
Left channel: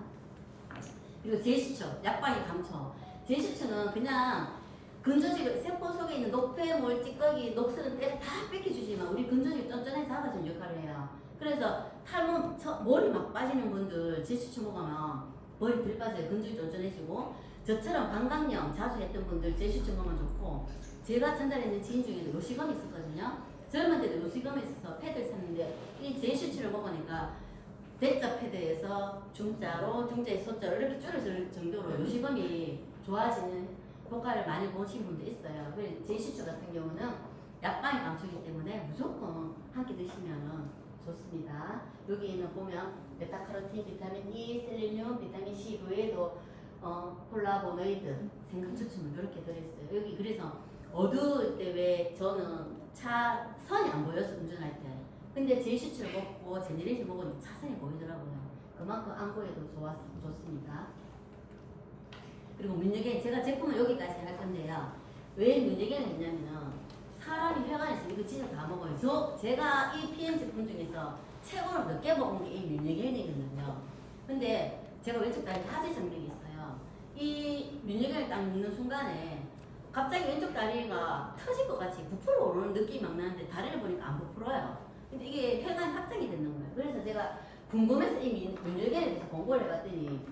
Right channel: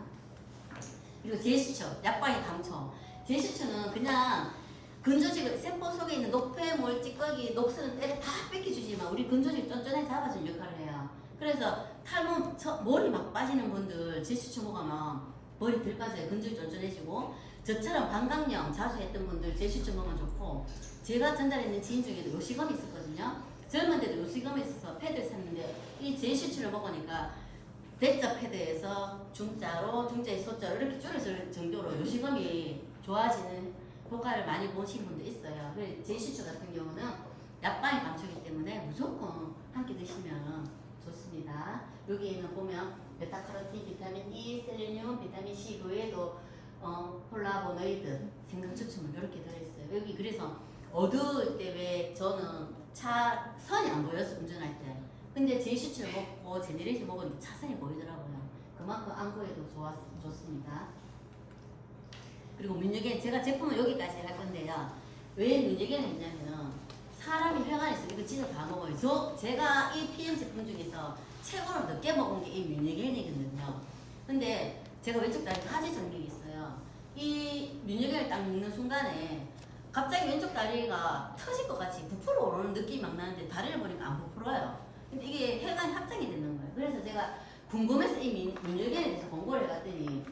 그리고 제시처, 약방의 감초. 제시처는 그냥 근조직, 세포 속에 있는 노폐물, 찌꺼기, 녹슬은 때를 다 뺏겨주지만 우리 근조직 쫀쫀하게 잡아주는 역할을 해요. 그래서 탈모, 머리 막 빠지는 분들 제시처 먹으면 머리 덜 빠져요. 근조직 쫀쫀해지고 저처럼 방광염 자주 했던 분들 제시처 먹으면 좋고 제가 전달했는 지인 중에도 요시검이 있었거든요. 젊은 때도 요시검이 있어서 패드를 샀는데 이 제시처를 먹으니까 대자 패드에서 중자로, 중자에 소자로 이렇게 줄여질 정도로 요식음이 좋아지는 효과를 많이 보신 분도 있어요. 그래서 제이슈츠 같은 경우는 약방이 감초이기 때문에 무조건 한 끼 드시면 좋습니다. 여기에는 보면 베타카로틴, 비타민 E, 셀레늄, 비타민 C 그 외에도 폴라보노이드, 생강추출물 이렇게 들어있어요. 여기 그래서 어두울 때 왜 저는 차 선이 안 보여서 운전할 때 근데 제이슈츠를 먹고 제네레이션 먹으니까 차선이 보이더라고요. 그만큼 안구에도 좋습니다. 그리고 민유겐 제가 제품은 여기까지 할 건데요. 왜 민유겐을 했냐면은 사람이 혈관이 있으면 이거 진짜 다 먹어요. 제가 이 PM 제품 중에서 최고로 늦게 먹은 게 이 민유겐이거든요. 근데 제가 왼쪽 다리 하지 정맥이 있어요. 이 민유겐을 딱 먹는 순간에 갑자기 왼쪽 다리가 터질 것 같이 부풀어 오르는 느낌이 막 나는데 다리를 보니까 안 부풀어요. 근데 이게 혈관 확장이 되는 거예요. 그래서 제가 궁금해서 이 민유겐에 대해서 공부를 해봤더니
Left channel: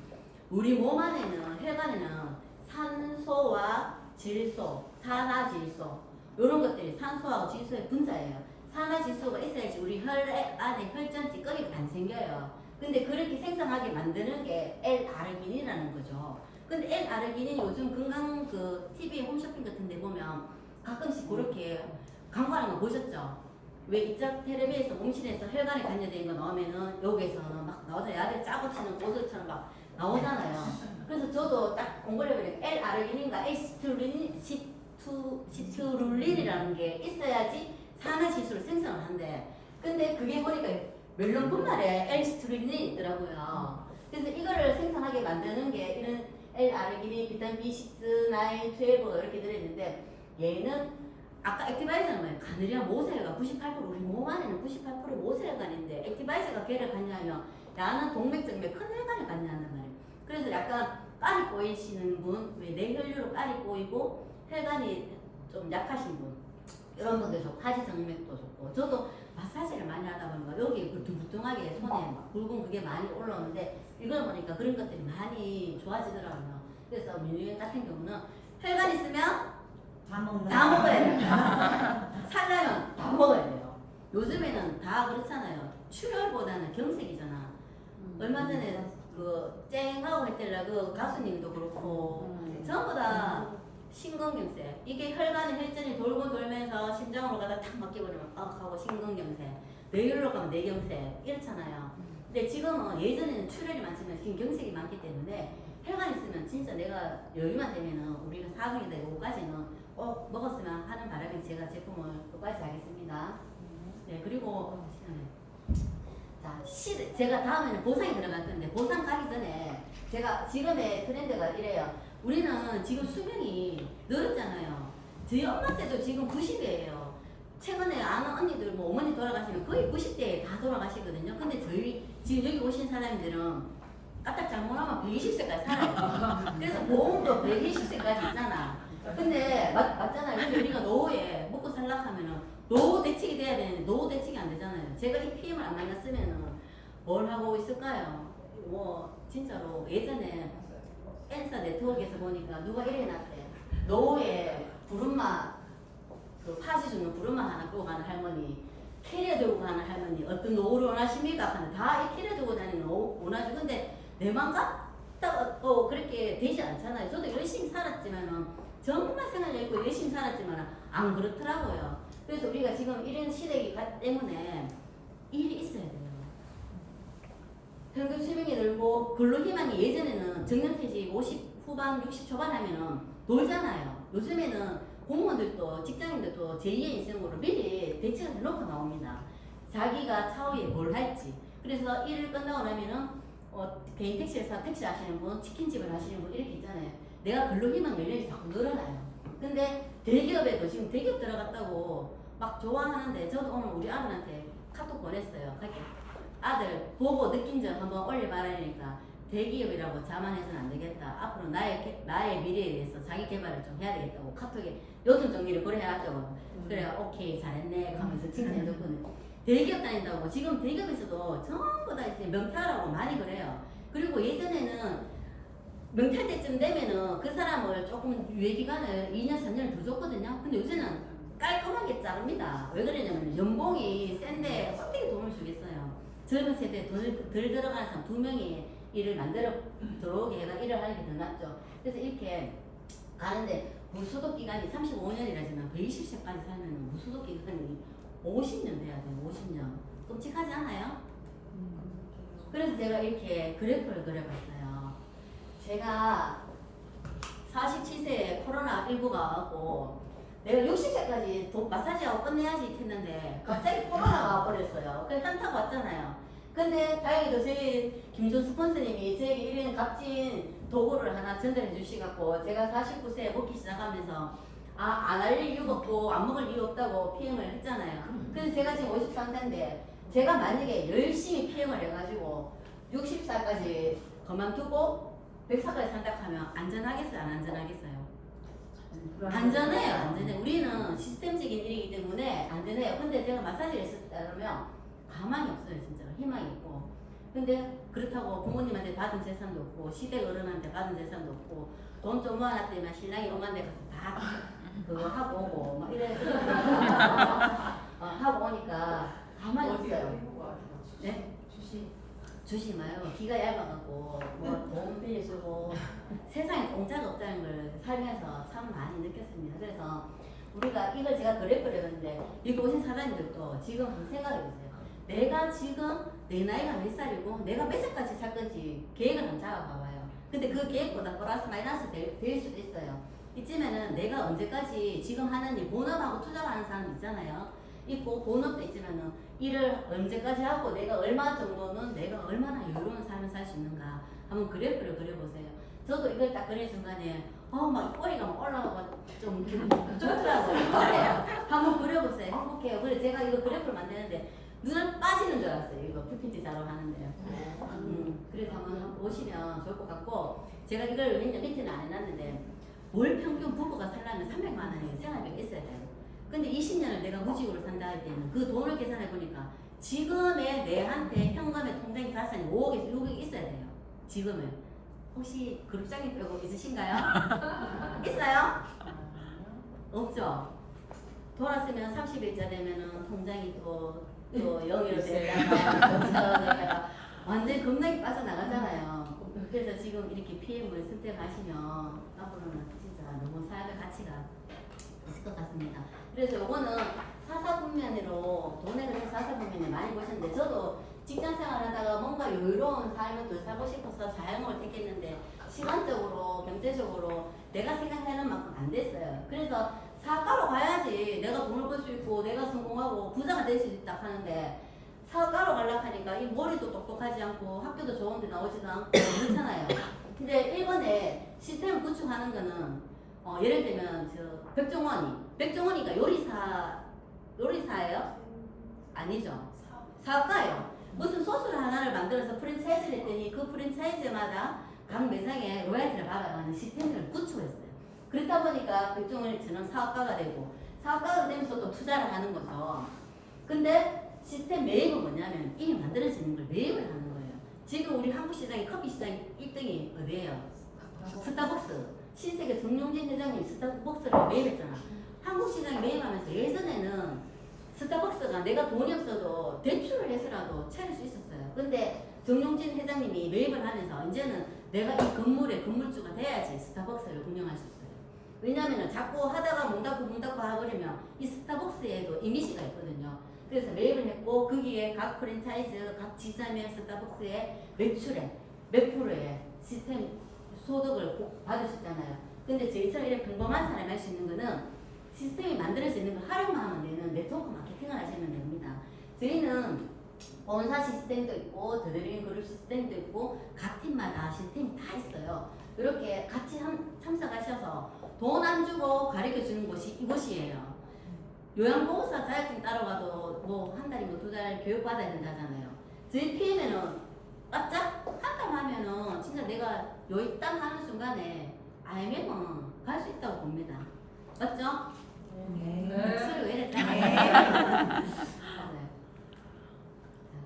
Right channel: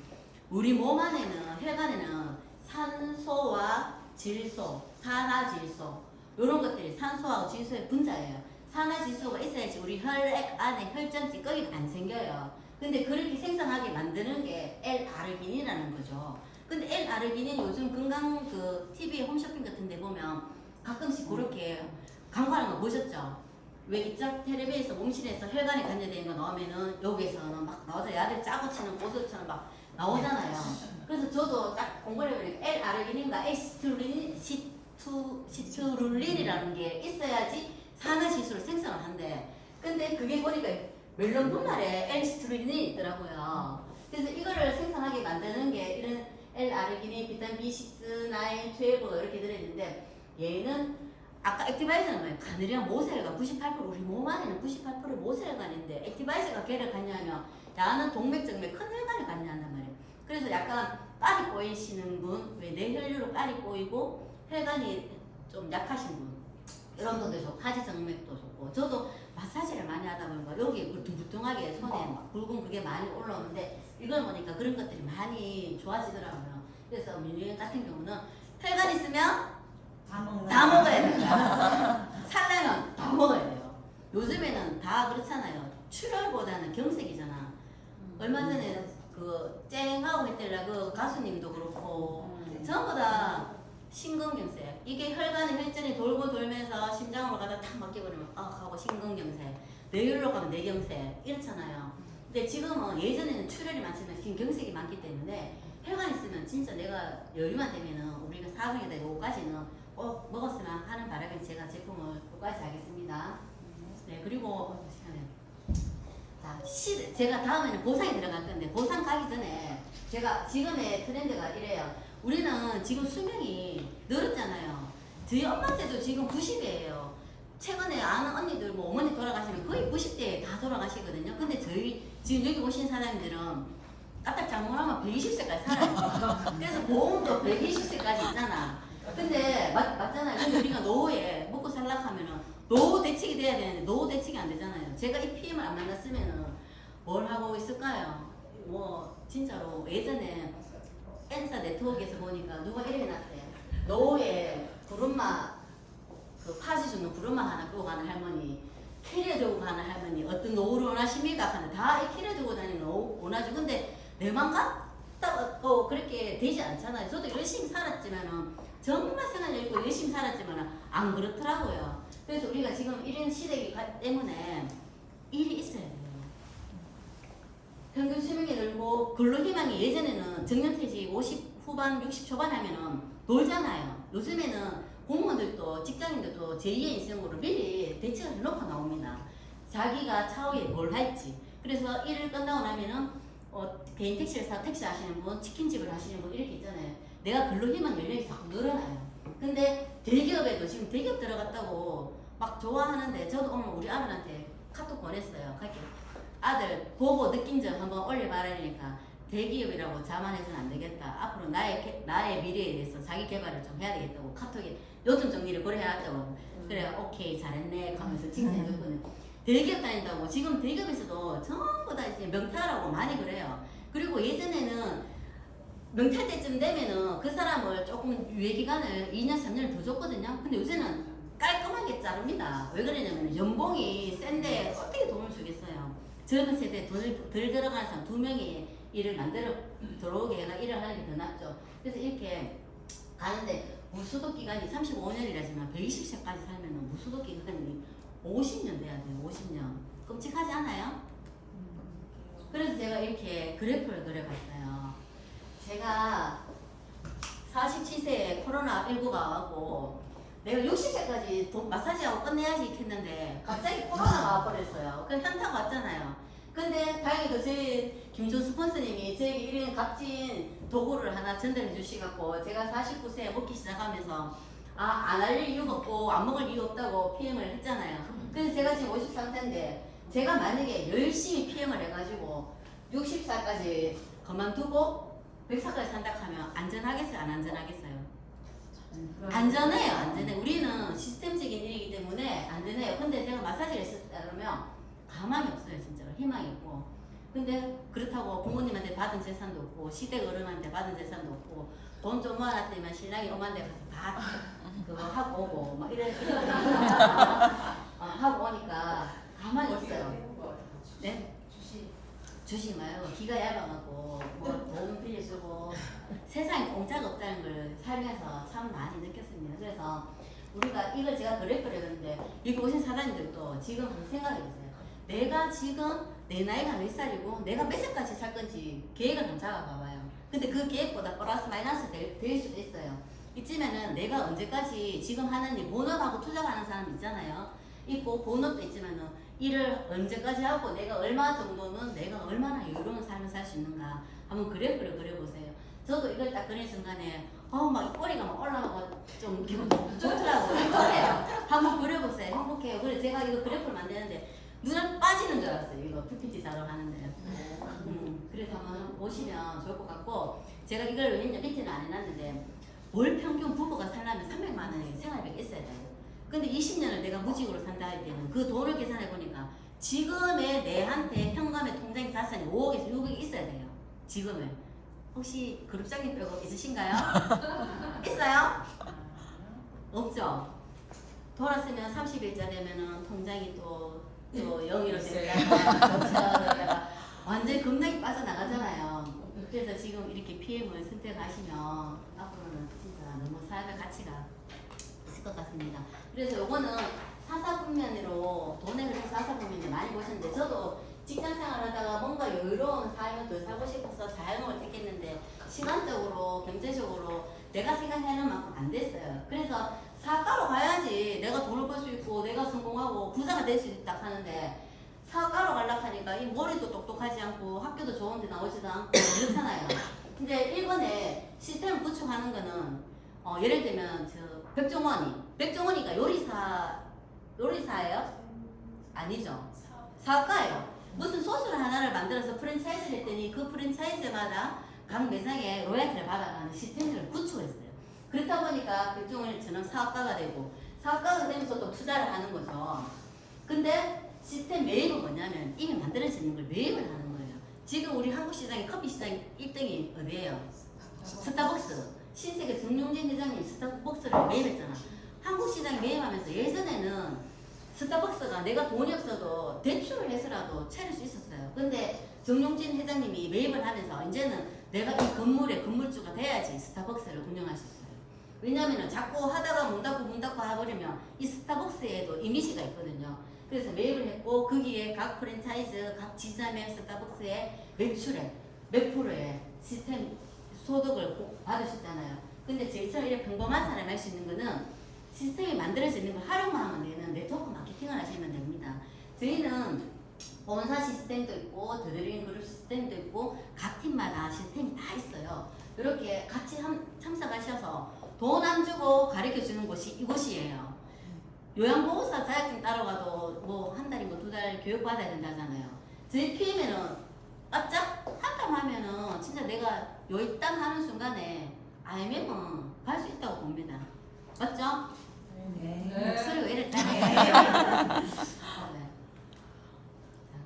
우리 몸 안에는 혈관에는 산소와 질소, 산화질소 이런 것들이 산소하고 질소의 분자예요. 산화질소가 있어야지 우리 혈 안에 혈전 찌꺼기가 안 생겨요. 근데 그렇게 생성하게 만드는 게 L-아르기닌이라는 거죠. 근데 L-아르기닌 요즘 건강 그 TV 홈쇼핑 같은 데 보면 가끔씩 그렇게 광고하는 거 보셨죠? 왜 입자 텔레비에서 몸실에서 혈관에 관여된 거 나오면은 여기에서는 막 나오죠. 야들 짜고 치는 고수처럼 막 나오잖아요. 그래서 저도 딱 공부를 해보니까 L-아르기닌과 시트룰린이라는 게 있어야지 산화질소를 생성을 한대. 근데 그게 보니까 멜론 분말에 L-시트룰린이 있더라고요. 그래서 이거를 생성하게 만드는 게 이런 L-아르기닌, 비타민 B6, 9, 12 이렇게 들어있는데 얘는 아까 액티바이저는 뭐예요? 가늘이랑 모세혈관 98% 우리 몸 안에는 98% 모세혈관인데 액티바이저가 걔를 관여하면 야는 동맥정맥 큰 혈관을 관여한단 말이에요. 그래서 약간 깔이 꼬이시는 분, 왜 뇌혈류로 깔이 꼬이고 혈관이 좀 약하신 분 이런 분들 좋고 하지정맥도 좋고 저도 마사지를 많이 하다 보니까 여기 울퉁불퉁하게 손에 막 붉은 그게 많이 올라오는데 이걸 보니까 그런 것들이 많이 좋아지더라고요. 그래서 민유겐 같은 경우는 혈관 있으면 다 먹어야 된다. 살려면 다 먹어야 돼요. 요즘에는 다 그렇잖아요. 출혈보다는 경색이잖아. 얼마 전에 그 쨍하고 했더라 그 가수님도 그렇고 전부 다 심근경색. 이게 혈관의 혈전이 돌고 돌면서 심장으로 가다 탁 막혀버리면 하고 심근경색. 뇌혈로 가면 뇌경색 이렇잖아요. 근데 지금은 예전에는 출혈이 많지만 지금 경색이 많기 때문에 혈관 있으면 진짜 내가 여유만 되면은 우리가 사중에다 요거까지는 꼭 먹었으면 하는 바람에 제가 제품을 요거까지 하겠습니다. 네 그리고 자 제가 다음에는 보상이 들어갈 건데 보상 가기 전에 제가 지금의 트렌드가 이래요. 우리는 지금 수명이 늘었잖아요. 저희 엄마 때도 지금 90이에요. 최근에 아는 언니들 뭐 어머니 돌아가시면 거의 90대에 다 돌아가시거든요. 근데 저희 지금 여기 오신 사람들은 까딱 잘못하면 120세까지 살아요. 그래서 보험도 120세까지 있잖아. 근데 맞잖아요. 근데 우리가 노후에 먹고 살락하면은 노후 대책이 돼야 되는데 노후 대책이 안 되잖아요. 제가 이 PM을 안 만났으면은 뭘 하고 있을까요? 뭐 진짜로 예전에 엔사 네트워크에서 보니까 누가 이래 놨대. 노후에 부름마 그 파시 주는 부름마 하나 끄고 가는 할머니, 캐리어 들고 가는 할머니 어떤 노후를 원하십니까? 하는 다 이 캐리어 들고 다니는 노후 원하죠. 근데 내만 갔다가 그렇게 되지 않잖아요. 저도 열심히 살았지만은 정말 생활 열고 열심히 살았지만은 안 그렇더라고요. 그래서 우리가 지금 이런 시대이기 때문에 일이 있어야 돼요. 평균 수명이 늘고 근로희망이 예전에는 정년퇴직 50 후반 60 초반 하면은 놀잖아요. 요즘에는 공무원들도 직장인들도 제2의 인생으로 미리 대책을 해놓고 나옵니다. 자기가 차후에 뭘 할지. 그래서 일을 끝나고 나면은 개인 택시회사 택시 하시는 분, 치킨집을 하시는 분 이렇게 있잖아요. 내가 근로희망 연령이 자꾸 늘어나요. 근데 대기업에도 지금 대기업 들어갔다고 막 좋아하는데 저도 오늘 우리 아들한테 카톡 보냈어요. 그렇게 아들 보고 느낀 점 한번 올려봐라니까 대기업이라고 자만해서는 안 되겠다. 앞으로 나의 미래에 대해서 자기 개발을 좀 해야 되겠다고 카톡에 요즘 정리를 고려해놨다고. 그래 오케이 잘했네 하면서 칭찬해줬거든요. 대기업 다닌다고 지금 대기업에서도 전부 다 이제 명퇴하라고 많이 그래요. 그리고 예전에는 명퇴 때쯤 되면은 그 사람을 조금 유예기간을 2년 3년을 더 줬거든요. 근데 요새는 깔끔하게 자릅니다. 왜 그러냐면 연봉이 센데 어떻게 돈을 주겠어요. 젊은 세대에 덜 들어가는 사람 2명이 일을 만들어 들어오게 해가 일을 하는 게 더 낫죠. 그래서 이렇게 가는데 무소속 기간이 35년이라지만 120세까지 살면 무소속 기간이 50년 돼야 돼요. 50년. 끔찍하지 않아요? 그래서 제가 이렇게 그래프를 그려봤어요. 제가 47세에 코로나19가 와갖고 내가 60세까지 마사지하고 끝내야지 했는데 갑자기 코로나가 와버렸어요. 그 현타가 왔잖아요. 근데 다행히도 저희 김조 스폰서님이 저에게 이런 값진 도구를 하나 전달해 주시갖고 제가 49세에 먹기 시작하면서 안 할 이유가 없고 안 먹을 이유 없다고 PM을 했잖아요. 그래서 제가 지금 53세인데 제가 만약에 열심히 PM을 해가지고 60살까지 그만두고 100살까지 산다 하면 안전하겠어요? 안 안전하겠어요? 안전해요. 안전해. 우리는 시스템적인 일이기 때문에 안전해요. 근데 제가 마사지를 했다면 가만히 없어요. 진짜로 희망이 없고. 근데 그렇다고 부모님한테 받은 재산도 없고 시댁 어른한테 받은 재산도 없고 돈 좀 모아놨더니만 신랑이 엄한 데 가서 다 그거 하고 오고 막 이래 하고 오니까 가만히 있어요. 네? 주시 말고 기가 얇아갖고 뭐 돈 빌려주고 세상에 공짜가 없다는 걸 살면서 참 많이 느꼈습니다. 그래서 우리가 이걸 제가 그래프를 했는데 여기 오신 사장님들도 지금 한번 생각해보세요. 내가 지금 내 나이가 몇 살이고 내가 몇 살까지 살 건지 계획을 한번 잡아봐봐요. 근데 그 계획보다 플러스 마이너스 될 수도 있어요. 이쯤에는 내가 언제까지 지금 하는 일 본업하고 투자하는 사람 있잖아요. 있고 본업도 있지만은 일을 언제까지 하고 내가 얼마 정도는 내가 얼마나 여유로운 삶을 살 수 있는가 한번 그래프를 그려보세요. 저도 이걸 딱 그린 순간에 막 꼬리가 막 올라가고 좀 좋더라고요. 그래요. 한번 그려보세요. 행복해요. 그래 제가 이거 그래프를 만드는데 눈을 빠지는 줄 알았어요. 이거 PPT 자료 하는데. 그래서 한번 보시면 좋을 것 같고 제가 이걸 왜냐 밑에는 안 해놨는데 월 평균 부부가 살려면 300만 원의 생활비가 있어야 돼요. 근데 20년을 내가 무직으로 산다 할 때는 그 돈을 계산해 보니까 지금의 내한테 현금의 통장 자산이 5억에서 6억이 있어야 돼요. 지금은 혹시 그룹장님 빼고 있으신가요? 있어요? 없죠? 돌았으면 30일자 되면은 통장이 또 0으로 됐다가 됐다가 완전히 급락이 빠져나가잖아요. 그래서 지금 이렇게 PM을 선택하시면 앞으로는 진짜 너무 삶의 가치가 있을 것 같습니다. 그래서 요거는 사사분면으로 돈에 그래서 사사분면에 많이 보셨는데 저도 직장생활 하다가 뭔가 여유로운 삶을 더 살고 싶어서 자영업을 택했는데 시간적으로 경제적으로 내가 생각하는 만큼 안 됐어요. 그래서 사업가로 가야지 내가 돈을 벌 수 있고 내가 성공하고 부자가 될 수 있다 하는데 사업가로 가려고 하니까 이 머리도 똑똑하지 않고 학교도 좋은 데 나오지도 않고 그렇잖아요. 근데 일본에 시스템을 구축하는 거는 예를 들면 백종원이가 요리사예요? 아니죠. 사업가예요. 무슨 소스를 하나를 만들어서 프랜차이즈를 했더니 그 프랜차이즈마다 각 매장에 로얄티를 받아가는 시스템을 구축했어요. 그렇다 보니까 백종원처럼 사업가가 되고 사업가가 되면서 또 투자를 하는 거죠. 근데 시스템 매입은 뭐냐면 이미 만들어지는 걸 매입을 하는 거예요. 지금 우리 한국 시장의 커피 시장 1등이 어디예요? 스타벅스. 신세계 정용진 회장이 스타벅스를 매입했잖아. 한국 시장에 매입하면서 예전에는 스타벅스가 내가 돈이 없어도 대출을 해서라도 차릴 수 있었어요. 근데 정용진 회장님이 매입을 하면서 이제는 내가 이 건물의 건물주가 돼야지 스타벅스를 운영할 수 있어요. 왜냐면은 자꾸 하다가 문 닫고 해버리면 이 스타벅스에도 이미지가 있거든요. 그래서 매입을 했고 거기에 각 프랜차이즈, 각 지자매 스타벅스의 매출에 몇 프로의 시스템 소득을 받으셨잖아요. 근데 저희처럼 이렇게 평범한 사람이 할 수 있는 거는 시스템이 만들어지는 걸 활용만 하면 되는 네트워크 마케팅을 하시면 됩니다. 저희는 본사 시스템도 있고 더드림 그룹 시스템도 있고 각 팀마다 시스템이 다 있어요. 이렇게 같이 참석하셔서 돈 안 주고 가르쳐 주는 곳이 이곳이에요. 요양보호사 자격증 따러 가도 뭐 한 달이면 2달 교육 받아야 된다잖아요. 저희 PM에는 바짝 한땀 하면은 진짜 내가 요일당 하는 순간에 알면은 갈 수 있다고 봅니다. 맞죠? 네. 목소리가 이래 작아요.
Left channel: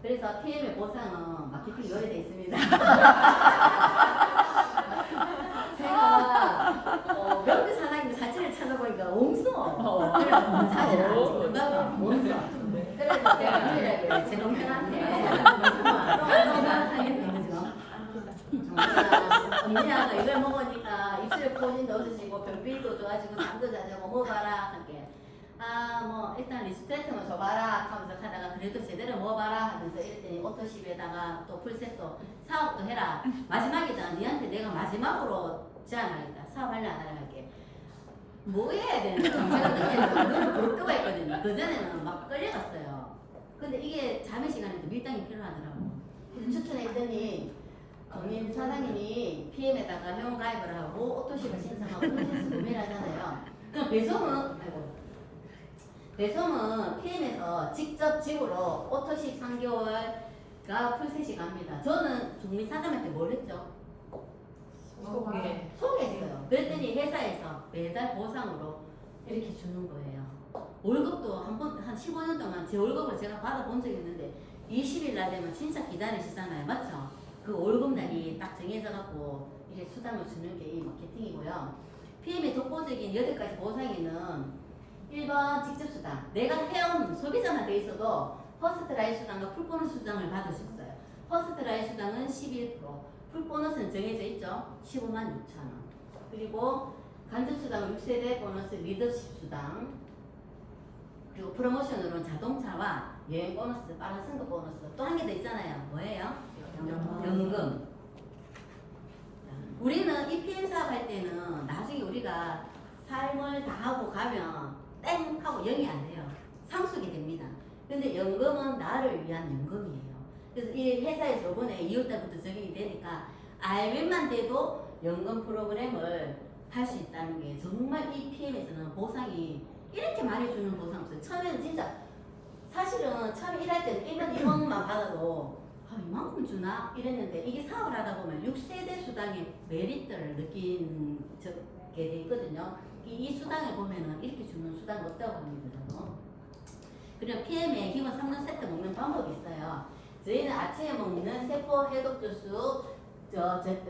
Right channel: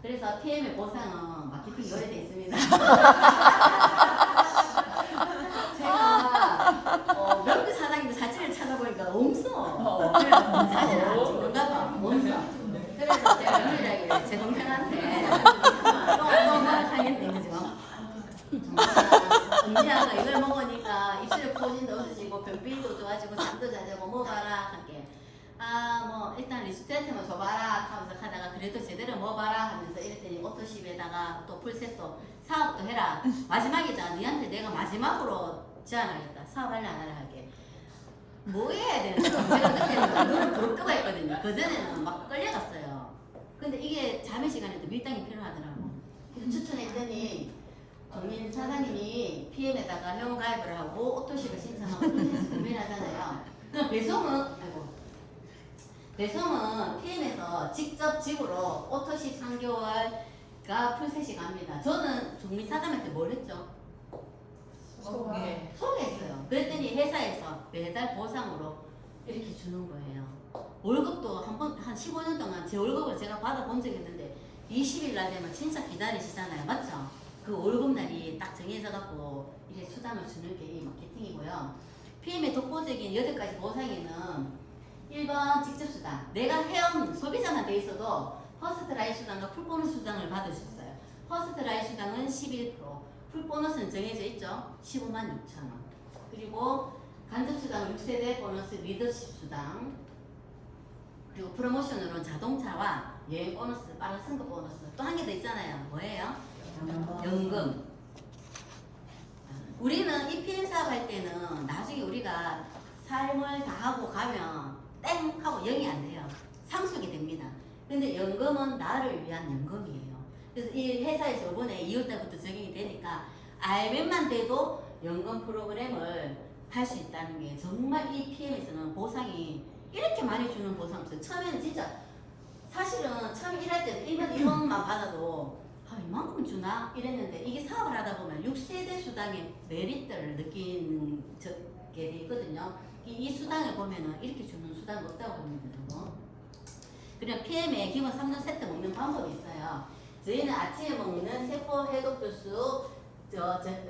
그래서 PM의 보상은 마케팅이 오래돼 있습니다. 제가 명태 사장님 사진을 찾아보니까 없어. 그래서 사진을 안 찍는가 봐. 없어. 그래서 제가 유일하게 제 동생한테 언니가 이걸 먹으니까 입술에 포진도 없어지고 변비도 좋아지고 잠도 잘 자고 먹어봐라 할게. 뭐 일단 리스트한테만 줘봐라 하면서 하다가 그래도 제대로 먹어봐라 하면서 이랬더니 오토십에다가 또 풀셋도 사업도 해라. 마지막이다. 니한테 내가 마지막으로 제안하겠다. 사업할래 안 할래 할게. 뭐 해야 되는데 제가 그때는 눈을 부릅뜨고 했거든요. 그전에는 막 끌려갔어요. 근데 이게 자매 시간에도 밀당이 필요하더라고. 그래서 추천했더니 정민 사장님이 PM에다가 회원 가입을 하고 오토십을 신청하고 프로세스 구매를 하잖아요. 그럼 배송은 PM에서 직접 집으로 오토십 3개월가 풀셋이 갑니다. 저는 정민 사장한테 뭘 했죠? 소개했어요. 그랬더니 회사에서 매달 보상으로 이렇게 주는 거예요. 월급도 한 15년 동안 제 월급을 제가 받아본 적이 있는데 20일 날 되면 진짜 기다리시잖아요. 맞죠? 그 월급날이 딱 정해져 갖고 이제 수당을 주는 게 이 마케팅이고요. PM의 독보적인 8가지 보상에는 1번 직접 수당. 내가 회원 소비자만 돼 있어도 퍼스트 라인 수당과 풀보너스 수당을 받을 수 있어요. 퍼스트 라인 수당은 11%, 풀보너스는 정해져 있죠. 15만 6천 원. 그리고 간접 수당은 6세대 보너스 리더십 수당. 그리고 프로모션으로 자동차와 여행 보너스, 빠른 승급 보너스. 또 한 개 더 있잖아요. 뭐예요? 연금. 우리는 이 PM 사업 할 때는 나중에 우리가 삶을 다 하고 가면 땡 하고 0이 안 돼요. 상속이 됩니다. 근데 연금은 나를 위한 연금이에요. 그래서 이 회사에서 이번에 2월달부터 적용이 되니까 알면만 돼도 연금 프로그램을 할 수 있다는 게 정말 이 PM에서는 보상이 이렇게 많이 주는 보상 없어요. 처음에는 진짜 사실은 처음 일할 때는 1년 1원만 받아도 이만큼 주나? 이랬는데 이게 사업을 하다 보면 6세대 수당의 메리트를 느끼게 돼 있거든요. 이 수당을 보면은 이렇게 주는 수당이 없다고 합니다. 그리고 PM에 기본 3년 세트 먹는 방법이 있어요. 저희는 아침에 먹는 세포 해독 주스,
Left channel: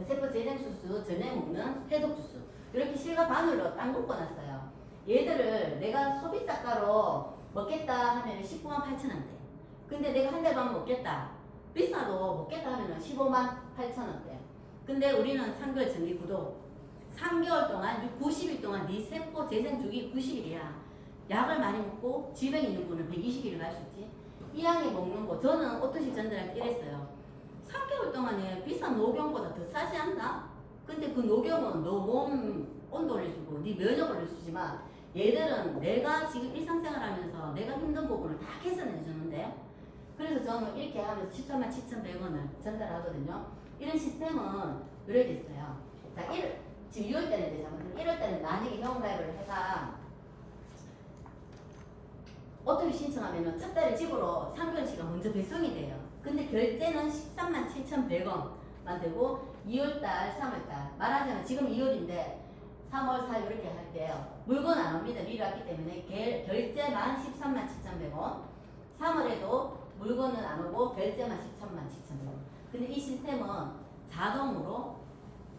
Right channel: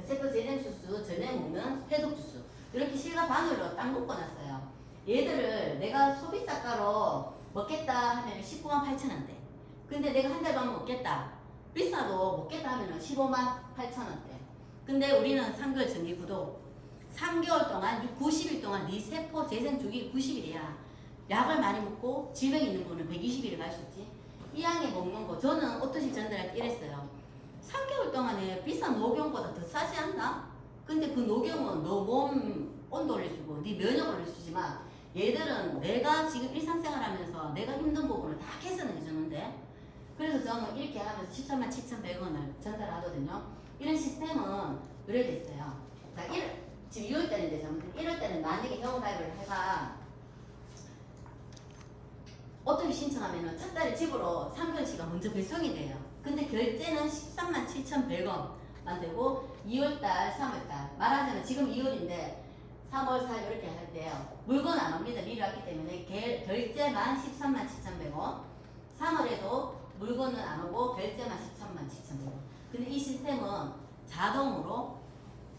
세포 재생 주스, 저녁에 먹는 해독 주스 이렇게 실과 바늘로 딱 묶어놨어요. 얘들을 내가 소비자가로 먹겠다 하면 19만 8천 원대. 근데 내가 한 달 반 먹겠다. 비싸도 먹겠다 하면 15만 8천 원대. 근데 우리는 3개월 정기 구독. 3개월 동안 90일 동안 네 세포 재생 주기 90일이야. 약을 많이 먹고 질병 있는 분은 120일을 갈 수 있지. 이 양에 먹는 거 저는 오토십 전달할 때 이랬어요. 3개월 동안에 비싼 녹용보다 더 싸지 않나? 근데 그 녹용은 너 몸 온도 올려주고 네 면역 올려주지만 얘들은 내가 지금 일상생활 하면서 내가 힘든 부분을 다 개선해 주는데 그래서 저는 이렇게 하면서 13만 7,100원을 전달하거든요. 이런 시스템은 의뢰돼 있어요. 자, 지금 2월달인데 잘못된 1월달은 만약에 회원가입을 해가 오토비 신청하면은 첫 달에 집으로 3개월치가 먼저 배송이 돼요. 근데 결제는 13만 7,100원만 되고 2월달, 3월달 말하자면 지금 2월인데 3월, 4월 이렇게 할 때요. 물건 안 옵니다. 미리 왔기 때문에 결제만 13만 7,100원 3월에도 물건은 안 오고 결제만 13만 7,100원. 근데 이 시스템은 자동으로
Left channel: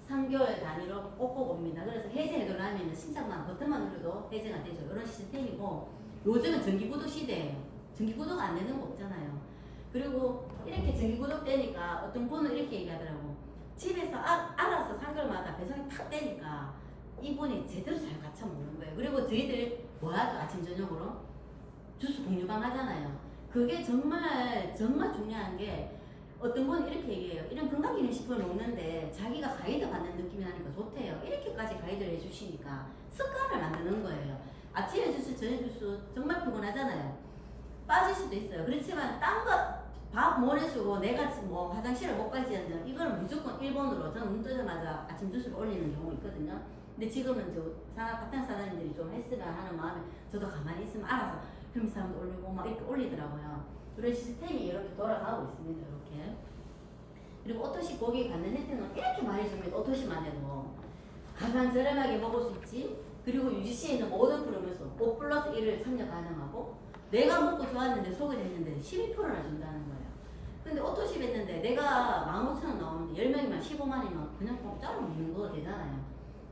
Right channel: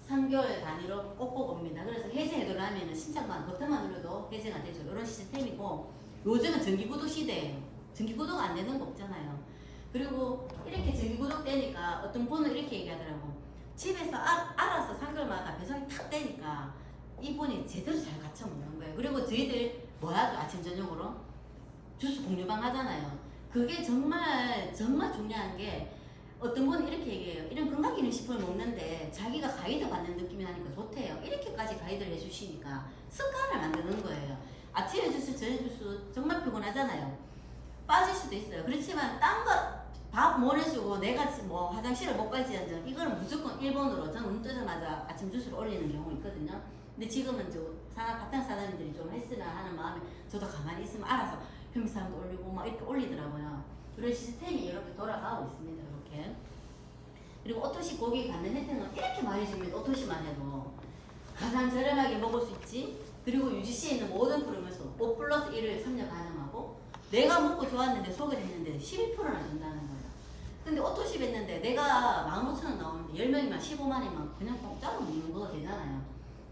3개월 단위로 꼭꼭 옵니다. 그래서 해제를 하면 신청만 버튼만 눌러도 해제가 되죠. 이런 시스템이고 요즘은 정기구독 시대예요. 정기구독 안 되는 거 없잖아요. 그리고 이렇게 정기구독 되니까 어떤 분은 이렇게 얘기하더라고. 집에서 알아서 3개월마다 배송이 탁 되니까 이분이 제대로 잘 갖춰 먹는 거예요. 그리고 저희들 뭐 하죠? 아침 저녁으로 주스 공유방 하잖아요. 그게 정말 중요한 게 어떤 분은 이렇게 얘기해요. 이런 건강기능식품을 먹는데 자기가 가이드 받는 느낌이 나니까 좋대요. 이렇게까지 가이드를 해주시니까 습관을 만드는 거예요. 아침에 주스, 저녁 주스 정말 피곤하잖아요. 빠질 수도 있어요. 그렇지만 딴 거 밥 못 해주고 내가 뭐 화장실을 못 갈지언정 이걸 무조건 1번으로 저는 눈 뜨자마자 아침 주스를 올리는 경우가 있거든요. 근데 지금은 파탄 사장님들이 좀 했으면 하는 마음에 저도 가만히 있으면 알아서 평사람도 올리고 막 이렇게 올리더라고요. 그런 시스템이 이렇게 돌아가고 있습니다. 이렇게. 그리고 오토시 고객이 받는 혜택은 이렇게 많이 줍니다. 오토시만 해도 가장 저렴하게 먹을 수 있지. 그리고 UGC에 있는 모든 프로그램에서 5+1을 참여 가능하고 내가 먹고 좋았는데 소개됐는데 12%나 준다는 거예요. 근데 오토십 했는데 내가 15,000원 나오는데 10명이면 15만이면 그냥 공짜로 먹는 거 되잖아요.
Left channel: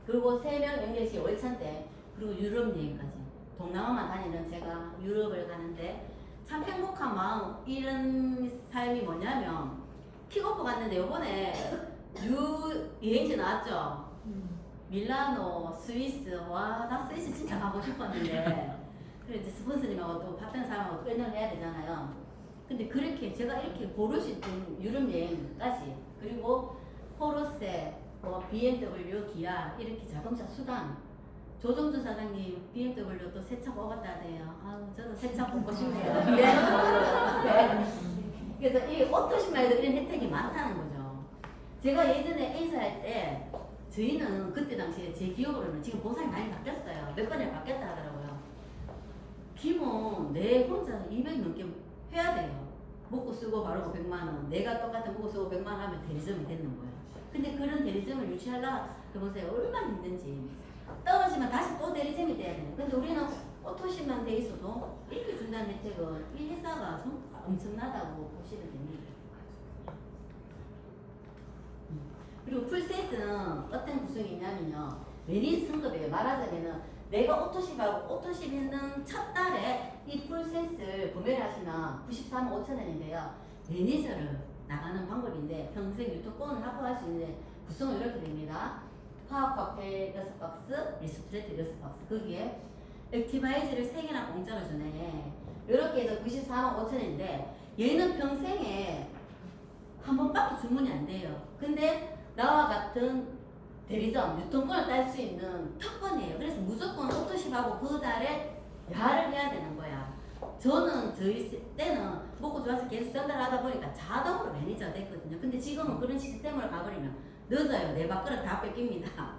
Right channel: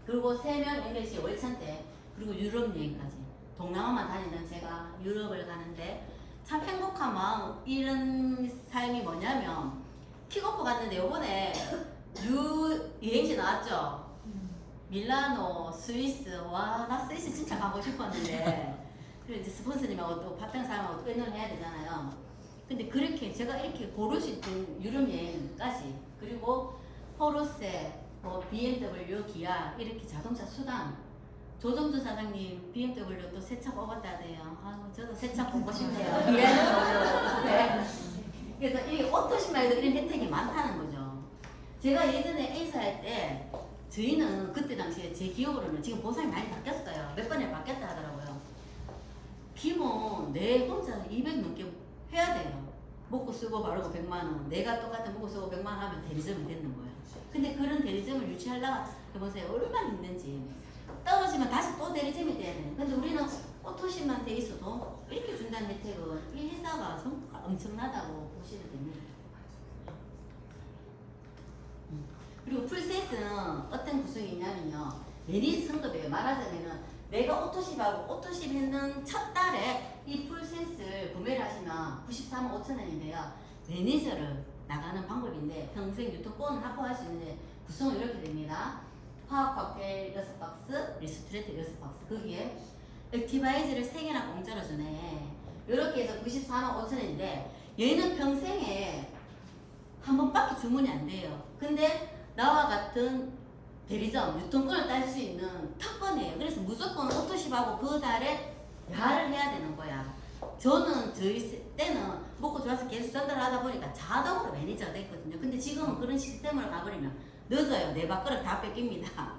그리고 3명 연결시 월찬대 그리고 유럽 여행까지 동남아만 다니는 제가 유럽을 가는데 참 행복한 마음 이런 삶이 뭐냐면 킥오프 갔는데 요번에 여행지 나왔죠? 밀라노, 스위스. 와, 나 스위스 진짜 가고 싶었는데. 그래 이제 스폰서님하고 또 파트너 사람하고 또 플랜을 해야 되잖아요. 근데 그렇게 제가 이렇게 고를 수 있는 유럽 여행까지, 그리고 포르쉐, 뭐 BMW, 기아 이렇게 자동차 수단. 조정주 사장님 BMW 또 새 차 뽑았다네요. 아유, 저도 새 차 뽑고 싶네요. 네. 그래서 이 오토시마에도 이런 혜택이 많다는 거죠. 제가 예전에 A사 할 때 저희는 그때 당시에 제 기억으로는 지금 보상이 많이 바뀌었어요. 몇 번에 바뀌었다 하더라고요. 기본 내 혼자 200 넘게 해야 돼요. 먹고 쓰고 바르고 100만 원. 내가 똑같은 먹고 쓰고 100만 원 하면 대리점이 되는 거예요. 근데 그런 대리점을 유치하려고 해보세요. 얼마나 힘든지. 떨어지면 다시 또 대리점이 돼야 돼요. 근데 우리는 오토시만 돼 있어도 이렇게 준다는 혜택은 이 회사가 엄청나다고 보시면 됩니다. 그리고 풀셋은 어떤 구성이 있냐면요. 매니저 승급이에요. 말하자면은 내가 오토십하고 오토십 했는 첫 달에 이 풀셋을 구매를 하시면 93만 5천 원인데요. 매니저를 나가는 방법인데 평생 유통권을 확보할 수 있는데 구성은 이렇게 됩니다. 파워 칵테일 6박스, 리스트레이트 6박스, 거기에 액티바이즈를 3개나 공짜로 주네. 이렇게 해서 94만 5천 원인데 얘는 평생에 한 번밖에 주문이 안 돼요. 근데 나와 같은 대리점, 유통권을 딸 수 있는 특권이에요. 그래서 무조건 오토십하고 그 달에 야를 해야 되는 거야. 저는 저희 때는 먹고 좋아서 계속 전달하다 보니까 자동으로 매니저가 됐거든요. 근데 지금은 그런 시스템으로 가버리면 늦어요. 내 밥그릇 다 뺏깁니다.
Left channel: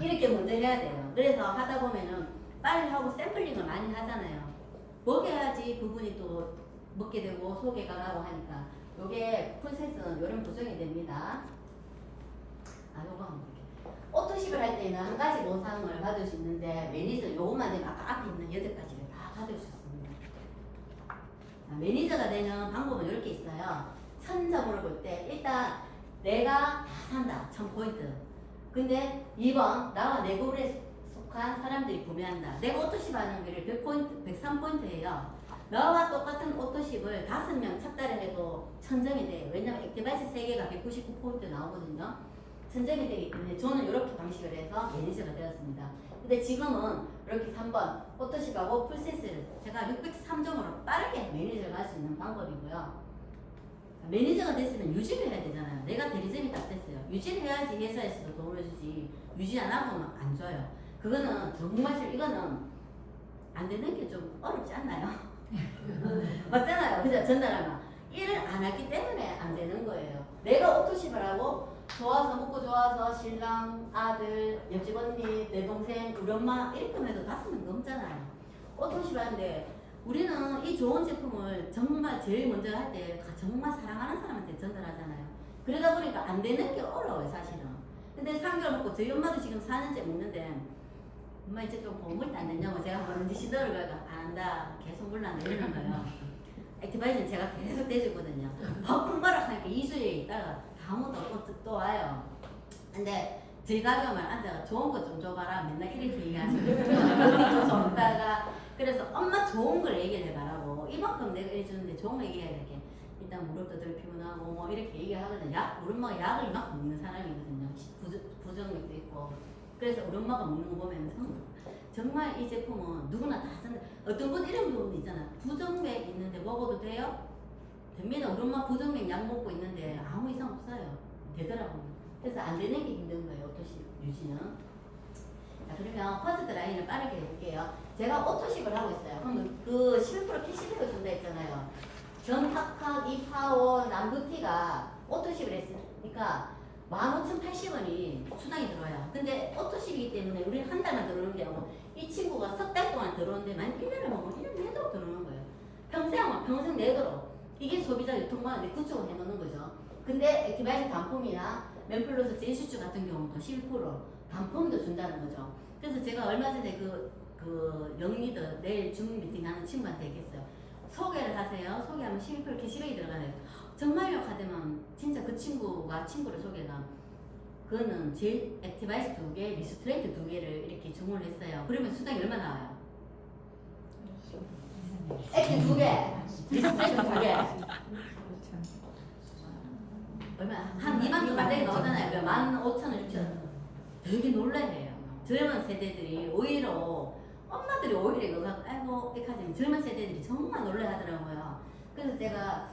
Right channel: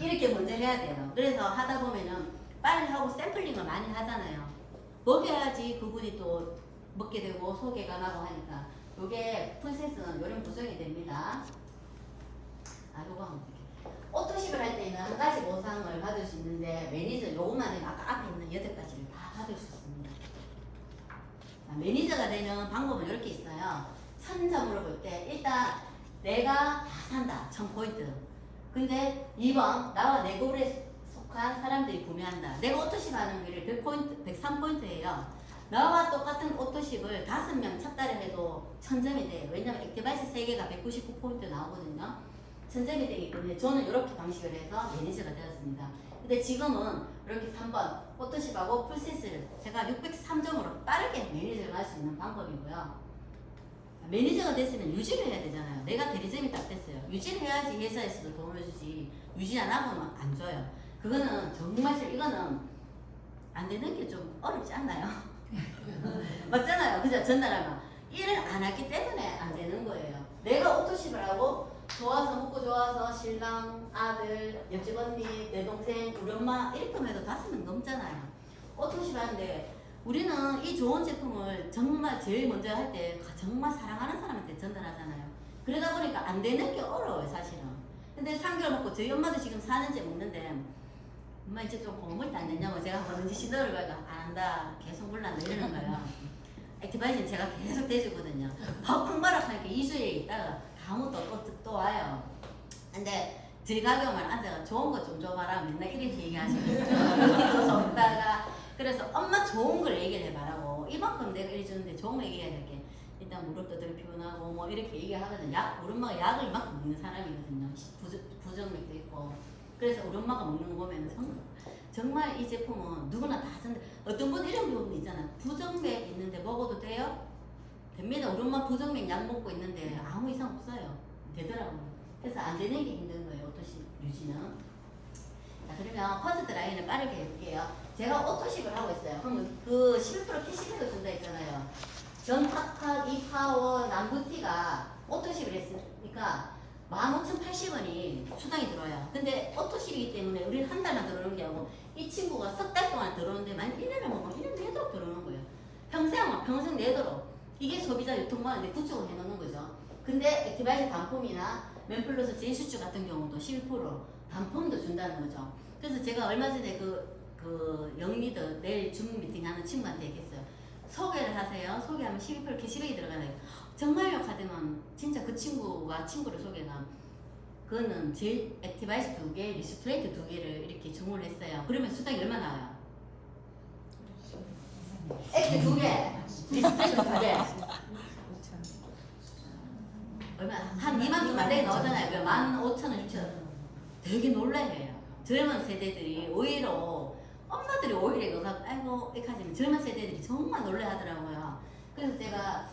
이렇게 먼저 해야 돼요. 그래서 하다 보면은 빨리 하고 샘플링을 많이 하잖아요. 먹여야지 그분이 또 먹게 되고 소개가 나고 하니까 요게 풀셋은 요런 구성이 됩니다. 아, 요거 하면 어떡해. 오토십을 할 때는 한 가지 보상을 받을 수 있는데 매니저 요것만 되면 아까 앞에 있는 8가지를 다 받을 수 있습니다. 자, 매니저가 되는 방법은 이렇게 있어요. 선점으로 볼 때 일단 내가 다 산다. 1000포인트. 근데 2번 나와 내 그룹에 속한 사람들이 구매한다. 내가 오토십 하는 거를 100포인트, 103포인트예요. 나와 똑같은 오토십을 5명 첫 달에 해도 1000점이 돼요. 왜냐면 액티바이스 3개가 199포인트 나오거든요. 1000점이 되기 때문에 저는 이렇게 방식을 해서 매니저가 되었습니다. 근데 지금은 이렇게 3번 오토십하고 풀셋을 제가 603점으로 빠르게 매니저를 할 수 있는 방법이고요. 매니저가 됐으면 유지를 해야 되잖아요. 내가 대리점이 딱 됐어요. 유지를 해야지 회사에서도 돈을 주지. 유지 안 하고는 안 줘요. 그거는 정말 이거는 안 되는 게 좀 어렵지 않나요? 맞잖아요. 그죠? 전달하면 일을 안 하기 때문에 안 되는 거예요. 내가 오토십을 하고 좋아서 먹고 좋아서 신랑, 아들, 옆집 언니, 내 동생, 우리 엄마 이렇게 해도 5명 넘잖아요. 오토십 하는데 우리는 이 좋은 제품을 정말 제일 먼저 할 때 정말 사랑하는 사람한테 전달하잖아요. 그러다 보니까 안 되는 게 어려워요, 사실은. 근데 3개월 먹고 저희 엄마도 지금 4년째 먹는데 엄마 이제 좀 고물 때 안 됐냐고 제가 뭐든지 시도를 가니까 안 한다, 계속 물란다 이러는 거예요. 액티바이즈는 제가 계속 대주거든요. 펑펑바락 하니까 2주에 있다가 아무도 또 와요. 근데 저희 가게만 앉아가 좋은 거 좀 줘봐라 맨날 이렇게 얘기하시고 그렇게 줬다가 그래서 엄마 좋은 걸 얘기를 해봐라고 이만큼 내가 이래 주는데 좋은 거 얘기해야 이렇게 일단 무릎도 덜 피곤하고 뭐 이렇게 얘기하거든요. 우리 엄마가 약을 이만큼 먹는 사람이거든요. 부정맥도 있고 그래서 우리 엄마가 먹는 거 보면 정말 이 제품은 누구나 다 쓴다. 어떤 분 이런 부분 있잖아. 부정맥 있는데 먹어도 돼요? 됩니다. 우리 엄마 부정맥 약 먹고 있는데 아무 이상 없어요. 되더라고요. 그래서 안 되는 게 힘든 거예요. 오토십 유지는. 자, 그러면 퍼스트 라인을 빠르게 해볼게요. 제가 오토십을 하고 있어요. 그럼 그 11% 캐시백을 준다 했잖아요. 전학학, 이파워, 남부티가 오토십을 했으니까 15,080원이 수당이 들어와요. 근데 오토십이기 때문에 우리는 한 달만 들어오는 게 아니고 이 친구가 석 달 동안 들어오는데 만약 1년을 먹으면 1년 내도록 들어오는 거예요. 평생 내도록. 이게 소비자 유통관한테 구축을 해놓는 거죠. 근데 액티바이즈 단품이나 맨플러스 제이슈츠 같은 경우도 11% 단품도 준다는 거죠. 그래서 제가 얼마 전에 그 영리더 내일 줌 미팅 하는 친구한테 얘기했어요. 소개를 하세요. 소개하면 12% 캐시백이 들어가네요. 정말요? 하더만 진짜 그 친구가 친구를 소개가 그거는 제 액티바이스 2개, 리스트레이트 2개를 이렇게 주문을 했어요. 그러면 수당이 얼마 나와요? 액티 2개, 리스트레이트 2개 얼마 한 2만 좀 안 되게 나오잖아요. 15,000원, 6,000원. 되게 놀라해요. 젊은 세대들이 오히려 엄마들이 오히려 이거 갖고 아이고 이렇게 하지만 젊은 세대들이 정말 놀라하더라고요. 그래서 제가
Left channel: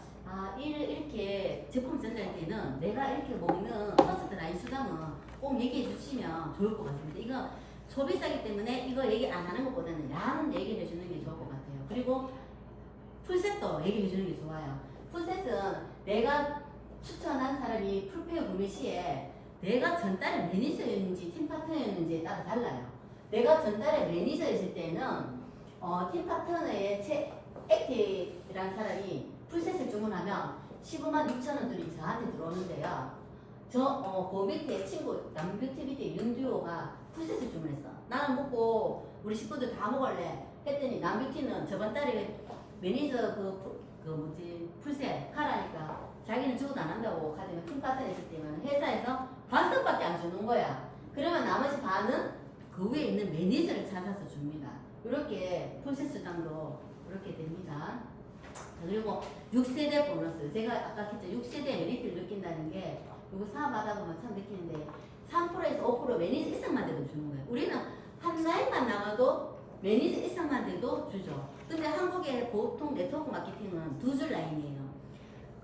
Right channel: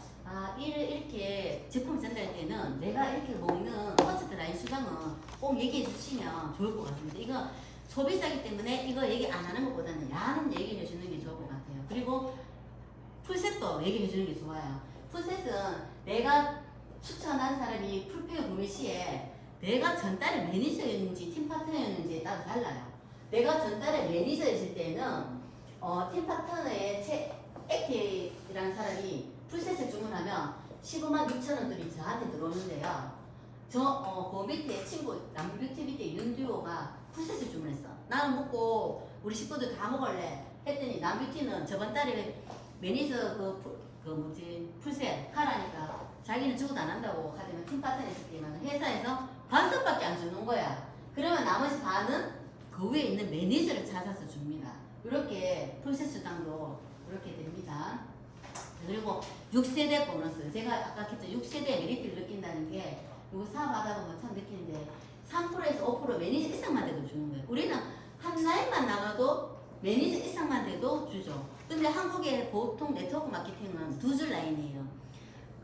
이렇게 제품 전달할 때는 내가 이렇게 먹는 퍼스트 라인 수당은 꼭 얘기해 주시면 좋을 것 같습니다. 이거 소비자이기 때문에 이거 얘기 안 하는 것보다는 양 얘기해 주는 게 좋을 것 같아요. 그리고 풀셋도 얘기해 주는 게 좋아요. 풀셋은 내가 추천한 사람이 풀페어 구매 시에 내가 전달의 매니저였는지 팀 파트너였는지에 따라 달라요. 내가 전달의 매니저였을 때는 팀 파트너의 액티라는 사람이 풀셋을 주문하면 15만 6천 원들이 저한테 들어오는데요. 그 밑에 친구 남뷰티 밑에 윤듀오가 풀셋을 주문했어. 나는 먹고 우리 식구들 다 먹을래 했더니 남뷰티는 저번 달에 매니저 풀셋 하라니까 자기는 주고도 안 한다고 하지만 팀 파트너 있을 때만 회사에서 반값밖에 안 주는 거야. 그러면 나머지 반은 그 위에 있는 매니저를 찾아서 줍니다. 이렇게 풀셋 수당도 이렇게 됩니다. 그리고 6세대 보너스. 제가 아까 했죠. 6세대 메리트를 느낀다는 게 이거 사업하다 보면 참 느끼는데 3%에서 5% 매니저 이상만 돼도 주는 거예요. 우리는 한 라인만 나가도 매니저 이상만 돼도 주죠. 근데 한국의 보통 네트워크 마케팅은 두 줄 라인이에요.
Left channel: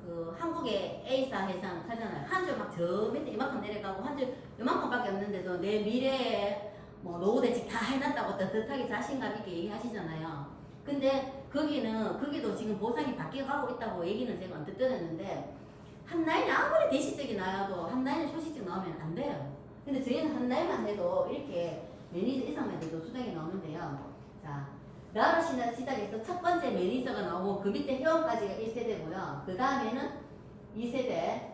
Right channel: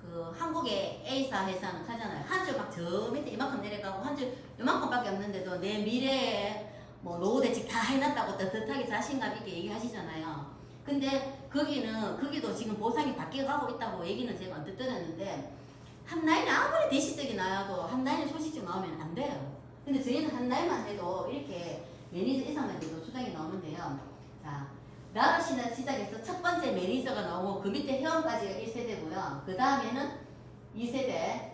그 한국의 A사 회사는 하잖아요. 한 줄 막 저 밑에 이만큼 내려가고 한 줄 이만큼밖에 없는데도 내 미래에 뭐 노후 대책 다 해놨다고 떳떳하게 자신감 있게 얘기하시잖아요. 근데 거기도 지금 보상이 바뀌어가고 있다고 얘기는 제가 언뜻 들었는데 한 라인에 아무리 대시적이 나와도 한 라인에 소식적 나오면 안 돼요. 근데 저희는 한 라인만 해도 이렇게 매니저 이상만 돼도 수당이 나오는데요. 자, 나로 시작해서 첫 번째 매니저가 나오고 그 밑에 회원까지가 1세대고요. 그 다음에는 2세대.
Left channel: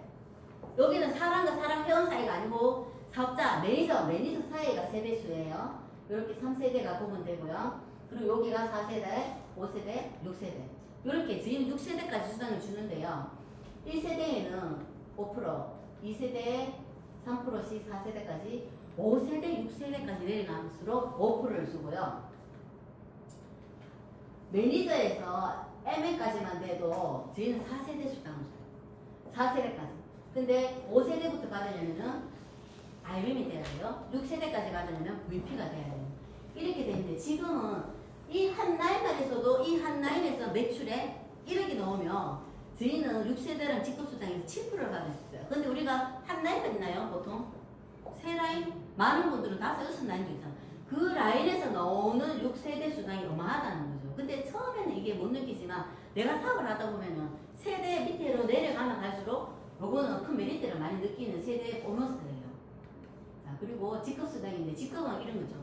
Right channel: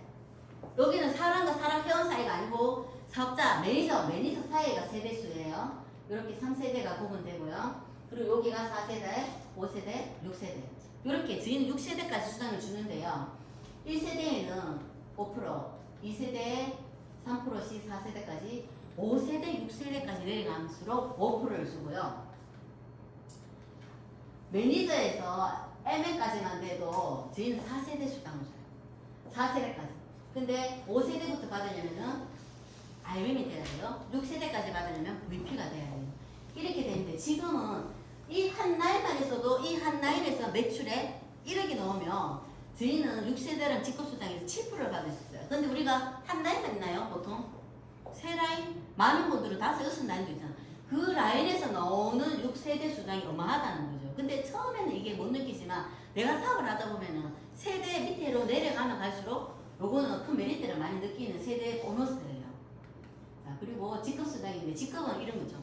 여기는 사람과 사람 회원 사이가 아니고 사업자, 매니저 사이가 세대수예요. 이렇게 3세대가 구분되고요. 그리고 여기가 4세대, 5세대, 6세대. 이렇게 저희는 6세대까지 수당을 주는데요. 1세대에는 5%, 2세대에 3%씩 4세대까지, 5세대, 6세대까지 내려갈수록 5%를 주고요. 매니저에서 MN까지만 돼도 저희는 4세대 수당을 줘요. 4세대까지. 근데 5세대부터 받으려면은 IM이 돼야 돼요. 6세대까지 받으려면 VP가 돼야 돼요. 이렇게 되는데 지금은 이 한 라인만 있어도 이 한 라인에서 매출에 1억이 넘으면 저희는 6세대랑 직급수당에서 7%를 받을 수 있어요. 근데 우리가 한 라인만 있나요? 보통? 세 라인? 많은 분들은 5, 6라인도 있잖아요. 그 라인에서 나오는 6세대 수당이 어마하다는 거죠. 근데 처음에는 이게 못 느끼지만 내가 사업을 하다 보면은 세대 밑으로 내려가면 갈수록 요거는 큰 메리트를 많이 느끼는 세대 보너스예요. 자, 그리고 직급수당인데 직급은 이런 거죠.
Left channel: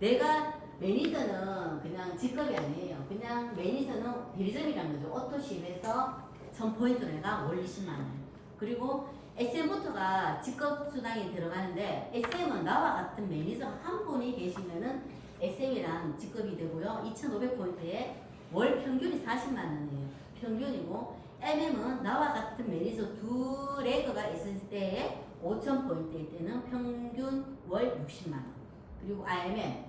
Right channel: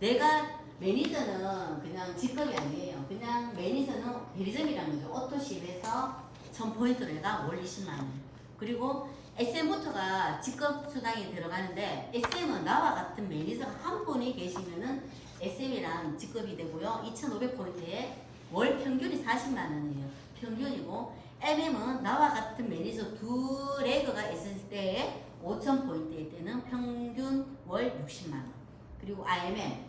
내가 매니저는 그냥 직급이 아니에요. 그냥 매니저는 대리점이라는 거죠. 오토십에서 1000포인트로 해가 월 20만원. 그리고 SM부터가 직급 수당이 들어가는데 SM은 나와 같은 매니저가 한 분이 계시면은 SM이랑 직급이 되고요. 2,500포인트에 월 평균이 40만원이에요. 평균이고 MM은 나와 같은 매니저 두 레그가 있을 때에 5,000포인트일 때는 평균 월 60만원. 그리고 IMM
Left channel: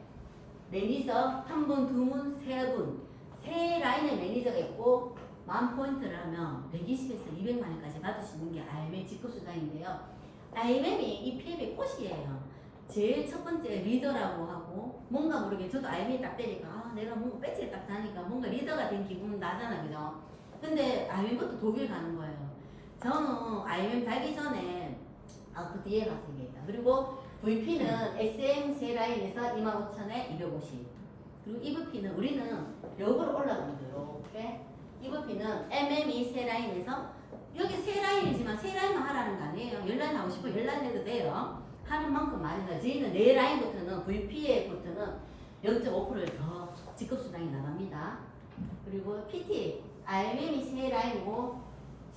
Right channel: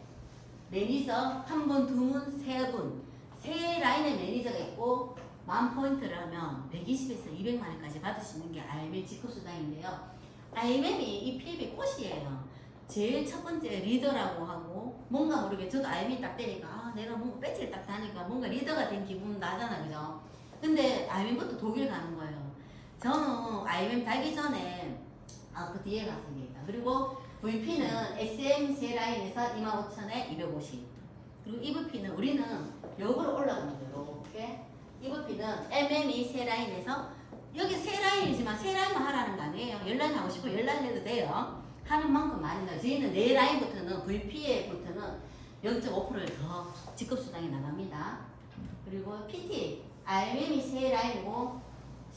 매니저 한 분, 두 분, 세 분, 세 라인의 매니저가 있고 10,000포인트를 하면 120에서 200만원까지 받을 수 있는 게 IMM 직급수당인데요. IMM이 이 PF의 꽃이에요. 제일 첫 번째 리더라고 하고 뭔가 모르게 저도 IMM 딱 되니까 내가 뭔가 배지를 딱 다니까 뭔가 리더가 된 기분 나잖아, 그죠? 근데 IMM부터 독일 가는 거예요. 저는 IMM 달기 전에 그 뒤에 가서 얘기했다. 그리고 VP는 SM 세 라인에서 25,000에 250. 그리고 EVP는 우리는 역으로 올라갑니다. 이렇게. EVP는 MM이 세 라인에서 여기 세 라인이지만 세 라인만 하라는 거 아니에요. 10라인 하고 싶어 10라인 해도 돼요. 하는 만큼 많이 나요. 저희는 네 라인부터는 VP에부터는 0.5%를 더 직급수당이 나갑니다. 그리고 PT, IMM이 세 라인이고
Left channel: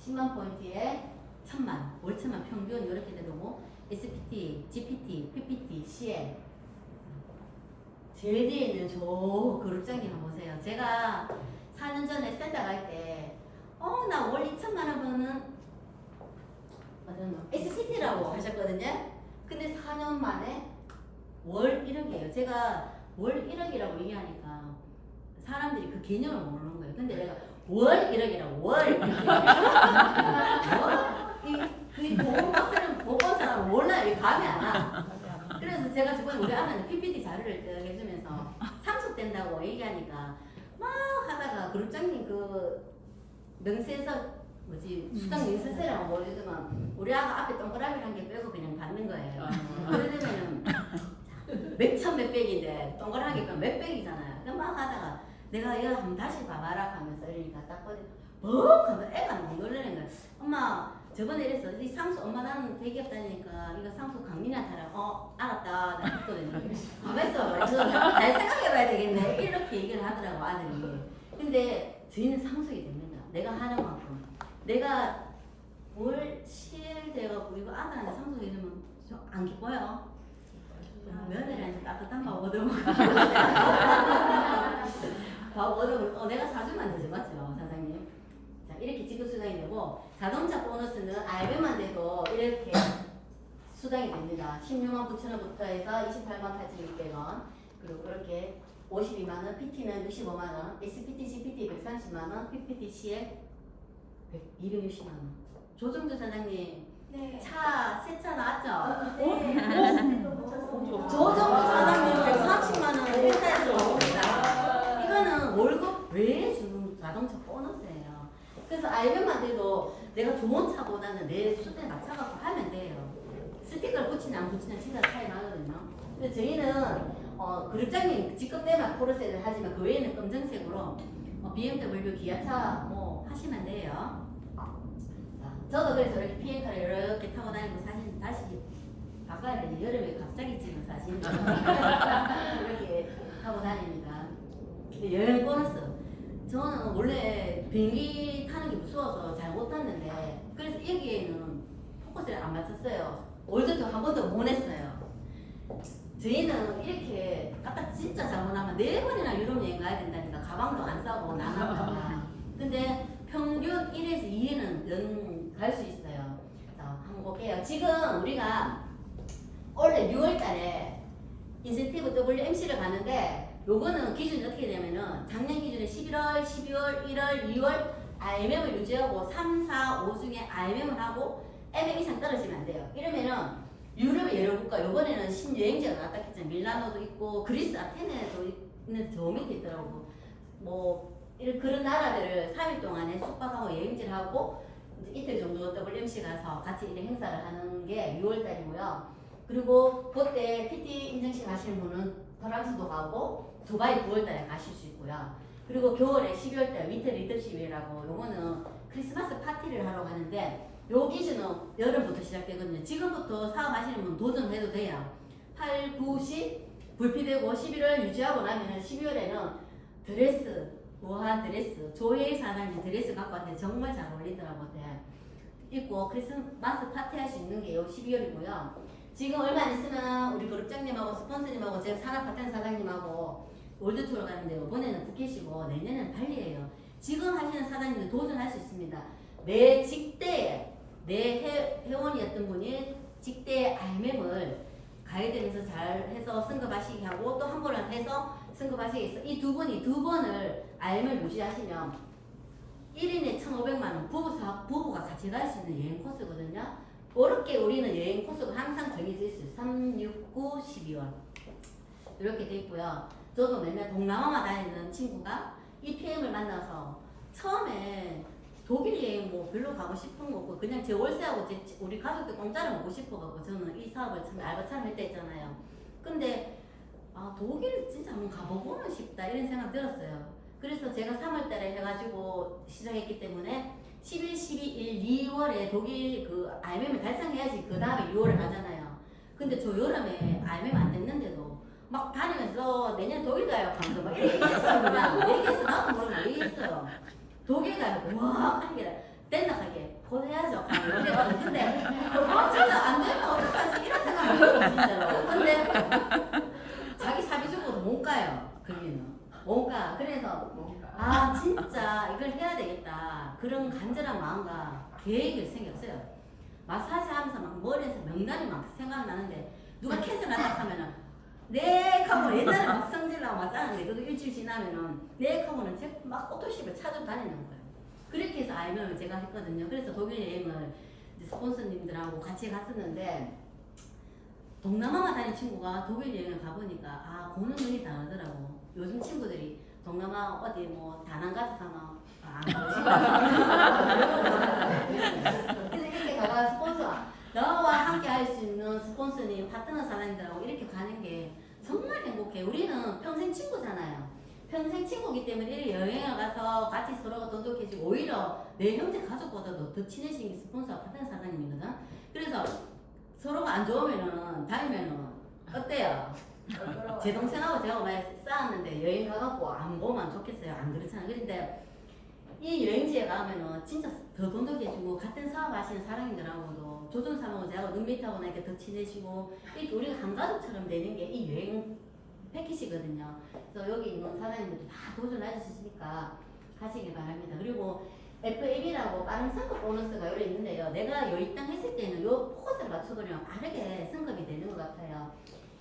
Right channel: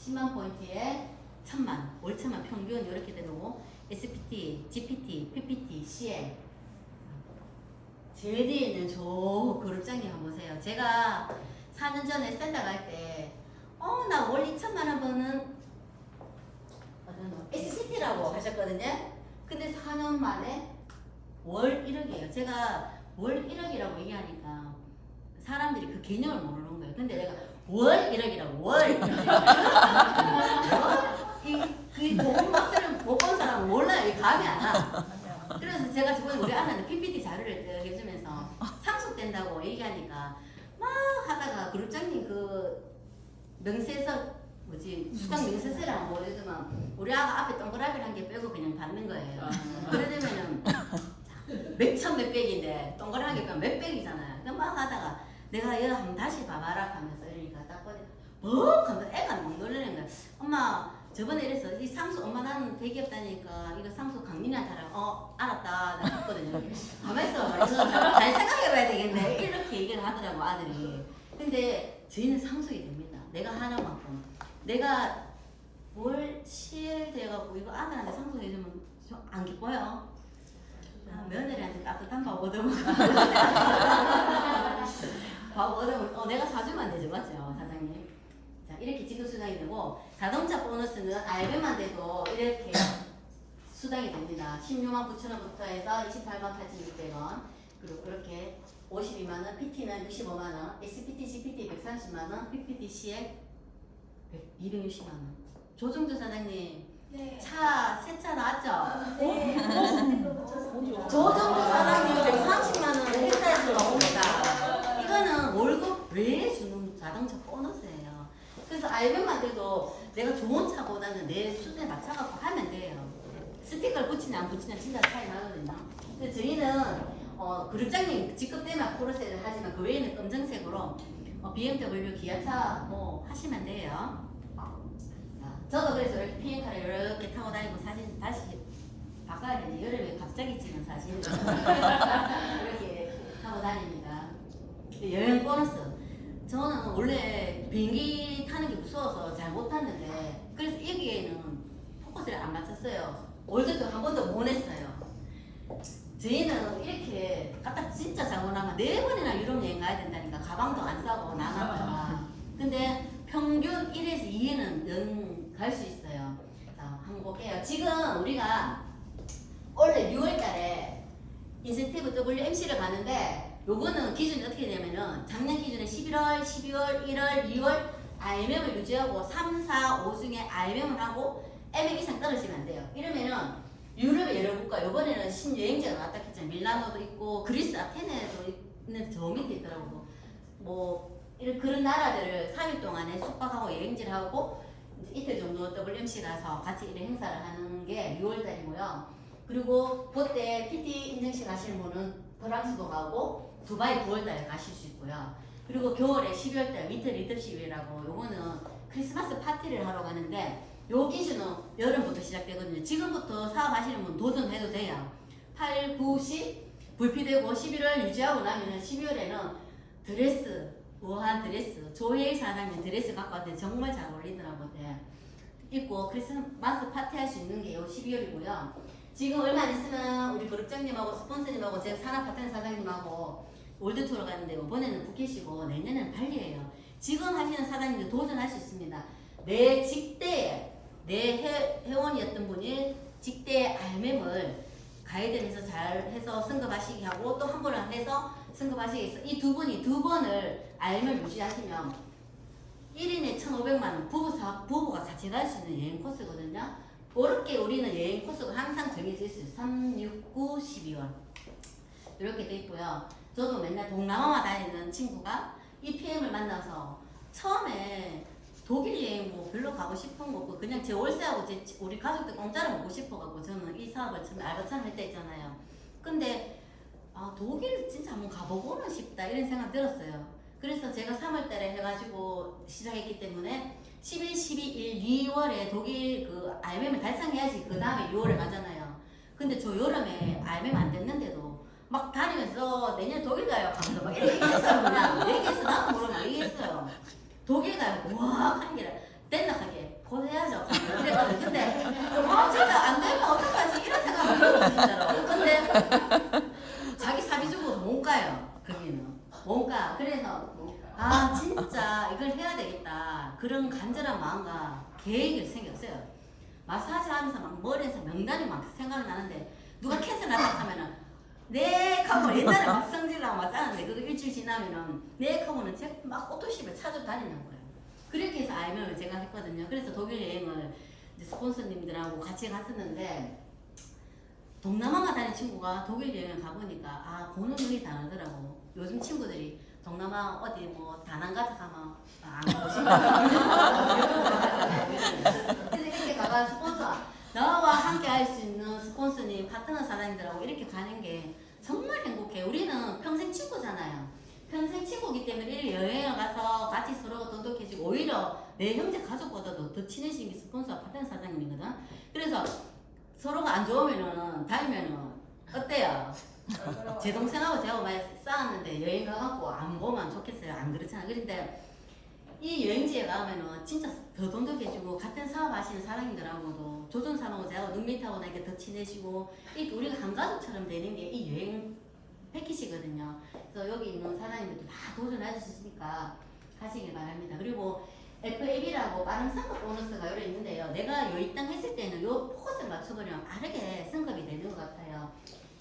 10만 포인트에 1,000만, 월 1,000만 평균 이렇게 되고 SPT, GPT, PPT, CL 제일 뒤에는 저 그룹장님 한번 보세요. 제가 4년 전에 센터 갈 때 나 월 2,000만원 버는 SPT라고 하셨거든요. 근데 4년 만에 월 1억이에요. 제가 월 1억이라고 얘기하니까 사람들이 그 개념을 모르는 거예요. 근데 내가 월 1억이라고 월 1억이라고 본 사람은 몰라요. 이 감이 안 와. 그래서 제가 저번에 우리 아내는 PPT 자료를 해주면서 상속된다고 얘기하니까 막 하다가 그룹장님 그 명세서 수당 명세서라고 모르지만 우리 아가 앞에 동그라미란 게 빼고 그냥 받는 거예요. 그러려면은 몇천 몇백인데 동그란 게 빼면 몇백이잖아요. 그럼 막 하다가 내가 이거 한번 다시 봐봐라 하면서 이러니까 딱 보니까 뭐? 하면서 애가 너무 놀라는 거야. 엄마 저번에 이랬어. 이 상수 엄마 나는 대기업 다니니까 이거 상수 강민이한테 하라고. 알았다. 나 했거든요. 가만히 있어봐. 이거 잘 생각해봐야 되겠네. 이렇게 얘기를 하더라고 아들이. 근데 저희는 상속이 됩니다. 내가 하는 만큼. 내가 올 7일 돼갖고 이거 아들한테 상속해주면 안 기뻐요? 며느리한테 따뜻한 밥 얻어먹어. 밥 얻어먹어. 내가 사주면 되죠, 맞죠, 사장님? 자, 이렇게 지급 수당이 되고 자동차 보너스는 알베만 돼도 이렇게 수당이 됩니다. 16만 9천 원부터 해서 28만 8,600원. 그리고 이렇게 52만 원, PT는 65만 원, SPT, CPT 130만 원, PPT, CL 260만 원. 조정주 사장님, 네. 새 차 나왔죠? 네. 조정주 사장님 140만 원 회사에서 나옵니다. 이거는 월급 외에 주는 자동차 보너스예요. 그래서 알면만 돼도 내가 좋은 차보다는 내 수준에 맞춰갖고 하면 돼요. 스티커를 붙이냐 안 붙이냐 진짜 차이 나거든요. 근데 저희는 그룹장님 직급 때문에 포르쉐를 하지만 그 외에는 검정색으로 BMW, 기아차 뭐 하시면 돼요. 저도 그래서 이렇게 비행카를 이렇게 타고 다니고 사실 다시 바꿔야 되지. 여름에 갑자기 찍은 사진 이렇게 타고 다닙니다. 여행 보너스. 저는 원래 비행기 타는 게 무서워서 잘 못 탔는데 그래서 여기에는 포커스를 안 맞췄어요. 월드도 한 번도 못 했어요. 저희는 이렇게 갖다 진짜 잘못 하면 4번이나 유럽 여행 가야 된다니까 가방도 안 싸고 나눴다가 근데 평균 1에서 2에는 갈 수 있어요. 자, 한번 볼게요. 지금 우리가 올해 6월 달에 인센티브 WMC를 가는데 요거는 기준이 어떻게 되냐면은 작년 기준에 11월, 12월, 1월, 2월 IMM을 유지하고 3, 4, 5 중에 IMM을 하고 MM 이상 떨어지면 안 돼요. 이러면은 유럽의 여러 국가 요번에는 신여행지가 나왔다 했잖아요. 밀라노도 있고 그리스 아테네도 있는 저 밑에 있더라고. 뭐 이런 그런 나라들을 3일 동안에 숙박하고 여행지를 하고 이틀 정도 WMC 가서 같이 이런 행사를 하는 게 6월달이고요. 그리고 그때 PT 인증식 가시는 분은 프랑스도 가고 두바이 9월달에 가실 수 있고요. 그리고 겨울에 12월달 위트 리더십이라고 요거는 크리스마스 파티를 하러 가는데 요 기준은 여름부터 시작되거든요. 지금부터 사업하시는 분 도전해도 돼요. 8, 9, 10 불피되고 11월 유지하고 나면은 12월에는 드레스 우아한 드레스 조혜일 사장님 드레스 갖고 왔는데 정말 잘 어울리더라고요. 입고 크리스마스 파티 할 수 있는 게 요 12월이고요. 지금 얼마 안 있으면 우리 그룹장님하고 스폰서님하고 제 산업 파트너 사장님하고 월드투어 가는데 이번에는 푸켓이고 내년에는 발리예요. 지금 하시는 사장님들 도전할 수 있습니다. 내 직대에 내 회원이었던 분이 직대에 RMM을 가이드를 해서 잘 해서 승급하시게 하고 또 한 번을 해서 승급하시게 해서 이 두 분이 두 번을 RMM을 유지하시면 1인에 1,500만원 부부가 같이 갈 수 있는 여행 코스거든요. 그렇게 우리는 여행 코스가 항상 정해져 있어요. 3, 6, 9, 12월 이렇게 돼 있고요. 저도 맨날 동남아만 다니는 친구가 이 PM을 만나서 처음에 독일 여행 뭐 별로 가고 싶은 거 없고 그냥 제 월세하고 우리 가족들 공짜로 먹고 싶어가지고 저는 이 사업을 처음에 알바처럼 할 때 있잖아요. 근데 독일 진짜 한번 가보고는 싶다 이런 생각 들었어요. 그래서 제가 3월달에 해가지고 시작했기 때문에 11, 12, 2월에 독일 그 RMM을 달성해야지 그 다음에 6월에 가잖아요. 근데 저 여름에 RMM 안 됐는데도 막 다니면서 내년 독일 가요 하면서 막 이렇게 얘기했어요. 그냥 얘기했어. 나도 모르고 얘기했어요. 독일 가요. 와 하는 게 댄덕하게 곧 해야죠. 이랬거든요. 근데 진짜 안 되면 어떡하지 이런 생각 들었어 진짜로. 근데 자기 사비 주고도 못 가요. 거기는 못 가. 그래서 진짜 이걸 해야 되겠다 그런 간절한 마음과 계획이 생겼어요. 마사지 하면서 막 머리에서 명단이 막 생각나는데 누가 캔슬 났다 하면은 네 하고 옛날에 막 성질나고 막 짜는데 그거 일주일 지나면은 네 하고는 막 오토십을 찾아 다니는 거예요. 그렇게 해서 알면을 제가 했거든요. 그래서 독일 여행을 이제 스폰서님들하고 같이 갔었는데 동남아만 다닌 친구가 독일 여행을 가보니까 아 보는 눈이 다르더라고. 요즘 친구들이 동남아 어디 뭐 다낭 가서 가면 안 보시고 그래서 이렇게 가가 스폰서 나와 함께 할 수 있는 스폰서님 파트너 사장님들하고 이렇게 가는 게 정말 행복해. 우리는 평생 친구잖아요. 평생 친구기 때문에 이렇게 여행을 가서 같이 서로가 돈독해지고 오히려 내 형제 가족보다도 더 친해지는 게 스폰서 파트너 사장님이거든. 그래서 서로가 안 좋으면은 다니면은 어때요? 제 동생하고 제가 많이 싸웠는데 여행 가갖고 안 보면 좋겠어요. 안 그렇잖아. 그런데 이 여행지에 가면은 진짜 더 돈독해지고 같은 사업 하시는 사장님들하고도 조선사하고 제가 눈밑하고 나니까 더 친해지고 이렇게 우리가 한 가족처럼 되는 게 이 여행 패키지거든요. 그래서 여기 있는 사장님들도 다 도전할 수 있으니까 가시길 바랍니다. 그리고 FAB라고 빠른 승급 보너스가 여러 있는데요. 내가 요입당 했을 때는 요 포커스를 맞춰버리면 빠르게 승급이 되는 것 같아요.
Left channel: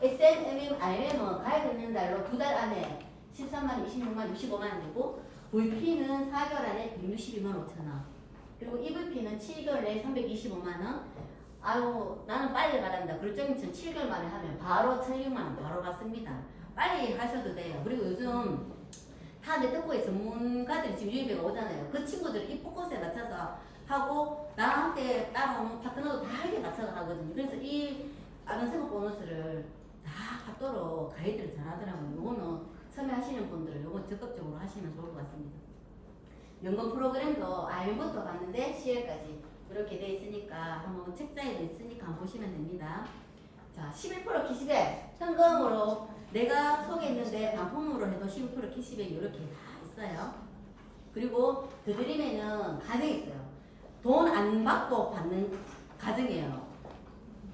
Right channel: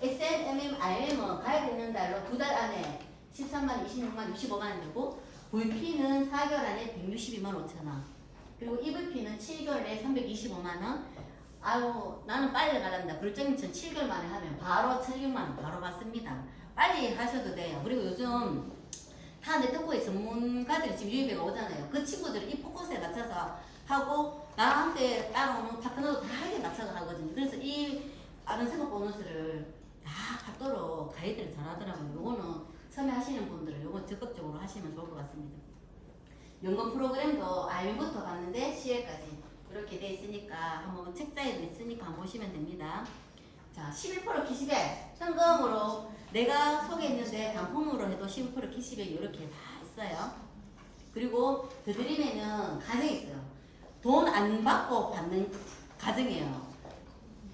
SMMM, RM은 가입했는 달로 2달 안에 13만, 26만, 65만 원 되고 VP는 4개월 안에 162만 5천 원 그리고 EVP는 7개월 내에 325만 원 아유 나는 빨리 가란다. 그럴정님처럼 7개월 만에 하면 바로 1,600만 원 바로 받습니다. 빨리 하셔도 돼요. 그리고 요즘 다 네트워크의 전문가들이 지금 유입회가 오잖아요. 그 친구들은 이 포커스에 맞춰서 하고 나랑 함께 따라오는 파트너도 다 이렇게 맞춰서 하거든요. 그래서 이 아는 생각 보너스를 다 받도록 가이드를 잘하더라고요. 요거는 처음에 하시는 분들은 요거 적극적으로 하시면 좋을 것 같습니다. 연금 프로그램도 알부터 봤는데 CL까지 이렇게 돼 있으니까 한번 책자에도 있으니까 한번 보시면 됩니다. 자, 11% 키시백 현금으로 내가 소개했는데 단품으로 해도 11% 키시백이 이렇게 다 있어요. 그리고 더 드리면은 가정이 있어요. 돈 안 받고 받는 가정이에요.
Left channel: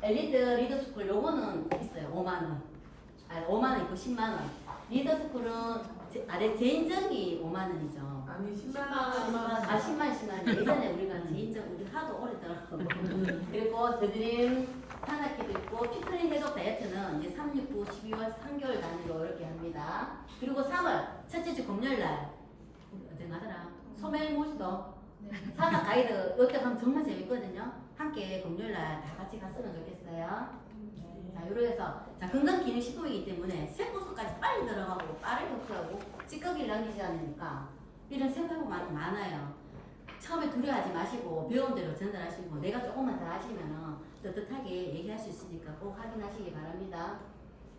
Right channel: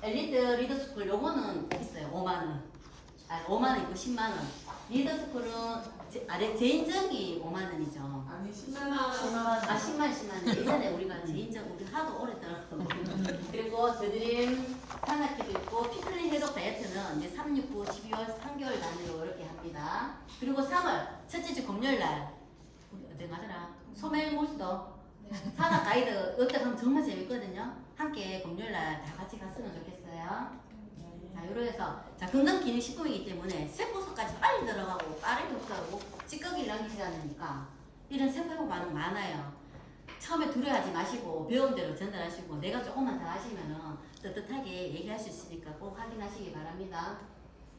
엘리트 리더스쿨 요거는 있어요. 5만원. 아, 5만원 있고 10만원. 리더스쿨은 제인적이 5만원이죠. 아니 10만 원. 10만. 예전에 우리가 제인적 우리 하도 오래 들었고. 그리고 더드림 산악기도 있고 피플린 해독 다이어트는 이제 3, 6, 9, 12월 3개월 단위로 이렇게 합니다. 그리고 3월 첫째 주 금요일날 우리 어디 가더라? 소멜모시도 산악 가이드 이때 가면 정말 재밌거든요. 함께 금요일날 다 같이 갔으면 좋겠어요. 자, 요로 해서 자 건강기능식품이기 때문에 세포素,까지 빨리 들어가고 빠르게 흡수하고 찌꺼기를 남기지 않으니까 이런 세포 반응 많아요. 처음에 두려워하지 마시고 배운 대로 전달하시고 내가 조금만 더 하시면은 떳떳하게 얘기할 수 있으니까 꼭 확인하시기 바랍니다.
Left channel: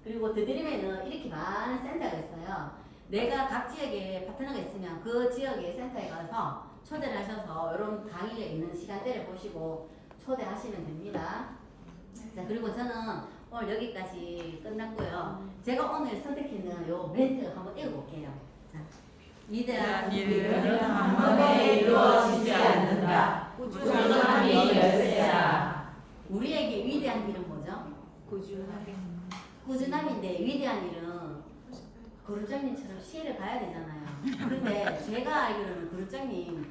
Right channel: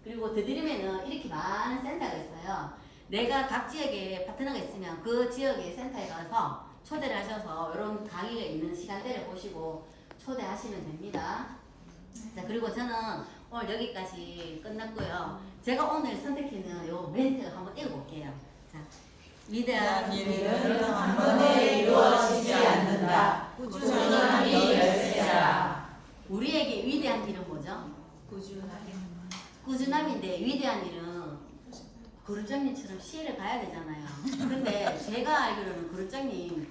그리고 더 드리면은 이렇게 많은 센터가 있어요. 내가 각 지역에 파트너가 있으면 그 지역의 센터에 가서 초대를 하셔서 이런 강의가 있는 시간대를 보시고 초대하시면 됩니다. 자, 그리고 저는 오늘 여기까지 끝났고요. 제가 오늘 선택했는 요 멘트를 한번 읽어볼게요. 자, 위대한 일은 한 번에 이루어지지 않는다. 꾸준함이 열쇠라. 우리에게 위대한 일은 뭐죠? 꾸준함인데 위대한 일은 그룹장님처럼 시혜를 봐야 되잖아요. 근데 제가 알기로는 그룹장님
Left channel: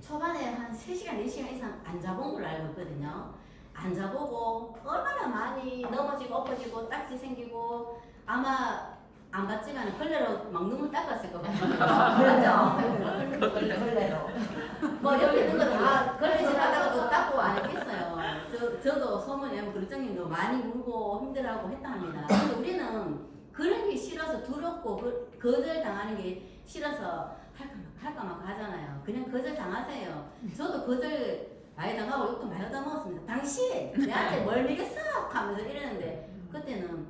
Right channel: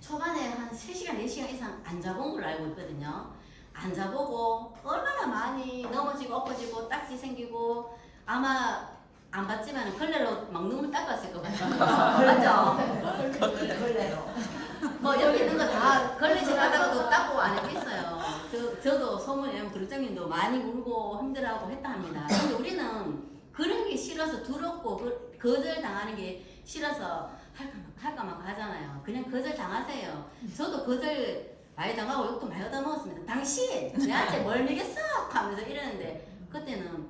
초반에 한 3시간, 4시간 이상 안 자본 걸로 알고 있거든요. 안 자보고 얼마나 많이 넘어지고 엎어지고 딱지 생기고 아마 안 봤지만 걸레로 막 눈물 닦았을 것 같아요. 그렇죠? 걸레로. 뭐 옆에 있는 거 다 걸레질 하다가도 닦고 안 했겠어요. 저도 소문에 그룹장님도 많이 울고 힘들어하고 했다 합니다. 근데 우리는 그런 게 싫어서 두렵고 거절 당하는 게 싫어서 할까 말까 하잖아요. 그냥 거절 당하세요. 저도 거절 많이 당하고 욕도 많이 얻어먹었습니다. 당신 내한테 뭘 먹였어? 하면서 이러는데 그때는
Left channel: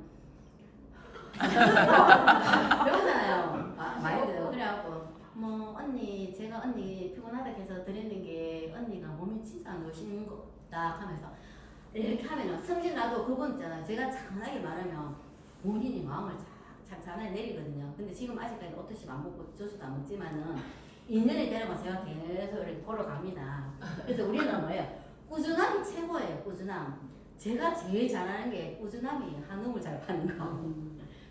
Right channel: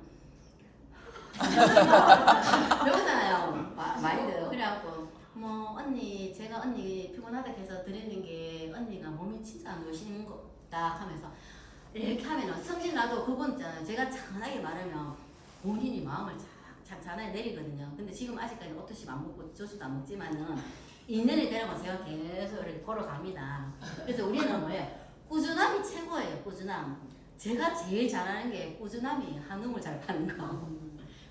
배우잖아요. 많이 들어. 그래갖고 뭐 언니 제가 언니 피곤하다 해서 드리는 게 언니가 몸이 진짜 안 좋으신 거다 하면서 이렇게 하면은 성질 나도 그건 있잖아요. 제가 차분하게 말하면 본인이 마음을 잔잔하게 내리거든요. 근데 지금 아직까지 오토십 안 먹고 저수도 안 먹지만은 2년이 되려고 제가 계속 이렇게 걸어갑니다. 그래서 우리는 뭐예요? 꾸준함이 최고예요. 꾸준함. 제가 제일 잘하는 게 꾸준함이 한우물 잘 파는 거.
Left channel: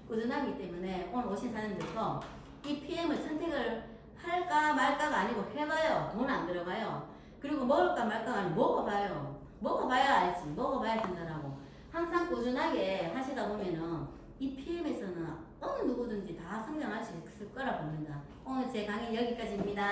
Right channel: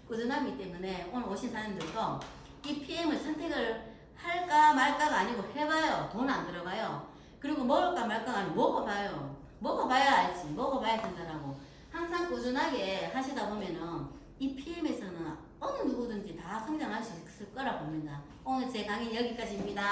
꾸준함이기 때문에 오늘 오신 사람들도 이 PM을 선택을 할까 말까가 아니고 해봐요. 돈 안 들어가요. 그리고 먹을까 말까가 아니고 먹어봐요. 먹어봐야 알지. 먹어봐야 된다라고. 항상 꾸준하게 하시다 보면은 이 PM에서는 어느 누구든지 다 성장할 수 있을 거라 봅니다. 오늘 제 강의 여기까지입니다.